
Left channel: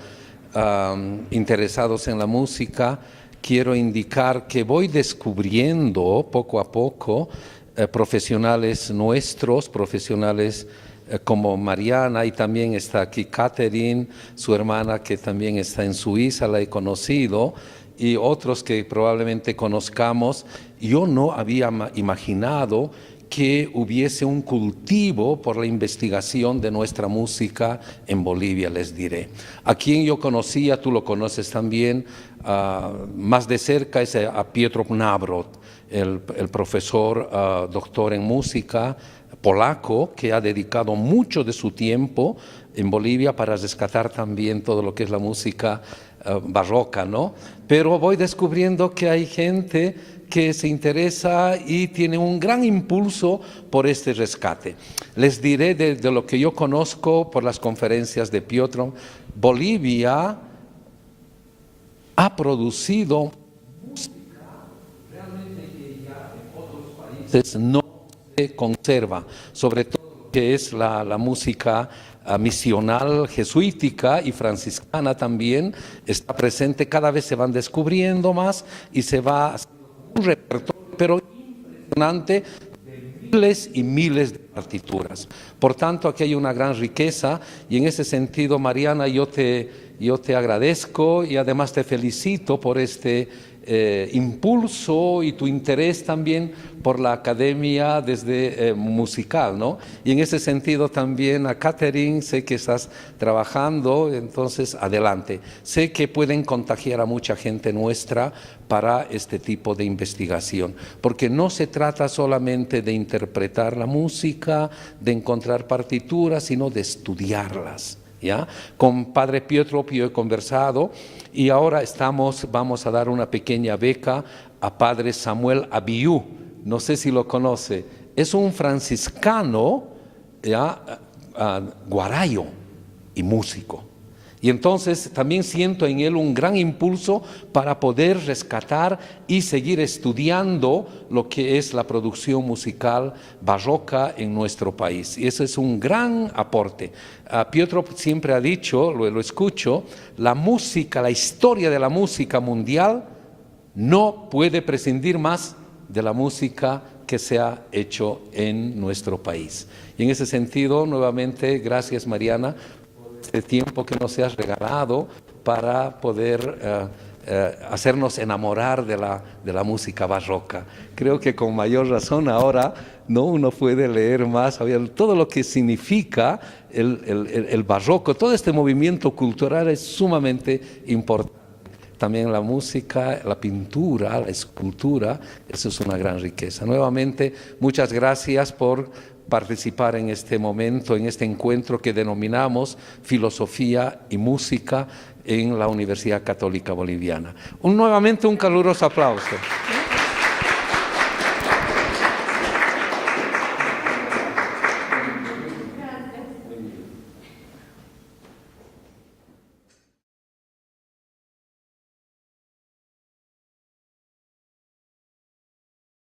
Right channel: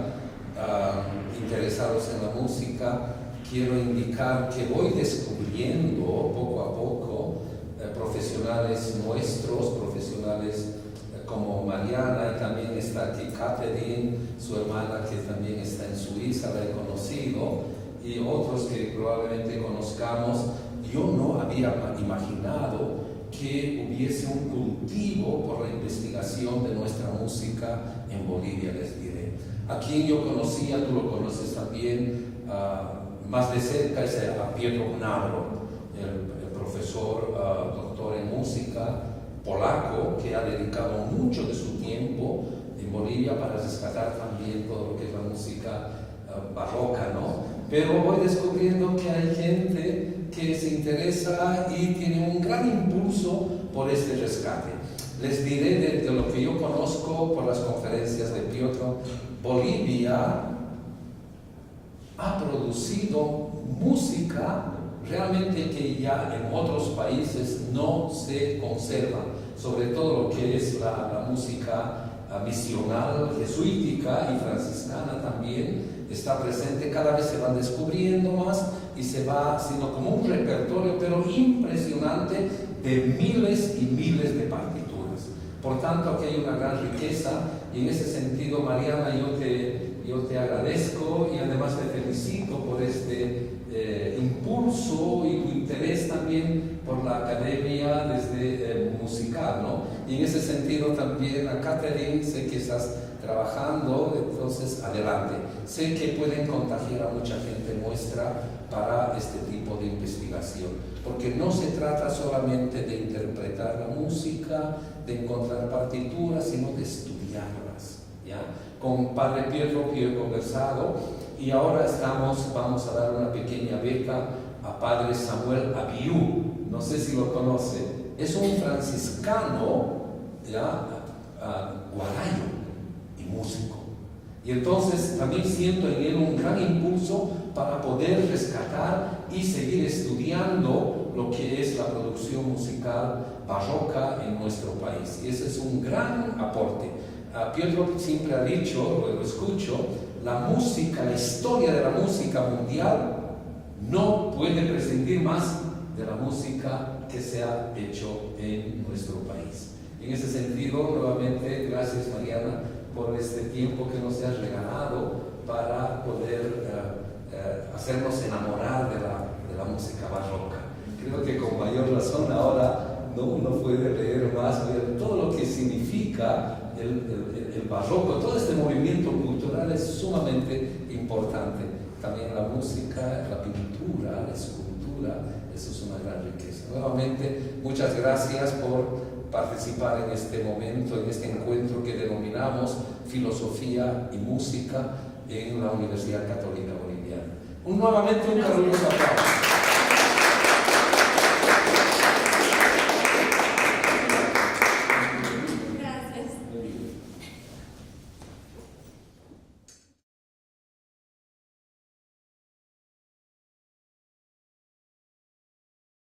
interesados en la música, quiero indicar que voy descubriendo poco a poco profesionales nuestros, profesionales como Mariana, y también está aquí Catherine, su hermana que también está en Suiza, la he conocido, y otros que probablemente conozcamos. Yo no había imaginado que hubiese un cultivo por la investigación de nuestra música en Bolivia, les diré. A quien yo conocía, tú lo conoces también, más de cerca, es a Pietro Knabrod, el profesor doctor en música polaco, que ha dedicado mucho de su tiempo en Bolivia para rescatar también todo lo que es la música barroca, ¿no? Pero voy descubriendo que hay gente que se interesa y tiene un gran impulso por este rescate. Les diré de lo que yo conozco por las conferencias de Piotr. Bolivia ha producido música realmente que ya en otros países no se conserva, sobre todo lo que es la música misional, jesuítica y franciscana también está presente. Cada vez se van descubriendo más y se va haciendo como un repertorio, pero impresionante, de miles y miles de partituras. Por tanto, aquí hay una gran riqueza, y en ese sentido, Mariana, yo te agradezco y además te felicito por este impulso y tu interés también por la academia desde musical, ¿no? Y en ese sentido también a Catherine, sé que estás trabajando, entonces adelante. Sé que pueden contagiar a mucha gente nuestra para este tipo de investigación, porque no se trata solamente de interpretar la música, de encontrar partituras, sino de estudiarlas. ¿Ya? Con Padre Pietro yo he conversado, y ahora vamos a dar una pequeña beca a Padre Samuel Abiú, no sé si lo conoce, es un franciscano guarayo y músico. Y entonces también siento en él un gran impulso para poder rescatar y seguir estudiando lo que es la producción musical barroca en nuestro país. Y ese es un gran aporte. Pietro siempre ha dicho, lo escucho, la música, la historia de la música mundial no puede prescindir más de la música que se ha hecho en nuestro país. Y en ese sentido, nuevamente, gracias Mariana por este tiempo que nos has regalado para poder hacernos enamorar de la música barroca. Creo que con mayor razón ahora uno puede leer más, todo lo que significa el barroco, todo este movimiento cultural es sumamente importante. También la música, la pintura, la escultura, eso es una gran riqueza. Nuevamente, muchas gracias por participar en este momento, en este encuentro que denominamos Filosofía y Música en la Universidad Católica Boliviana. Nuevamente un caluroso aplauso.